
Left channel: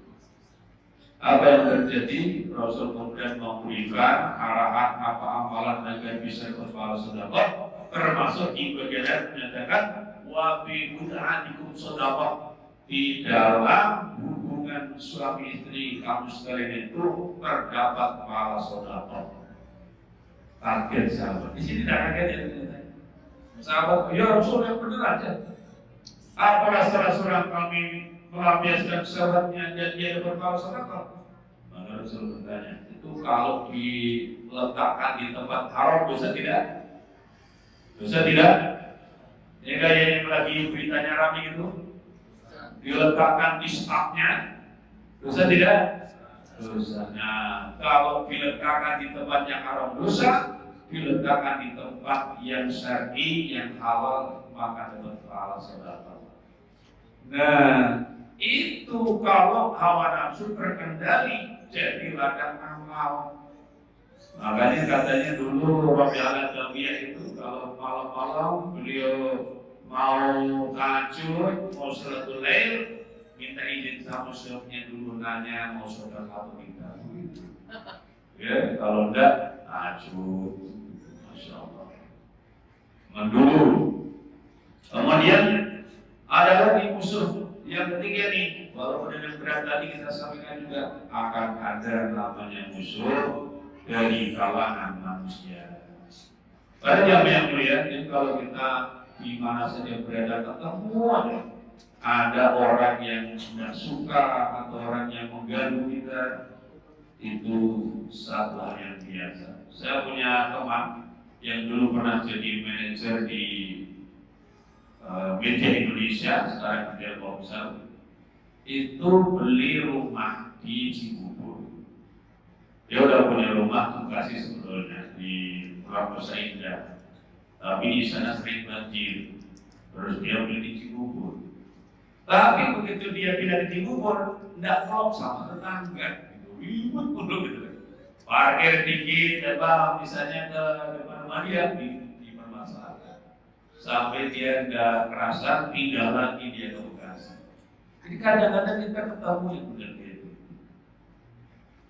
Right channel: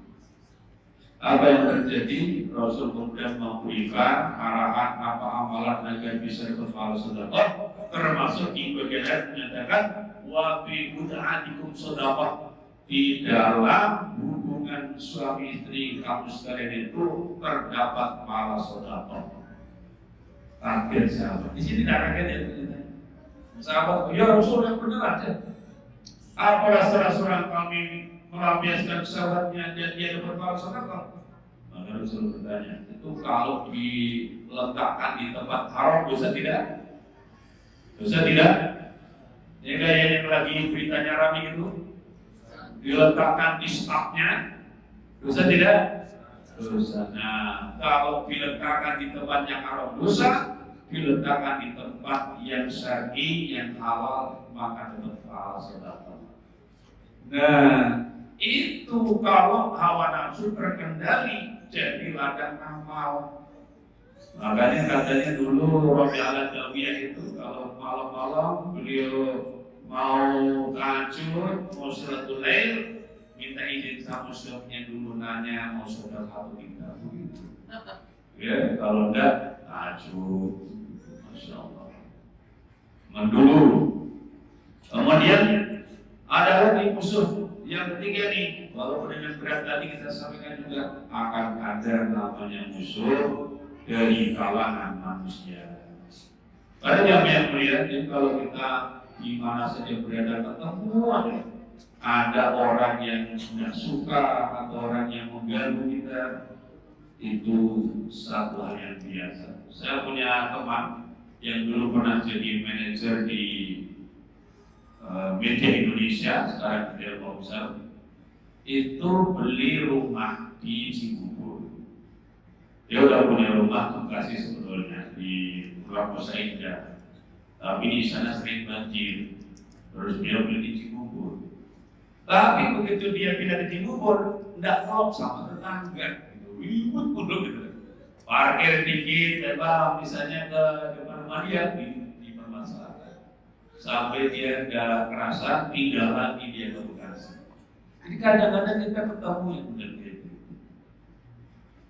Apa yang terjadi? Rasul kemudian memberikan arahan apa amalan agar bisa berpahala sedekah, termasuk di bagian menyatakan wa bi muta'atikum sedekah. Di dalam hubungan suami istri kamu sekalian itu terdapat pahala sedekah. Kaget sahabat. Di sini tidak kaget ya ternyata. Sahabat, ya Rasul yang benar aja. Apakah salah seorang kami melampiaskan syahwatnya dan dia dapat pahala sedekah? Maka Rasul bertanya, itu kalau diletakkan di tempat haram dosa tidak? Dosa tidak? Ya kayak yang lagi beritanya rame itu, diletakkan di stafnya, dosa tidak? Dosa. Nah, kalau diletakkan di tempat yang haram dosa, diletakkan di tempat yang syar'i, yang halal, maka dapat pahala sedekah. Nah, itu kalau hawa nafsu terkendali jadi ladang amal. Makanya katanya dulu Rabi Al-Adawiyah itu kalau malam-malam beliau mau tahajud, mau salatul lail, minta izin sama syekhnya dulu, nanya mau sedekah atau tidak. Ya, kalau enggak tahajud. Masya Allah. Mendulu. Kemudian ada lagi musuh yang ketiga nih, walaupun dengan berat tadi kita sampaikan juga akan ada namanya musuh dari kalangan manusia. Pada jamaah yang mulia, jadi kalau kita di mana saja berada ketemu ada orang yang tidak suka atau orang yang mengganggu kita, itu satu hal yang biasa. Saya punya teman yang dulu pernah jadi manajer di media Indonesia, sekarang di Telkomsel, itu beli rumah di Cibubur. Dia udah punya rumah tuh kasih sebetulnya di Kelapa Indah, tapi di sana sering banjir. Terus dia beli di Cibubur. Tapi begitu dia pindah ke Cibubur, tidak klop sama tetangga, gitu. Ribut mulu gitu. Parkir dikit, misalnya ke depan rumah dia dipermasalahkan. Sampai dia nggak kerasa, pindah lagi dia ke Bekasi. Jadi kadang-kadang kita ketemu yang benar gitu.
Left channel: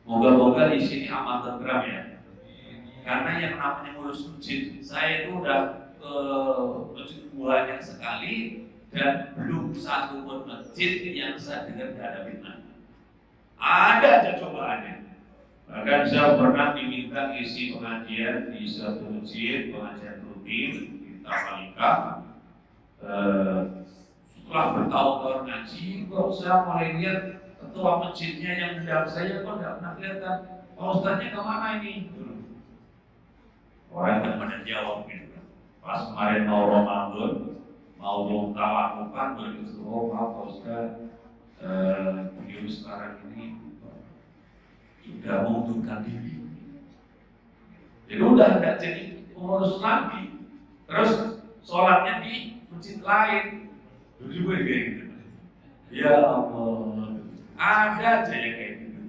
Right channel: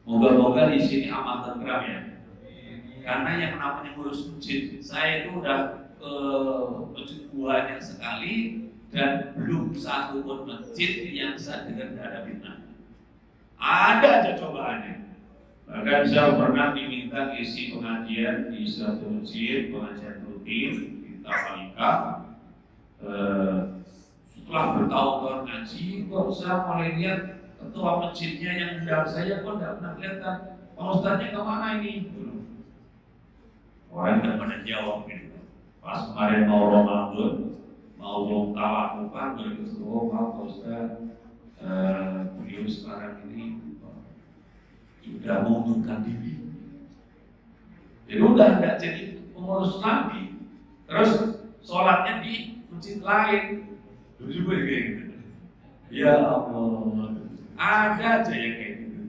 Moga-moga di sini amat tentram ya. Karena yang namanya ngurus masjid, saya itu udah ke masjid banyak sekali dan belum satu pun masjid yang saya dengar tidak ada fitnahnya. Ada aja cobaannya. Bahkan saya pernah diminta isi pengajian di satu masjid, pengajian rutin di Tamalika. Setelah bertahun-tahun ngaji, kok saya mulai lihat ketua masjidnya yang undang saya kok tidak pernah kelihatan. Pak Ustadznya kemana ini? Orang tidak pada jawab gitu. Pas kemarin mau Ramadan, mau tawakupan, begitu, Pak Ustadz, beliau sekarang ini sudah mengundurkan diri. Jadi udah tidak jadi pengurus lagi. Terus sholatnya di masjid lain. Juga kayak gitu. Ya Allah, ada aja yang kayak gitu.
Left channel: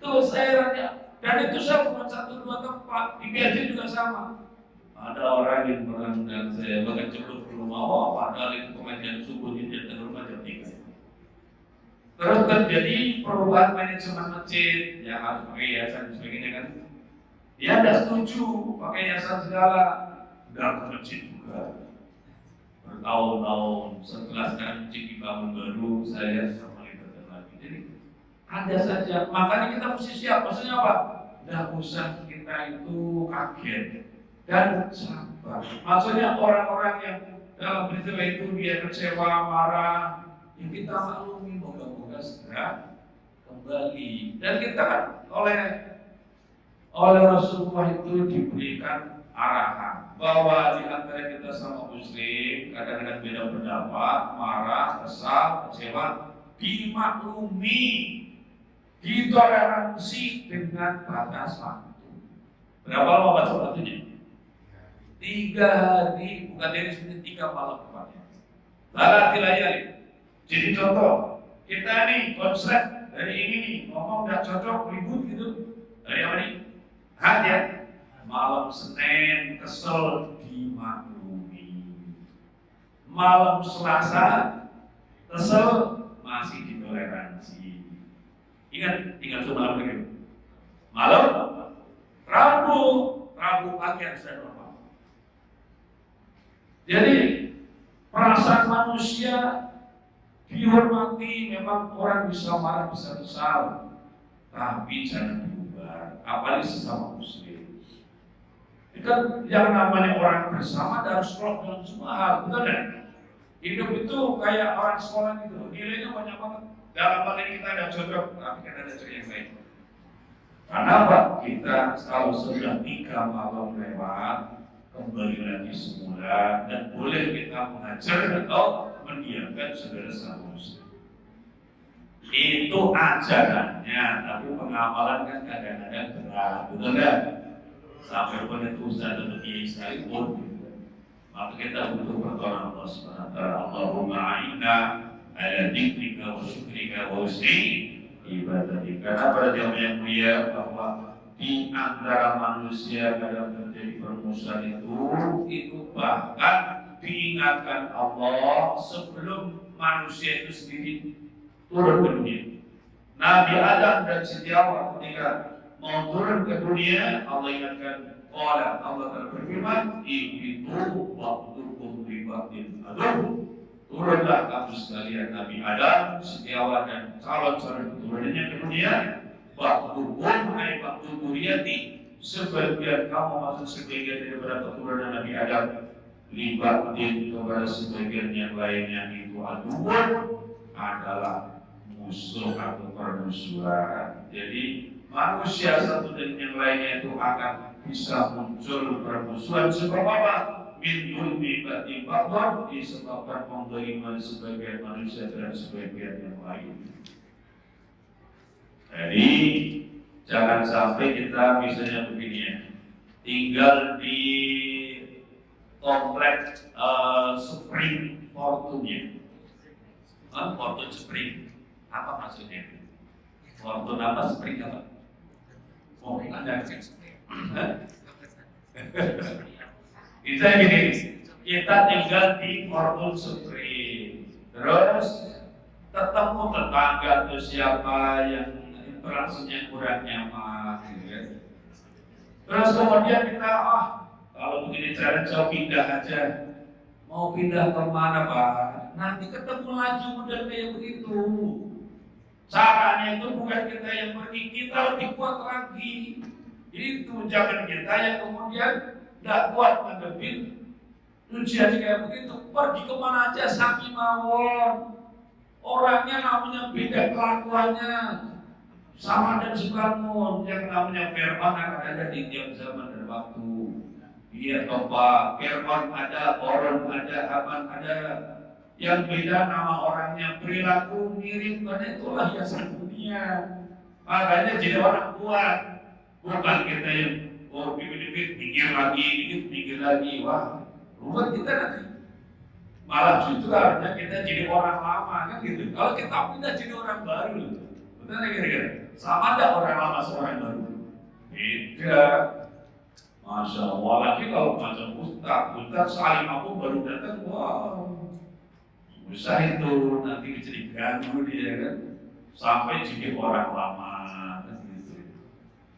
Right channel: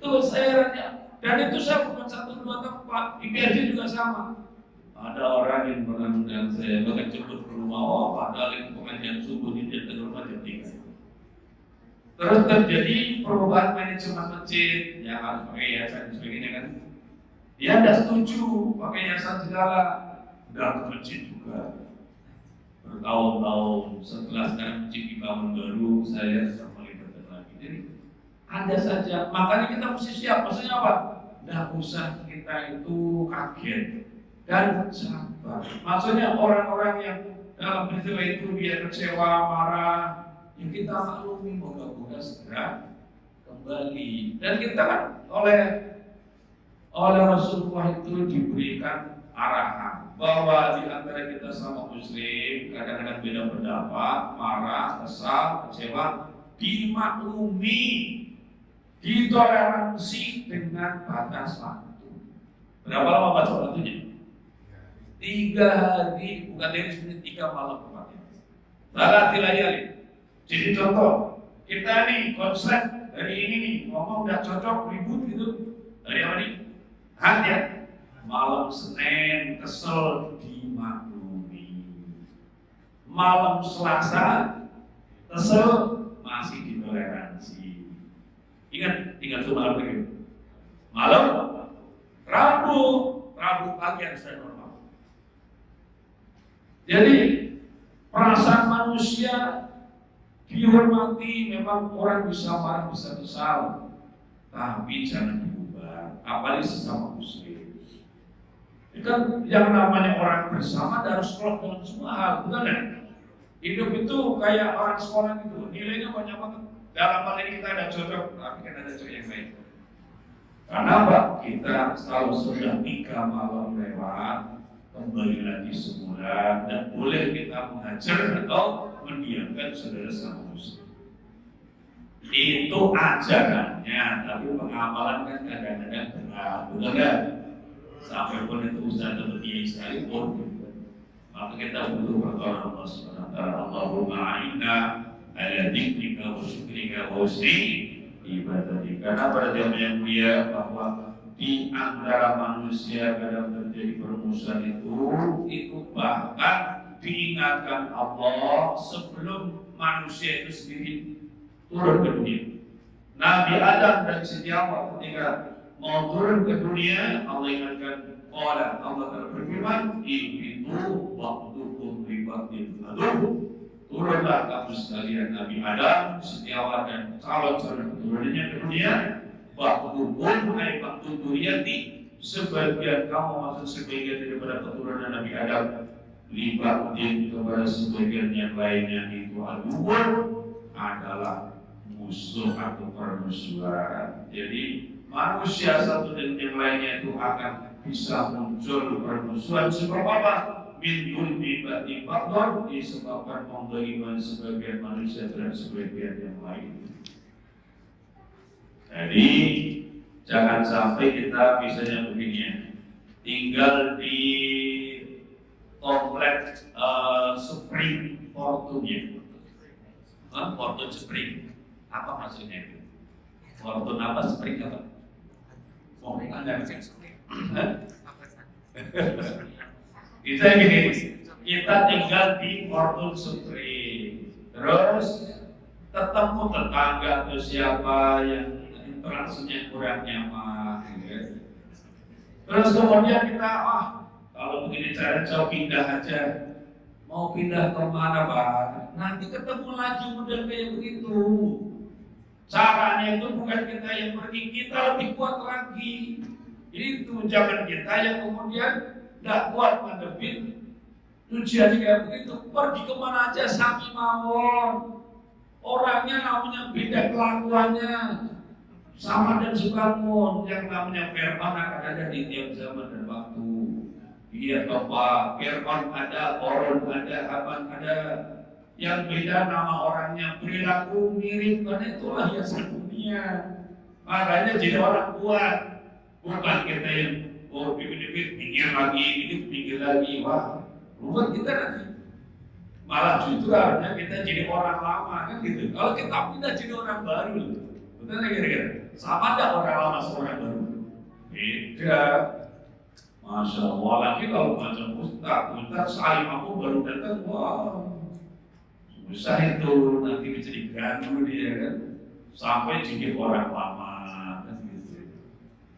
Terus saya herannya, dan itu saya bukan 1-2 tempat, di BSD juga sama. Ada orang yang pernah dan saya bahkan jemput ke rumah, padahal itu pengajian subuh di dekat rumah jam 3. Terus terjadi perubahan manajemen masjid yang harus pakai yayasan dan sebagainya kan. Dia tidak setuju pakai yayasan segala, tidak ke masjid juga. Bertahun-tahun setelah sekarang masjid dibangun baru, saya mulai bertemu lagi. Jadi ada saja, makanya kita mesti siap. Maksudnya apa? Tidak usah kita itu kaget dan sabar. Maksudnya orang-orang yang dalam peristiwa itu dia kecewa, marah, yang kita maklumi, moga-moga segera kembali. Dan kita kan oleh Rasulullah itu diberikan arahan bahwa di antara kita sama muslim kadang-kadang beda pendapat, marah, kesal, kecewa, dimaklumi, ditoleransi dengan batas waktu. Berapa lama batas waktunya? 3 hari, bukan dari sini 3 malam tepatnya. Salah dilayani. Jadi contoh, kita nih konsep dari ini nih, ngomong udah cocok, ribut gitu. Dari apa nih? Had ya. Malam Senin kesel, dimaklumi. Malam Selasa kesel, masih ditoleransi. Ingat, tinggal semalam lagi. Malam Rabu pagi harus ada normal. Jadi perasaan manusia dihormati, memang orang bisa marah, bisa kesal, tapi jangan diubah, apalagi sesama muslim. Kan yang namanya orang bersama harus klop dalam semua hal, betul kan? Hidup itu kayak orang sekolah gitu, nilainya banyak banget. Dalam hal ini kita ada cocok, tapi kan ada cocok yang lain. Karena apa? Kita kalau sudah 3 malam lewat, kembali lagi semula, dan boleh kita mengajar atau mendiamkan saudara sama muslim. Itu ajarannya, tapi pengamalan kan kadang-kadang berat, benar kan? sampai pun itu ustaz atau kiai sekalipun. Maka kita butuh pertolongan Allah Subhanahu wa taala. Allahumma a'inna ala dzikrika wa syukrika wa husni ibadatika. Karena pada zaman yang mulia bahwa di antara manusia kadang terjadi permusuhan itu bahkan diingatkan Allah sebelum manusia itu sendiri turun ke dunia. Nabi Adam dan Siti Hawa ketika mau turun ke dunia, Allah ingatkan, Allah telah berfirman, itu waktukum libatin aduh. Turunlah kamu sekalian, Nabi Adam, Siti Hawa dan calon-calon keturunannya ke dunia. Waktukum hai waktu duriyati, sebagian kamu maksud sebagian daripada keturunan Nabi Adam, libatin kepada sebagian yang lainnya itu aduh adalah musuh atau permusuhan. Jadi manusia satu dan yang lainnya itu akan bisa muncul permusuhan sebab apa? Min dulmi ba'di ba'dor, disebabkan penggaliman sebagian manusia terhadap sebagian yang lain. Jadi jangan sampai kita misalnya begini ya, tinggal di komplek Spring Fortune ya, Fortune Spring, apa maksudnya itu? Fortune apa? Spring apa? Oh, Anda kita gini, kita tinggal di Fortune Spring, terus ketemu tetangga tuh siapa yang interaksinya kurang nyaman, gitu. Terus kemudian kita, kalau begini cara coba pindah aja, mau pindah ke mana Pak? Nanti ketemu lagi model kayak begitu. Caranya itu bukan kita yang pergi, kita lebih kuat lagi. Itu jangan kita yang kemudian tidak kuat ngadepin ujian kayak begitu. Pergi kemana aja sami mawon. Orangnya namanya beda kelakuannya, sama dan sekalipun. Yang namanya Fir'aun akan ada di tiap zaman dan waktu. Iya toba, Fir'aun ada, Qarun ada, Haman ada. Yang beda nama orangnya, perilaku mirip, karena itulah hiasan dunia. Makanya jadi orang kuat, bukan kita yang dikit-dikit pikir lagi, wah ruwet kita nanti. Malah justru hanya kita jadi orang lama kan gitu. Kalau kita pindah jadi orang baru, betul nggak kira-kira? Sama ada orang lama sama orang baru? Beda. Masya Allah, lagi kalau macam Ustaz saling aku baru datang, wow. Susah itu, nanti bisa diganggu dia kan, sampai jadi orang lama kan gitu.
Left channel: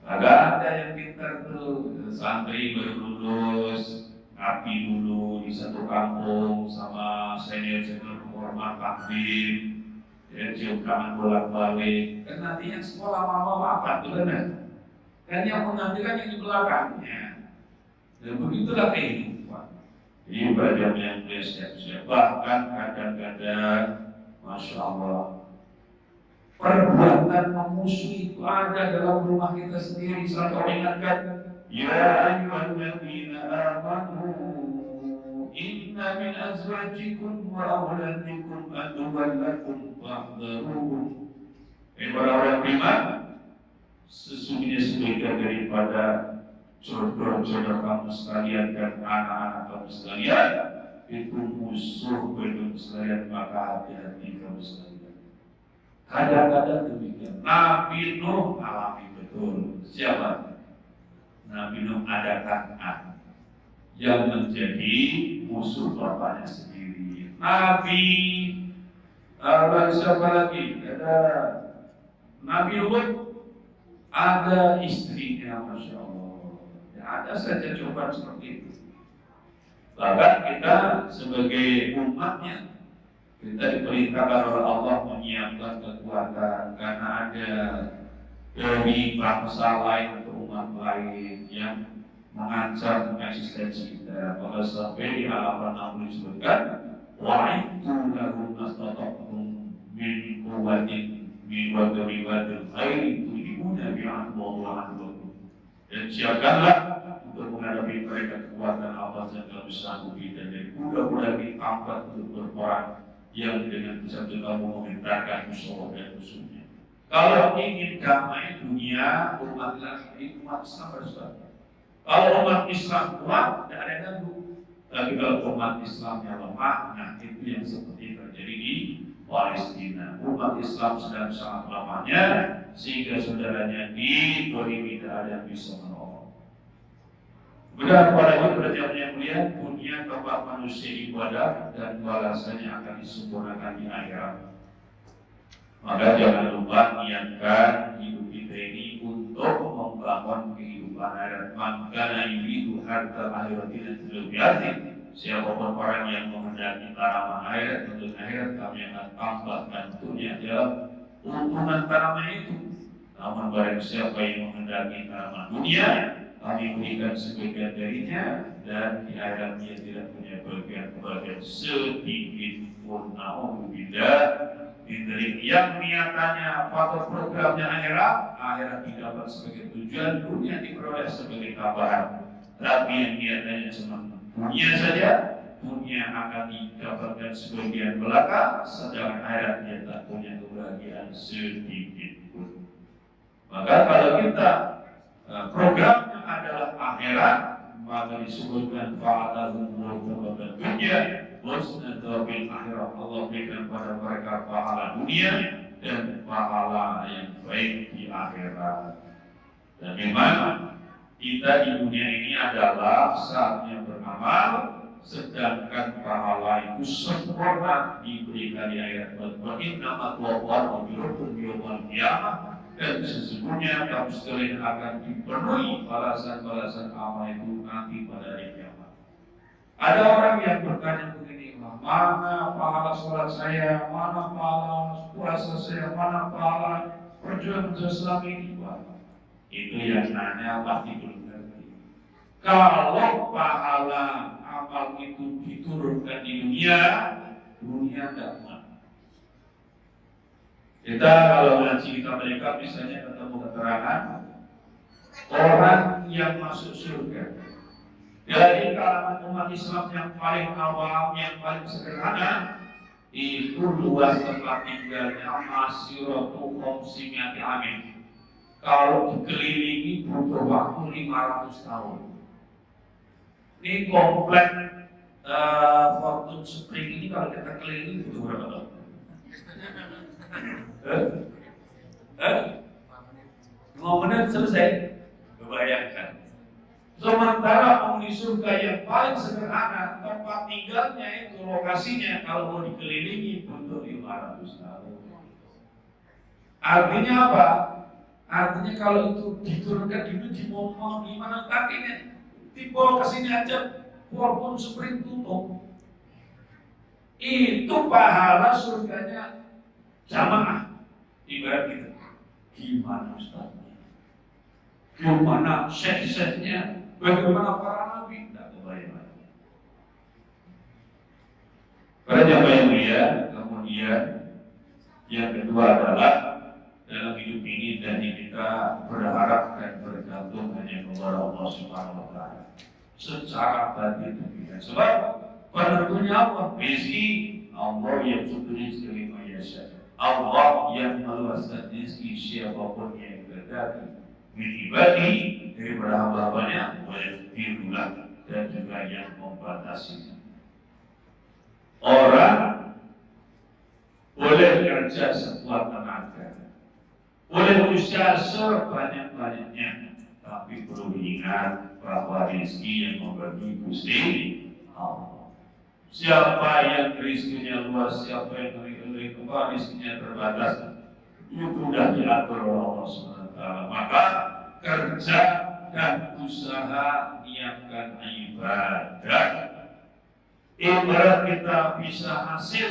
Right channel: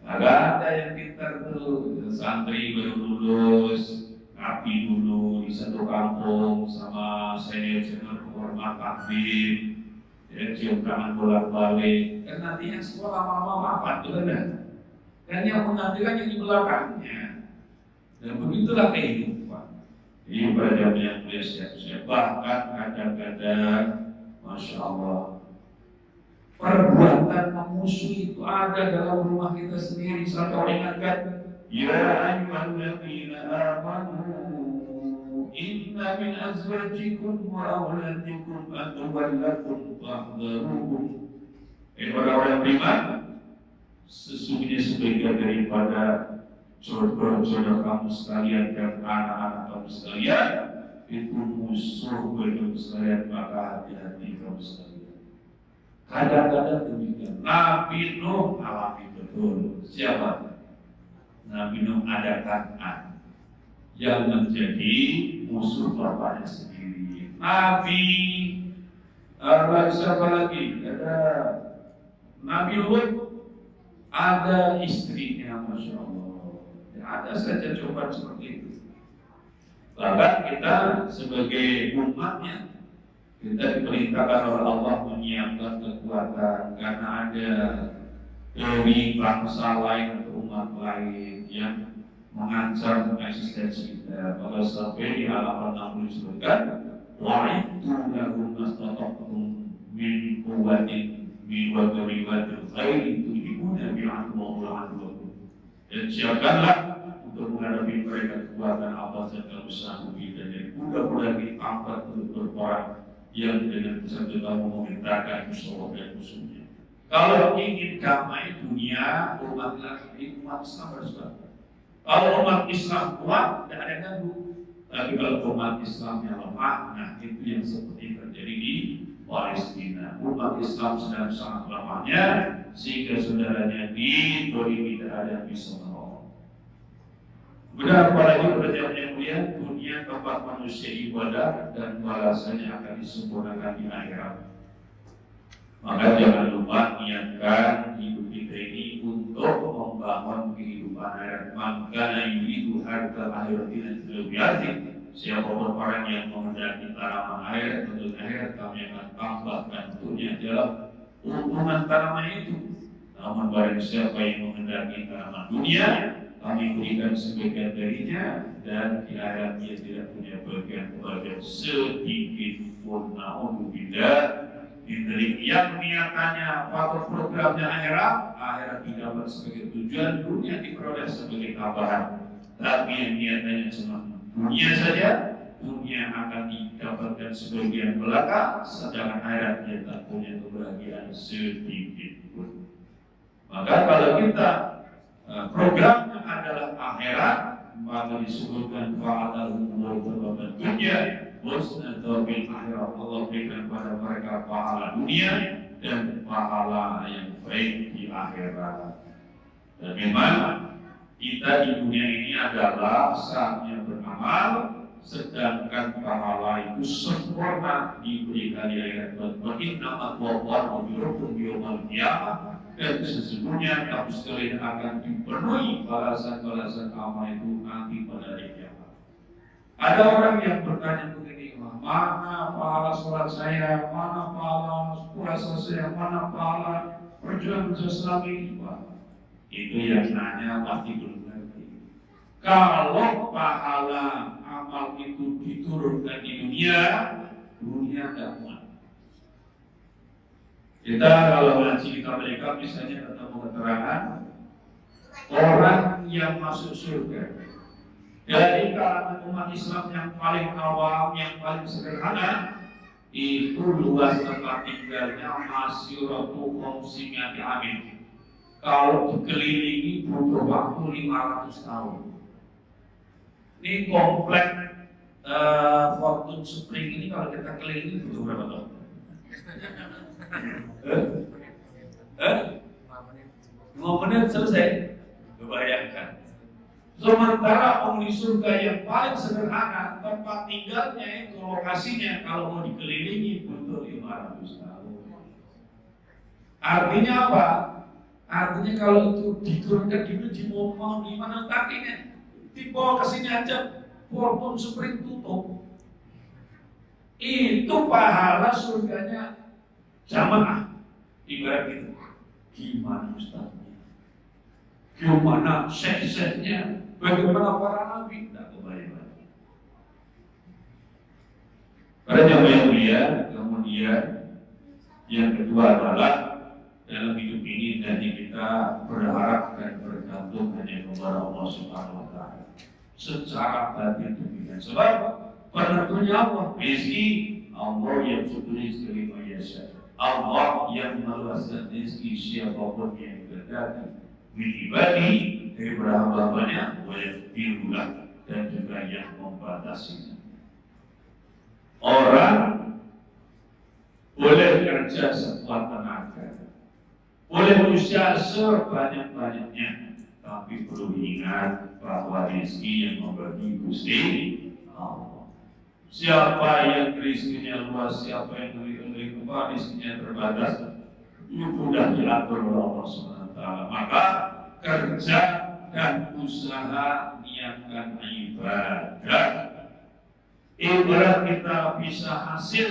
Agak ada yang pintar tuh, santri baru lulus, ngapi dulu di satu kampung sama senior-senior hormat takdim, ya cium tangan bolak-balik, kan nanti yang sekolah lama wafat tuh kan yang mengambilkan yang di belakangnya. Dan begitulah kehidupan. Ini berada yang siap-siap. Bahkan kadang-kadang, Masya Allah, perbuatan memusuhi itu ada dalam rumah kita sendiri. Satu ingatkan, ya ayyuhalladzina amanu, inna min azwajikum wa awladikum aduwwan lakum fahdharuhum. Orang-orang beriman, sesungguhnya sebagian daripada jodoh-jodoh kamu sekalian dan anak-anak kamu sekalian itu musuh kamu sekalian, maka hati-hati kamu sekalian. Kadang-kadang demikian. Nabi Nuh alami betul. Siapa? Nabi Nuh ada Kan'an yang menjadi musuh bapaknya sendiri. Nabi siapa lagi? Ada Nabi Lut, ada istrinya, Masya Allah. Ada saja cobaan seperti itu. Bahkan kita sebagai umatnya, kita diperintahkan oleh Allah menyiapkan kekuatan karena ada dari bangsa lain atau umat lain yang mengancam eksistensi kita. Pada sampai di halaman 60 disebutkan, wa itu lahum mastata'tum min quwwatin min wadriwatil khairi tuhibuna bi'anwallahi. Dan siapkanlah untuk menghadapi mereka kekuatan Allah dan kamu sanggupi, dan dari budak-budak diangkat untuk berperang yang dengan satu kamu memintakan musuh dan musuhnya. Kalau ingin damai dunia, umat Islam harus Kalau umat Islam kuat, tidak ada ganggu. Tapi kalau umat Islamnya lemah, nah itu yang seperti terjadi di Palestina. Umat Islam sedang sangat lemahnya, sehingga saudaranya ditolimi tidak ada yang bisa menolong. Benar apalagi pada zaman yang mulia, dunia tempat manusia ibadah dan balasannya akan disempurnakan di akhirat. Maka jangan lupa niatkan hidup kita ini untuk membangun kehidupan akhirat. Maka itu harta akhirat tidak lebih asing. Siapapun orang yang menghendaki tanaman akhirat untuk akhirat, kami akan tambahkan dunia dalam untungan tanaman itu. Namun barang siapa yang menghendaki tanaman dunia, kami berikan sebagian darinya, dan di akhirat dia tidak punya bagian sedikit pun. Na'udzubillah. Yang niatannya atau programnya akhirat didapat sebagai tujuan, dunia diperoleh sebagai tambahan. Tapi yang niatannya cuma dunia saja, dunia akan didapatkan sebagian belaka, sedangkan akhirat dia tak punya kebahagiaan sedikit pun. Maka kalau kita programnya adalah akhirat, maka disebutkan fa'adahum wa dunya wasnadabil akhirat. Allah berikan pada mereka pahala dunia dan pahala yang baik di akhirat. Dan memang kita di dunia ini adalah saatnya beramal, sedangkan pahala itu sempurna diberikan di akhirat. Wa inna ma'wallahi yawmal qiyamah, dan sesungguhnya kamu sekalian akan dipenuhi balasan-balasan amal itu nanti pada hari kiamat. Ada orang yang bertanya begini, mana pahala sholat saya, mana pahala puasa saya, mana pahala perjuangan selama ini? Itu yang nanya pasti belum ngerti. Kalau pahala amal itu diturunkan di dunia tidak muat. Kita kalau ngaji kita mereka misalnya ketemu keterangan orang yang masuk surga dari kalangan umat Islam yang paling awam, yang paling sederhana, itu luas tempat tinggalnya Masyuratu Khomsimiati Amin. Kalau dikelilingi butuh waktu 500 tahun. Ini komplek Fortune Spring ini kalau kita kelilingi butuh berapa tahun? 5 menit selesai. Bayangkan. Sementara penghuni surga yang paling sederhana, tempat tinggalnya itu lokasinya kalau mau dikelilingi butuh 500 tahun. Artinya apa? Artinya kalau itu diturunkan di mana letaknya? Dibawa ke sini aja, Fortune Spring tutup. Itu pahala surganya jamaah. Ibarat gitu. Gimana ustaznya? Gimana syekh-syekhnya? Bagaimana para nabi? Tidak kebayang. Para jamaah yang mulia, kemudian yang kedua adalah dalam hidup ini dari kita berharap dan bergantung hanya kepada Allah Subhanahu wa Ta'ala. Secara batin demikian. Sebab penentunya apa? Rezeki Allah yang subhanahu wa ta'ala. Allah yang meluaskan rezeki siapapun yang kehendaki. Min ibadi daripada hamba-hambanya, wajibullah, dan juga yang membatasinya. Orang boleh kerja sekuat tenaga, boleh berusaha sebanyak-banyaknya, tapi perlu diingat bahwa rezeki yang membagi Gusti Allah. Siapa yang rezekinya luas, siapa yang rezekinya terbatas, itu sudah diatur oleh Allah SWT. Maka kerja dan usaha niatkan ibadah. Ibarat kita bisa hasil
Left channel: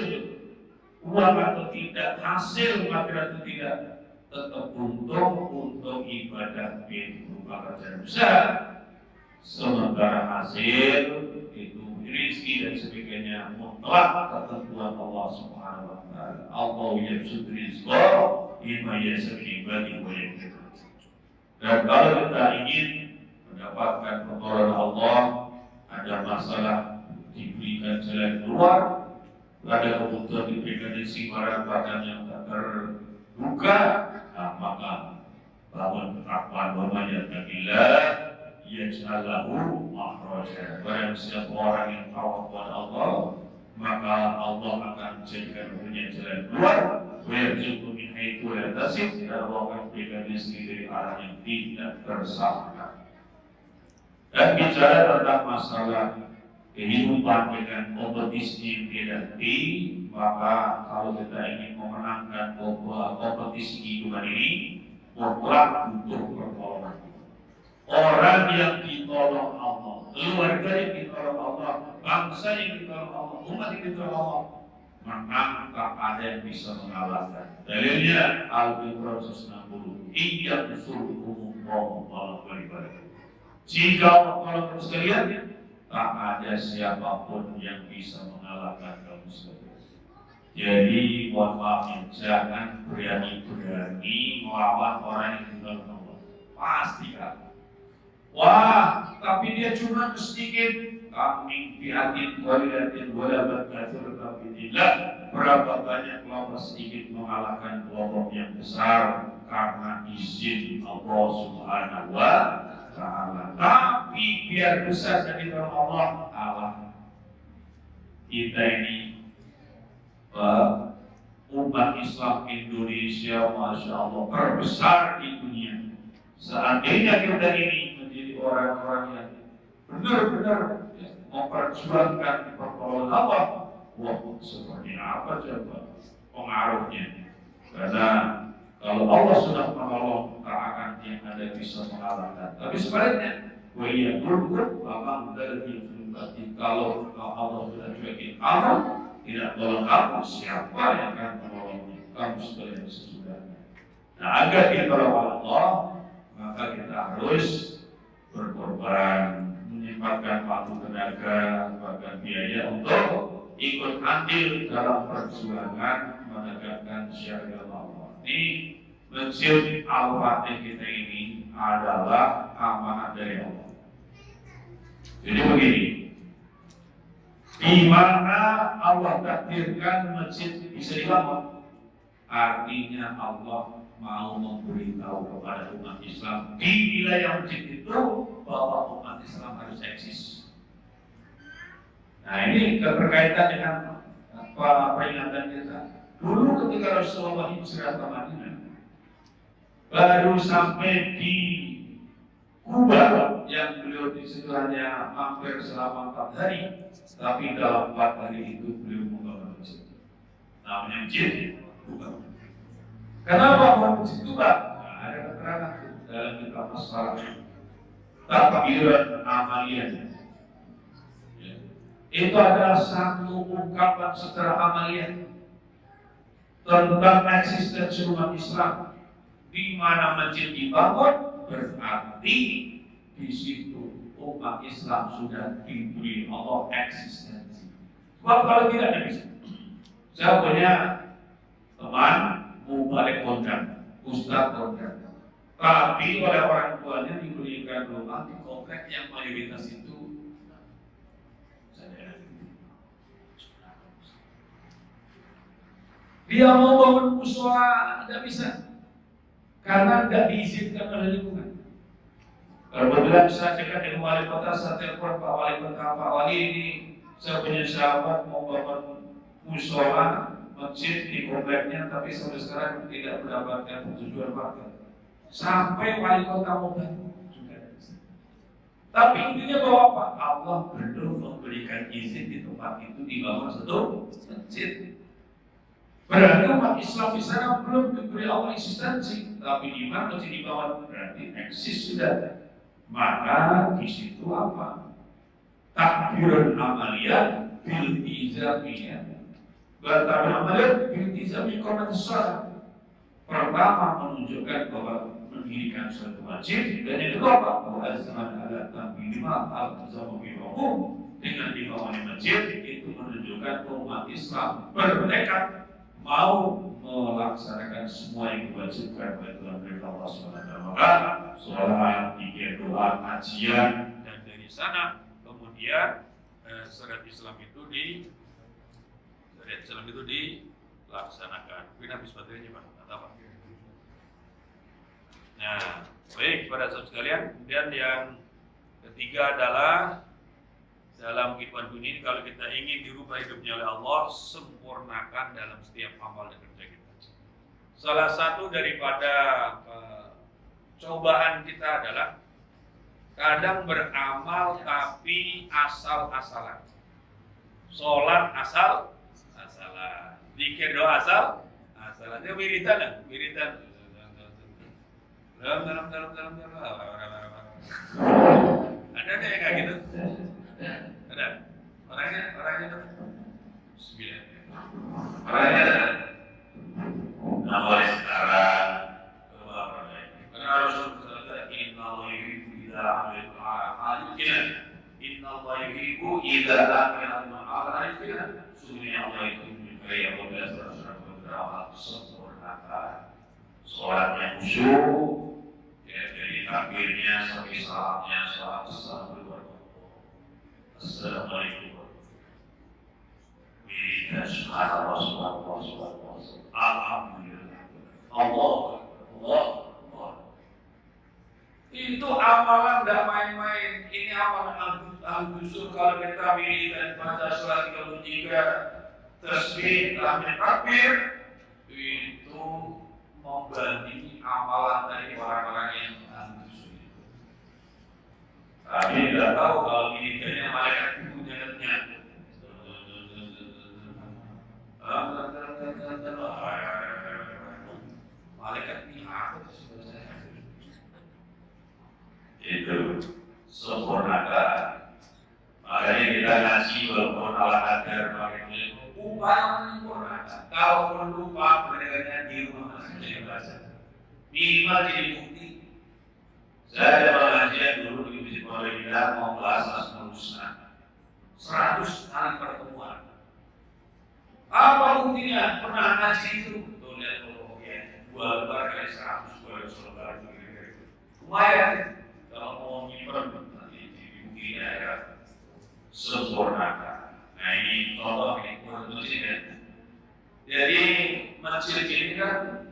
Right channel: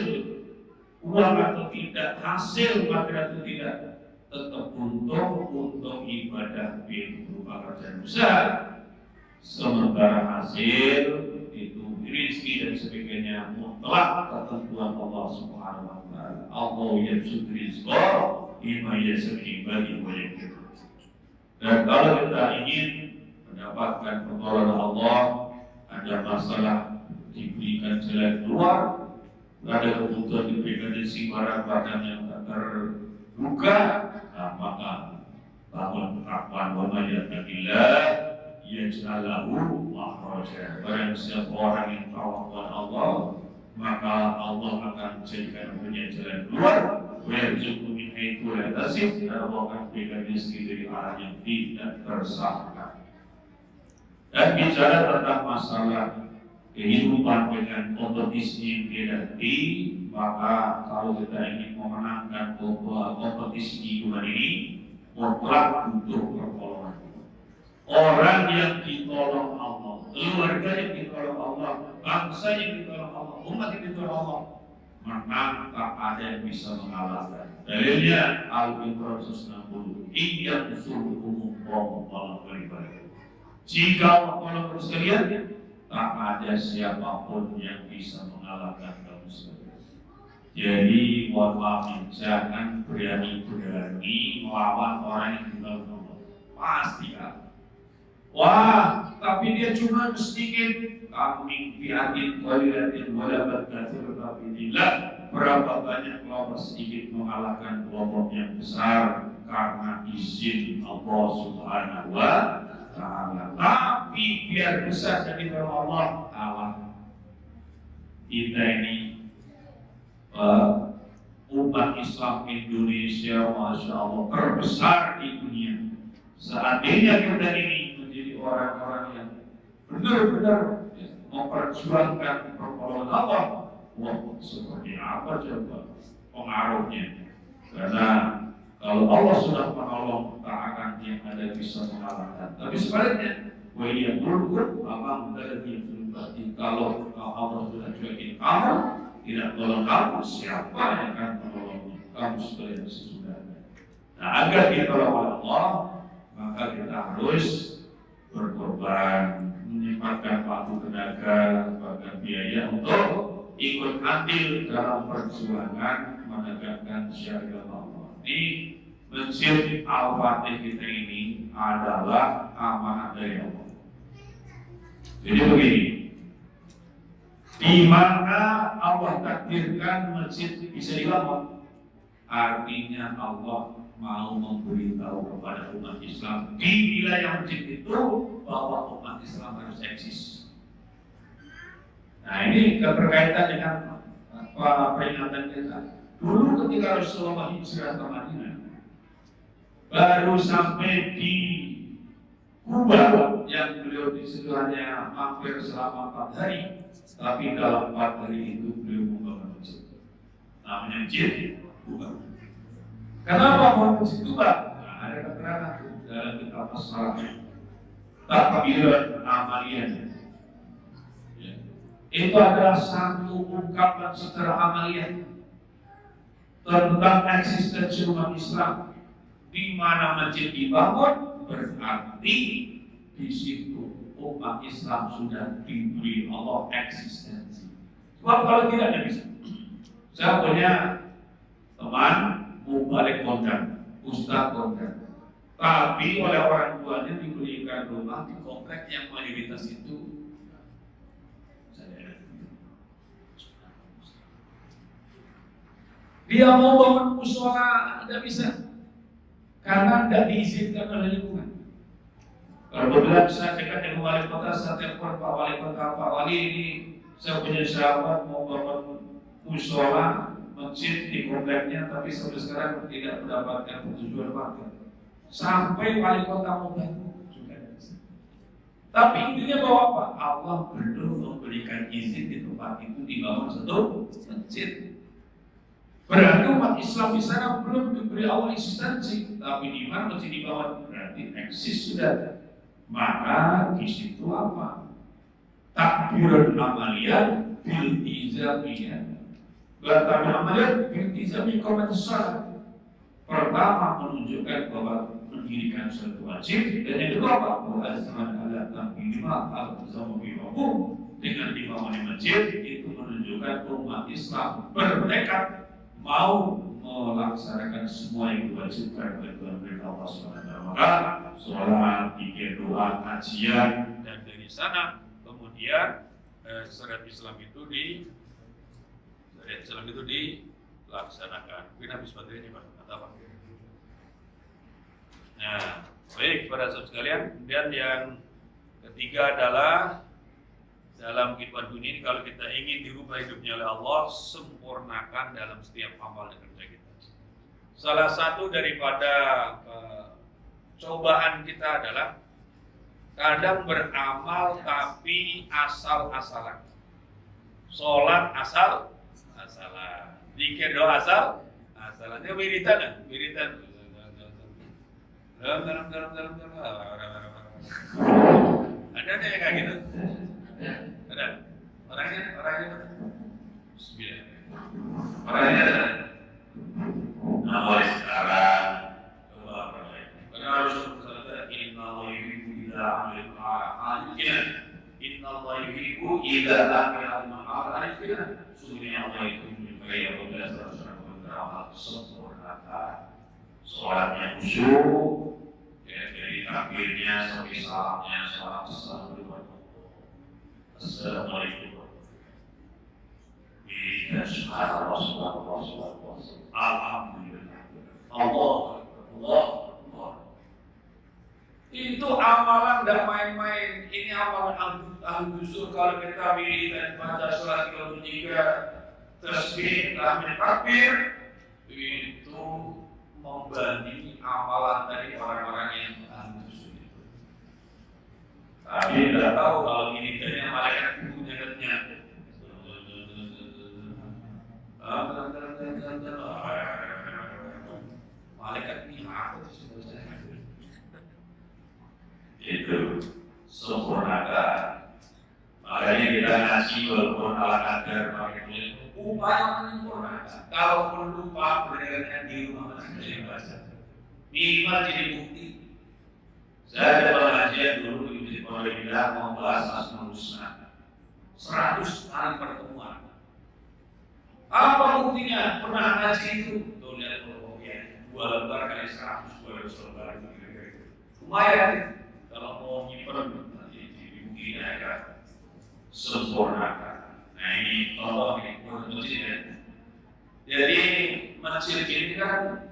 uang atau tidak, hasil material atau tidak, tetap untung ibadah berupa kerja dan usaha. Sementara hasil itu rezeki dan sebagainya mutlak ketentuan Allah Subhanahu wa Ta'ala. Allah yabsutu rizqa liman yasha'u min ibadihi wa yaqdir. Dan kalau kita ingin mendapatkan pertolongan Allah, ada masalah diberikan jalan keluar, ada kebutuhan diberikan rezeki barang bahkan yang tak terduga, maka bangun ketakwaan wa may yattaqillah yaj'al yaj'alahu makhraja. Barang siapa orang yang tawakal Allah, maka Allah akan menjadikan dunia jalan keluar. Yarzuqhu min haitsu la yahtasib, dan Allah akan berikan rezeki dari arah yang tidak tersangka. Dan bicara tentang masalah kehidupan dengan kompetisi yang dihadapi, maka kalau kita ingin memenangkan kompetisi kehidupan ini, mutlak butuh pertolongan. Orang yang ditolong Allah, keluarga yang ditolong Allah, bangsa yang ditolong Allah, umat yang ditolong Allah, menang, tak ada yang bisa mengalahkan. Dalilnya Al-Qur'an 160. Iya usulul Allah beribadah. Jika Allah terus sekalian, tak ada siapapun yang bisa mengalahkan kamu sekalian. Jadi jangan berani-berani melawan orang yang ditolong Allah. Pasti kan? Wah, tapi dia cuma sedikit. Kambing piatin qalilatin walabat katsir, tapi tidak berapa banyak lawan sedikit mengalahkan kelompok yang besar karena izin Allah Subhanahu wa Ta'ala. Tapi biar besar dari Allah Allah. Kita ini umat Islam Indonesia, masya Allah, terbesar di dunia. Seandainya kita ini menjadi orang-orang yang benar-benar memperjuangkan pertolongan Allah, wah, seperti apa coba pengaruhnya? Karena kalau Allah sudah menolong, tak akan yang ada bisa mengalahkan. Tapi sebaliknya, wahai turun, abang dari berarti kalau Allah sudah cuekin kamu, tidak tolong kamu, siapa yang akan menolongnya? Kamu sekalian sesudahnya. Nah, agar ditolong oleh Allah, maka kita harus berkorban, menyempatkan waktu, tenaga, bahkan biaya untuk ikut andil dalam perjuangan menegakkan syariat Allah. Di Masjid Al-Fatih kita ini adalah amanah dari Allah. Jadi begini, di mana Allah takdirkan masjid bisa dibangun, artinya Allah mau memberitahu kepada umat Islam di wilayah masjid itu bahwa umat Islam harus eksis. Nah, ini keterkaitan dengan peringatan kita. Dulu ketika Rasulullah hijrah ke Madinah, baru sampai di Kuba yang beliau di situ hanya hampir selama 4 hari, tapi dalam 4 hari itu beliau membangun masjid. Namanya masjid Kuba. Kenapa mau masjid Kuba? Nah, ada keterangan dalam kitab As-Salah. Takbiran amaliyah. Itu adalah satu ungkapan secara amaliyah tentang eksistensi umat Islam. Di mana masjid dibangun, berarti di situ umat Islam sudah diberi Allah eksistensi. Sebab kalau tidak bisa. Saya punya teman mubalik kondang, ustaz kondang. Tapi oleh orang tuanya diberikan rumah di komplek yang mayoritas itu dia mau bangun musola tidak bisa karena tidak diizinkan oleh lingkungan. Kebetulan saya dekat dengan wali kota, saya telepon Pak Wali Kota, Pak Wali, ini saya punya sahabat mau bangun musola masjid di kompleknya, tapi sampai sekarang tidak mendapatkan persetujuan warga. Sampai wali kota mau bantu juga tidak bisa. Tapi intinya bahwa apa? Allah belum memberikan izin di tempat itu dibangun satu masjid. Berarti umat Islam di sana belum diberi Allah eksistensi, tapi di mana masjid dibangun berarti eksis sudah. Maka di situ apa? Takbirun amaliyah bil izamiyah. Bertakbir amaliyah bil izamiyah qomatus shalah. Pertama menunjukkan bahwa mendirikan suatu masjid, dan yang kedua apa? Mu'azzman ala tampilima al-tazamu bi'ukum. Dengan dibangunnya masjid itu menunjukkan umat Islam bertekad mau melaksanakan semua yang diwajibkan oleh Tuhan Allah SWT. Maka sholat, zikir, doa, kajian, dan dari sana kemudian syariat Islam itu dilaksanakan. Mungkin habis materinya Pak, kata Pak. Nah, baik para sahabat sekalian, kemudian yang Ketiga adalah dalam kehidupan dunia ini kalau kita ingin dirubah hidupnya oleh Allah, sempurnakan dalam setiap amal dan kerja kita. Salah satu daripada cobaan kita adalah kadang beramal tapi asal-asalan. Sholat asal-asalan, zikir doa asal-asalan. Itu wiridan ya? Wiridan. Dalam. Ada yang kayak gitu? Ada? Orangnya itu? Sembilan. Orangnya ada? Nah, mulai sekarang coba perbaiki. Karena Rasulullah bersabda, Inna Allah yuhibbu idza amila al-amal Inna Allah yuhibbu idza amila al-amal sungguhnya Allah itu menyukai apabila seorang beramal sempurnakan. Sholatnya khusyuk, dari takbirnya sampai salatnya selalu Assalamualaikum warahmatullahi wabarakatuh. Alhamdulillah. Allah. Itu amalan tidak main-main. Ini amalan ahli dusur. Kalau kita wiridan pada sholat 33 tasbih, tahmid, takbir, itu membandingi amalan dari orang-orang yang ahli dusur itu. Tapi tidak tahu kalau wiridannya malaikat ibunya datnya. Malaikat ini apa sih bahasanya? Itu sempurnakan. Makanya kita ngaji walaupun agar pakai tulis upaya menyempurnakan. Kalaupun lupa benernya di rumah masing-masing baca. Minimal jadi bukti. Saya ada pengajian dulu di Masjid Pondok Indah mau bahas Asmaul Husna. 100 kali pertemuan. Apa buktinya? Pernah ngaji itu? Tuh lihat fotokopiannya. 2 lembar kali 100, 200 lembar. Lumayan. Kalau mau nyimpen di akhirat sempurnakan. Nah ini contoh nih buat masjid. Jadi masjid ini kan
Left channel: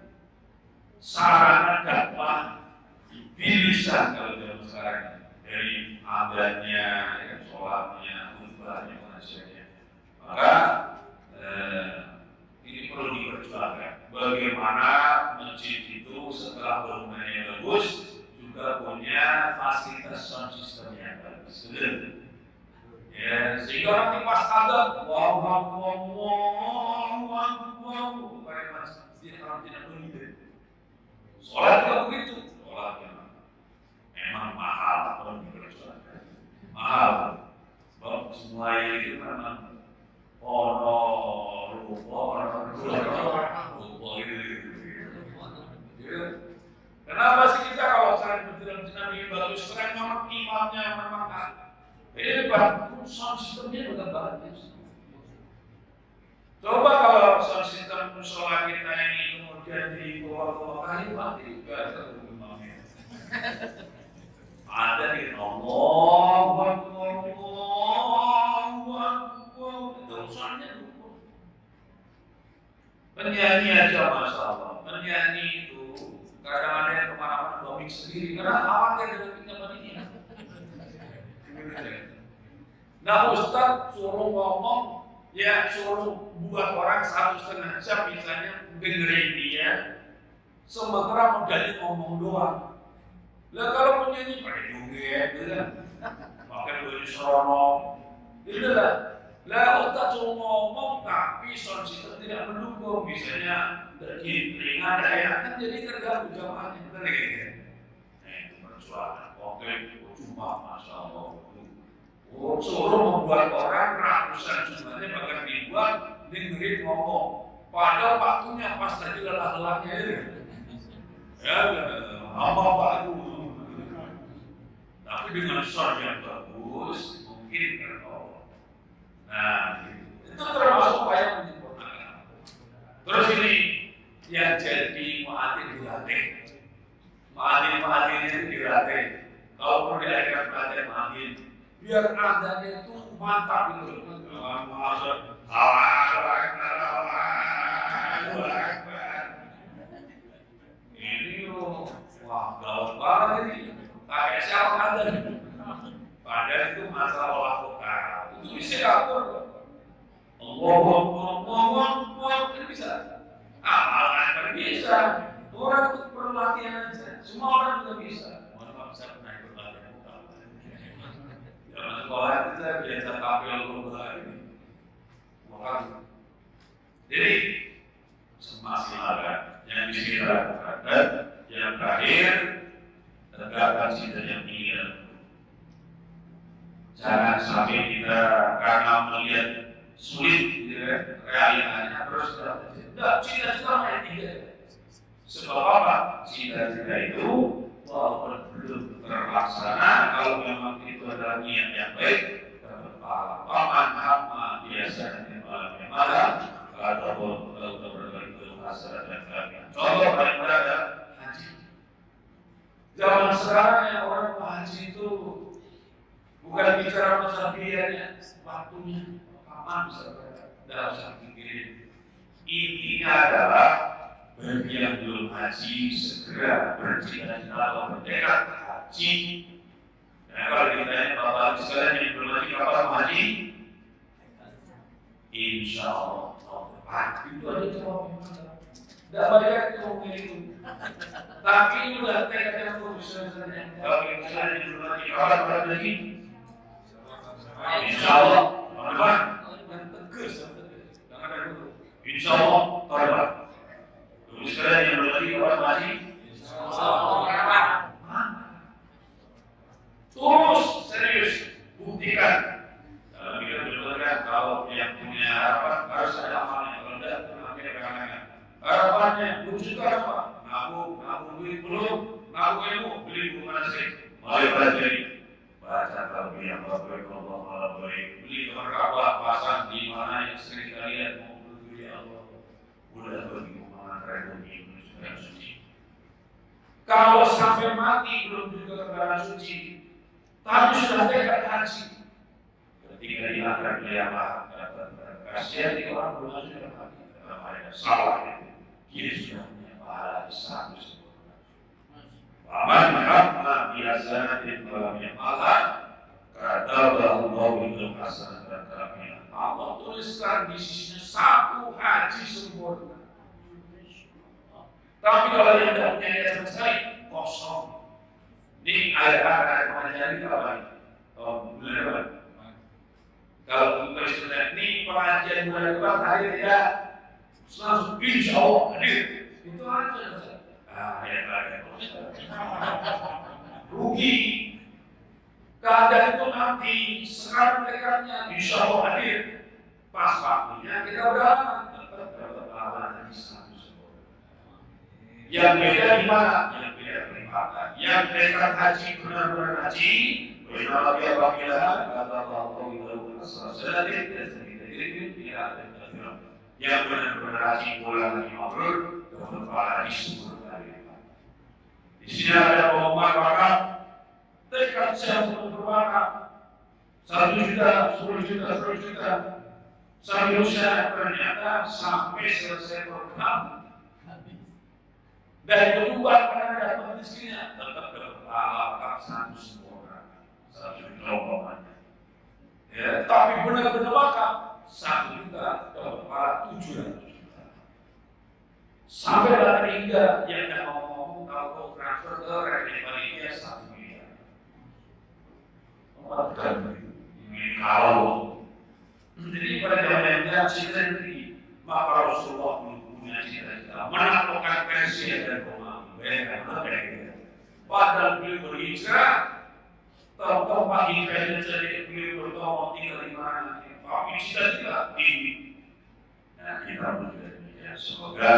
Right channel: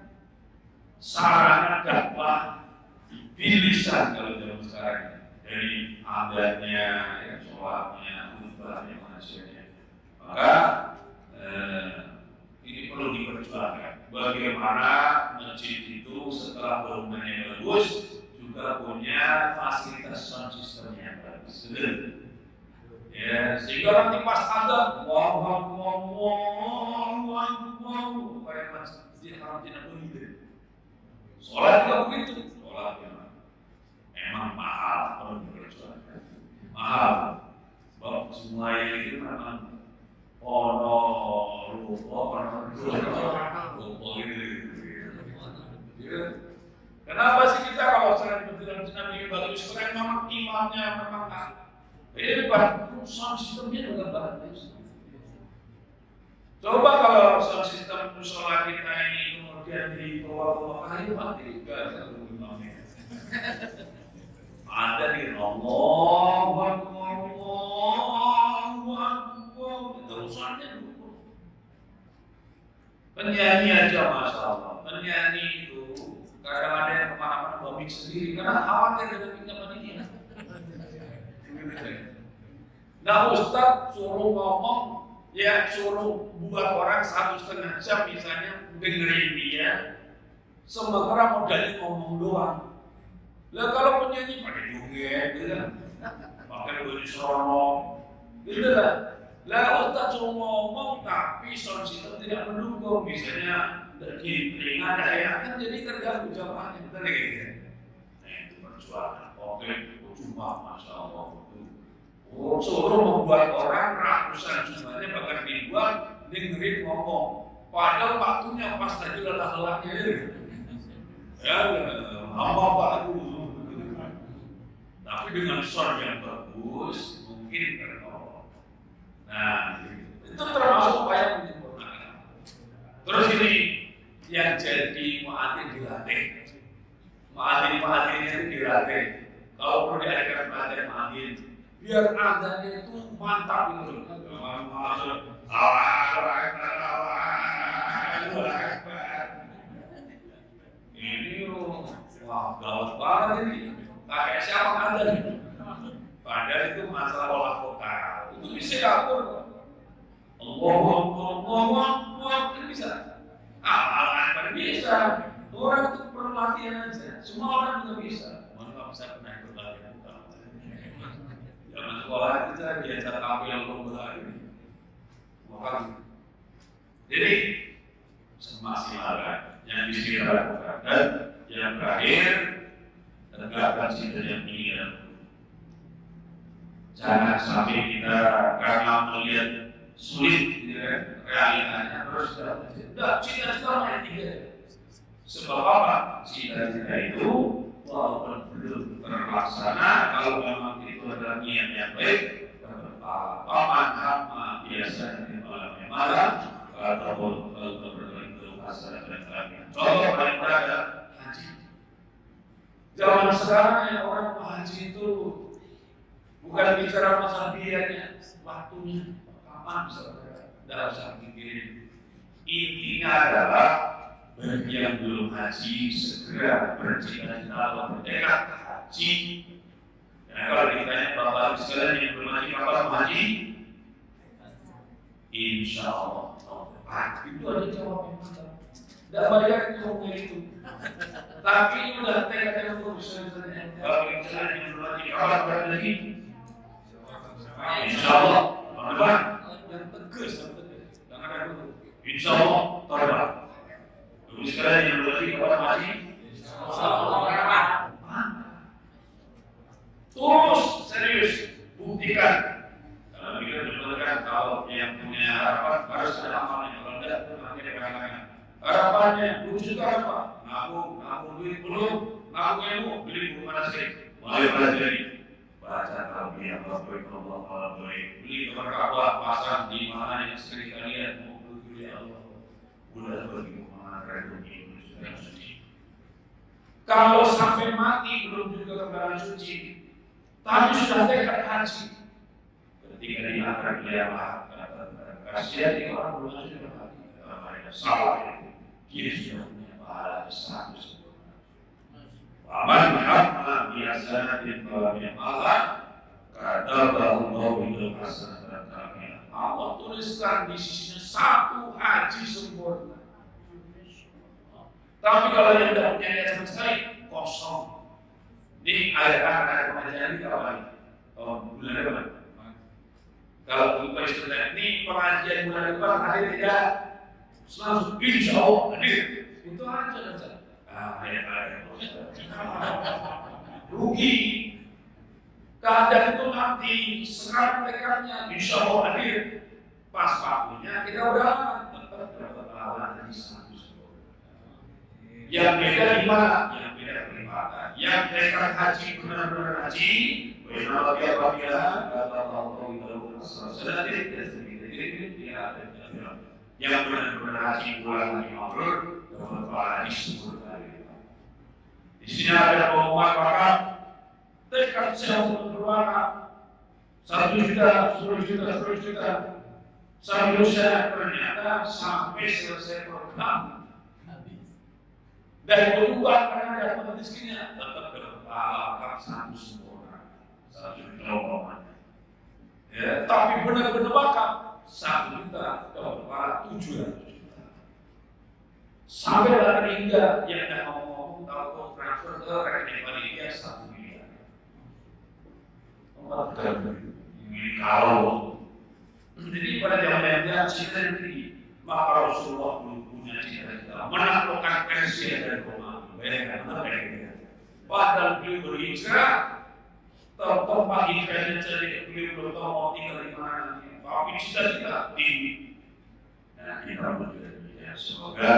sarana dakwah bilisan kalau zaman sekarang dari adanya, sholatnya, khutbahnya, pengajiannya. Maka ini perlu diperjuangkan. Bagaimana masjid itu setelah bangunannya bagus juga punya fasilitas sound system yang bagus. Ya, sehingga nanti pas adzan, wow, kayak masjid Haram tidak begitu. Sholat juga begitu. Sholat memang mahal, perlu diperjuangkan. Mahal. Bapak semua yang itu memang lupa gitu. Kenapa sih kita kalau saat berjalan Nabi bagus, selain memang imannya memang hebat, sound sistemnya juga bagus. Coba kalau sound sistem musola kita ini kemudian dibawa ke Mekah, ini mati juga satu imamnya. Ada di Allah, itu urusannya lupa. Penyanyi aja masalah, penyanyi itu kadang ada yang kemana-mana bawa mic sendiri karena khawatir dengan pinjaman ini. Nah Ustadz suruh ngomong, ya suruh buat orang 1,5 jam misalnya dengerin dia, sementara modalnya ngomong doang. Lah kalau penyanyi pakai joget, gitu kan, pakai baju seronok, gitu lah. Lah Ustadz suruh ngomong tapi sound system tidak mendukung, misalnya di telinga ada enak kan jadi terganggu jamaahnya, betul gitu. Nah itu perjuangan. Oke, cuma masya Allah. Suruh membuat orang ratusan jumlahnya bahkan ribuan dengerin ngomong. Padahal waktunya pas lagi lelah-lelahnya ya, apa aku. Tapi dengan sound yang bagus mungkin tertolong. Nah, itu termasuk upaya menyempurnakan. Terus ini yang jadi muadzin dilatih. Muadzin-muadzinnya itu dilatih. Kalau perlu diadakan pelatihan muadzin, biar adanya itu mantap gitu. Ini wah gawat banget ini. Kakek siapa ada nih? masalah olah vokal itu bisa diatur. Allahu Akbar, itu bisa. Apa bisa? Orang itu perlu latihan aja. Semua orang juga bisa. Mohon maaf, saya pernah ikut latihan vokal. Zaman sekolah kita biasa tampil lomba ini. Vokal. Jadi semaksimal yang bisa kita lakukan. Dan yang terakhir, tegakkan cinta yang tinggi dalam hidup. Jangan sampai kita karena melihat sulit gitu kan, realitanya terus udah cita-cita yang tinggi. Sebab apa? Cita-cita itu walaupun belum terlaksana, kalau memang itu adalah niat yang baik, paman hama biasanya malah ataupun itu hasil dan kalian. Contoh paling mudah adalah haji. Zaman sekarang yang orang haji itu bukan bicara masalah biayanya, waktunya, kapan bisa berangkat, tidak usah pikirin. Intinya adalah bagi yang belum haji segera bercita-cita atau bertekad haji. Nah, kalau ditanya bapak sekalian yang belum haji kapan mau haji? Insya Allah. Itu aja jawabannya. Tidak banyak yang ngomong itu. Tapi ini udah tekad yang lurus sebenarnya. Kalau misalnya yang belum haji kapan mau haji? Insya Allah tahun depan. Yang tegas, jangan ada dulu. Insya Allah tahun depan. Terus sekarang yang belum haji kapan mau haji? Terus serius buktikan. Kalau kita benar-benar kalau yang punya harapan harus ada amalnya. Kalau tidak itu nanti kadang-kadang harapannya wujudkan apa? Nabung duit belum, nabung ilmu, beli buku manasik, mulai belajar baca kalbi Allah beli kamar Ka'bah, pasang di mana yang sering kalian mau beli Allah. Udah bagi mengantarkan ini sudah suci. Kalau sampai mati belum juga kebaran suci, tapi sudah tekad haji. Ketika di akhir kiamat, kasihan ini orang belum sudah mati. Salah, dia sudah punya pahala besar sempurna. Aman hamma biasa di dalamnya Allah, kata Allah itu hasanah kami. Allah tuliskan di sisinya satu haji sempurna. Tapi kalau yang tidak punya niat sama sekali, kosong. Ini ada pengajian kita bulan depan. Kalau lupa istilah ini pengajian bulan depan hadir tidak? Langsung insya Allah hadir. Itu aja Ustaz. Rugi. Keadaan itu nanti sekarang tekadnya insya Allah hadir. Pas waktunya kita berhalangan. Yang beda di mana? Yang beda di mana? Yang tekad haji benar-benar haji, benar dia bagian kata Allah itu sedikit yang benar-benar haji bulan mabrur dapat pahala di surga. Di sini ada pengumuman bakat tekad saya untuk berbakat 1 juta, 10 juta, 10 juta. Sambil saya ternyata sampai selesai program dari kedua karena ada pemiskinnya tetap dapat pahala satu sempurna, 1 juta. Ya, tapi benar-benar bakat 1 juta dapat pahala 700 juta. Sampai bahkan hingga yang tidak ngomong-ngomong kalau transfer ke rekening panitia 1 miliar. Ini kalau jadi pada zaman yang dia cinta sendiri, maka Rasulullah punya cita-cita menaklukkan Persia dan Romawi. Bayangkan, padahal beliau berhijrah, tempat hijrahnya jadi beliau belum tahu mau tinggal di mana nanti. Tapi cita-cita tinggi. Nah, kita menjadi semoga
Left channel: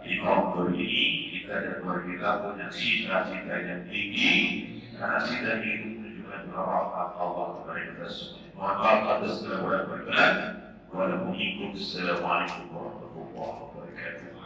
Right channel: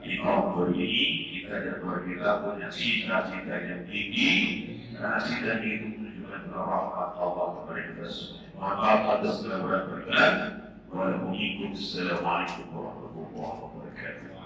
di tahun ini kita punya cita-cita yang tinggi, karena cita itu menunjukkan bahwa Allah kepada kita semua. Maaf atas segala berkenan. Waalaikumsalam warahmatullahi wabarakatuh.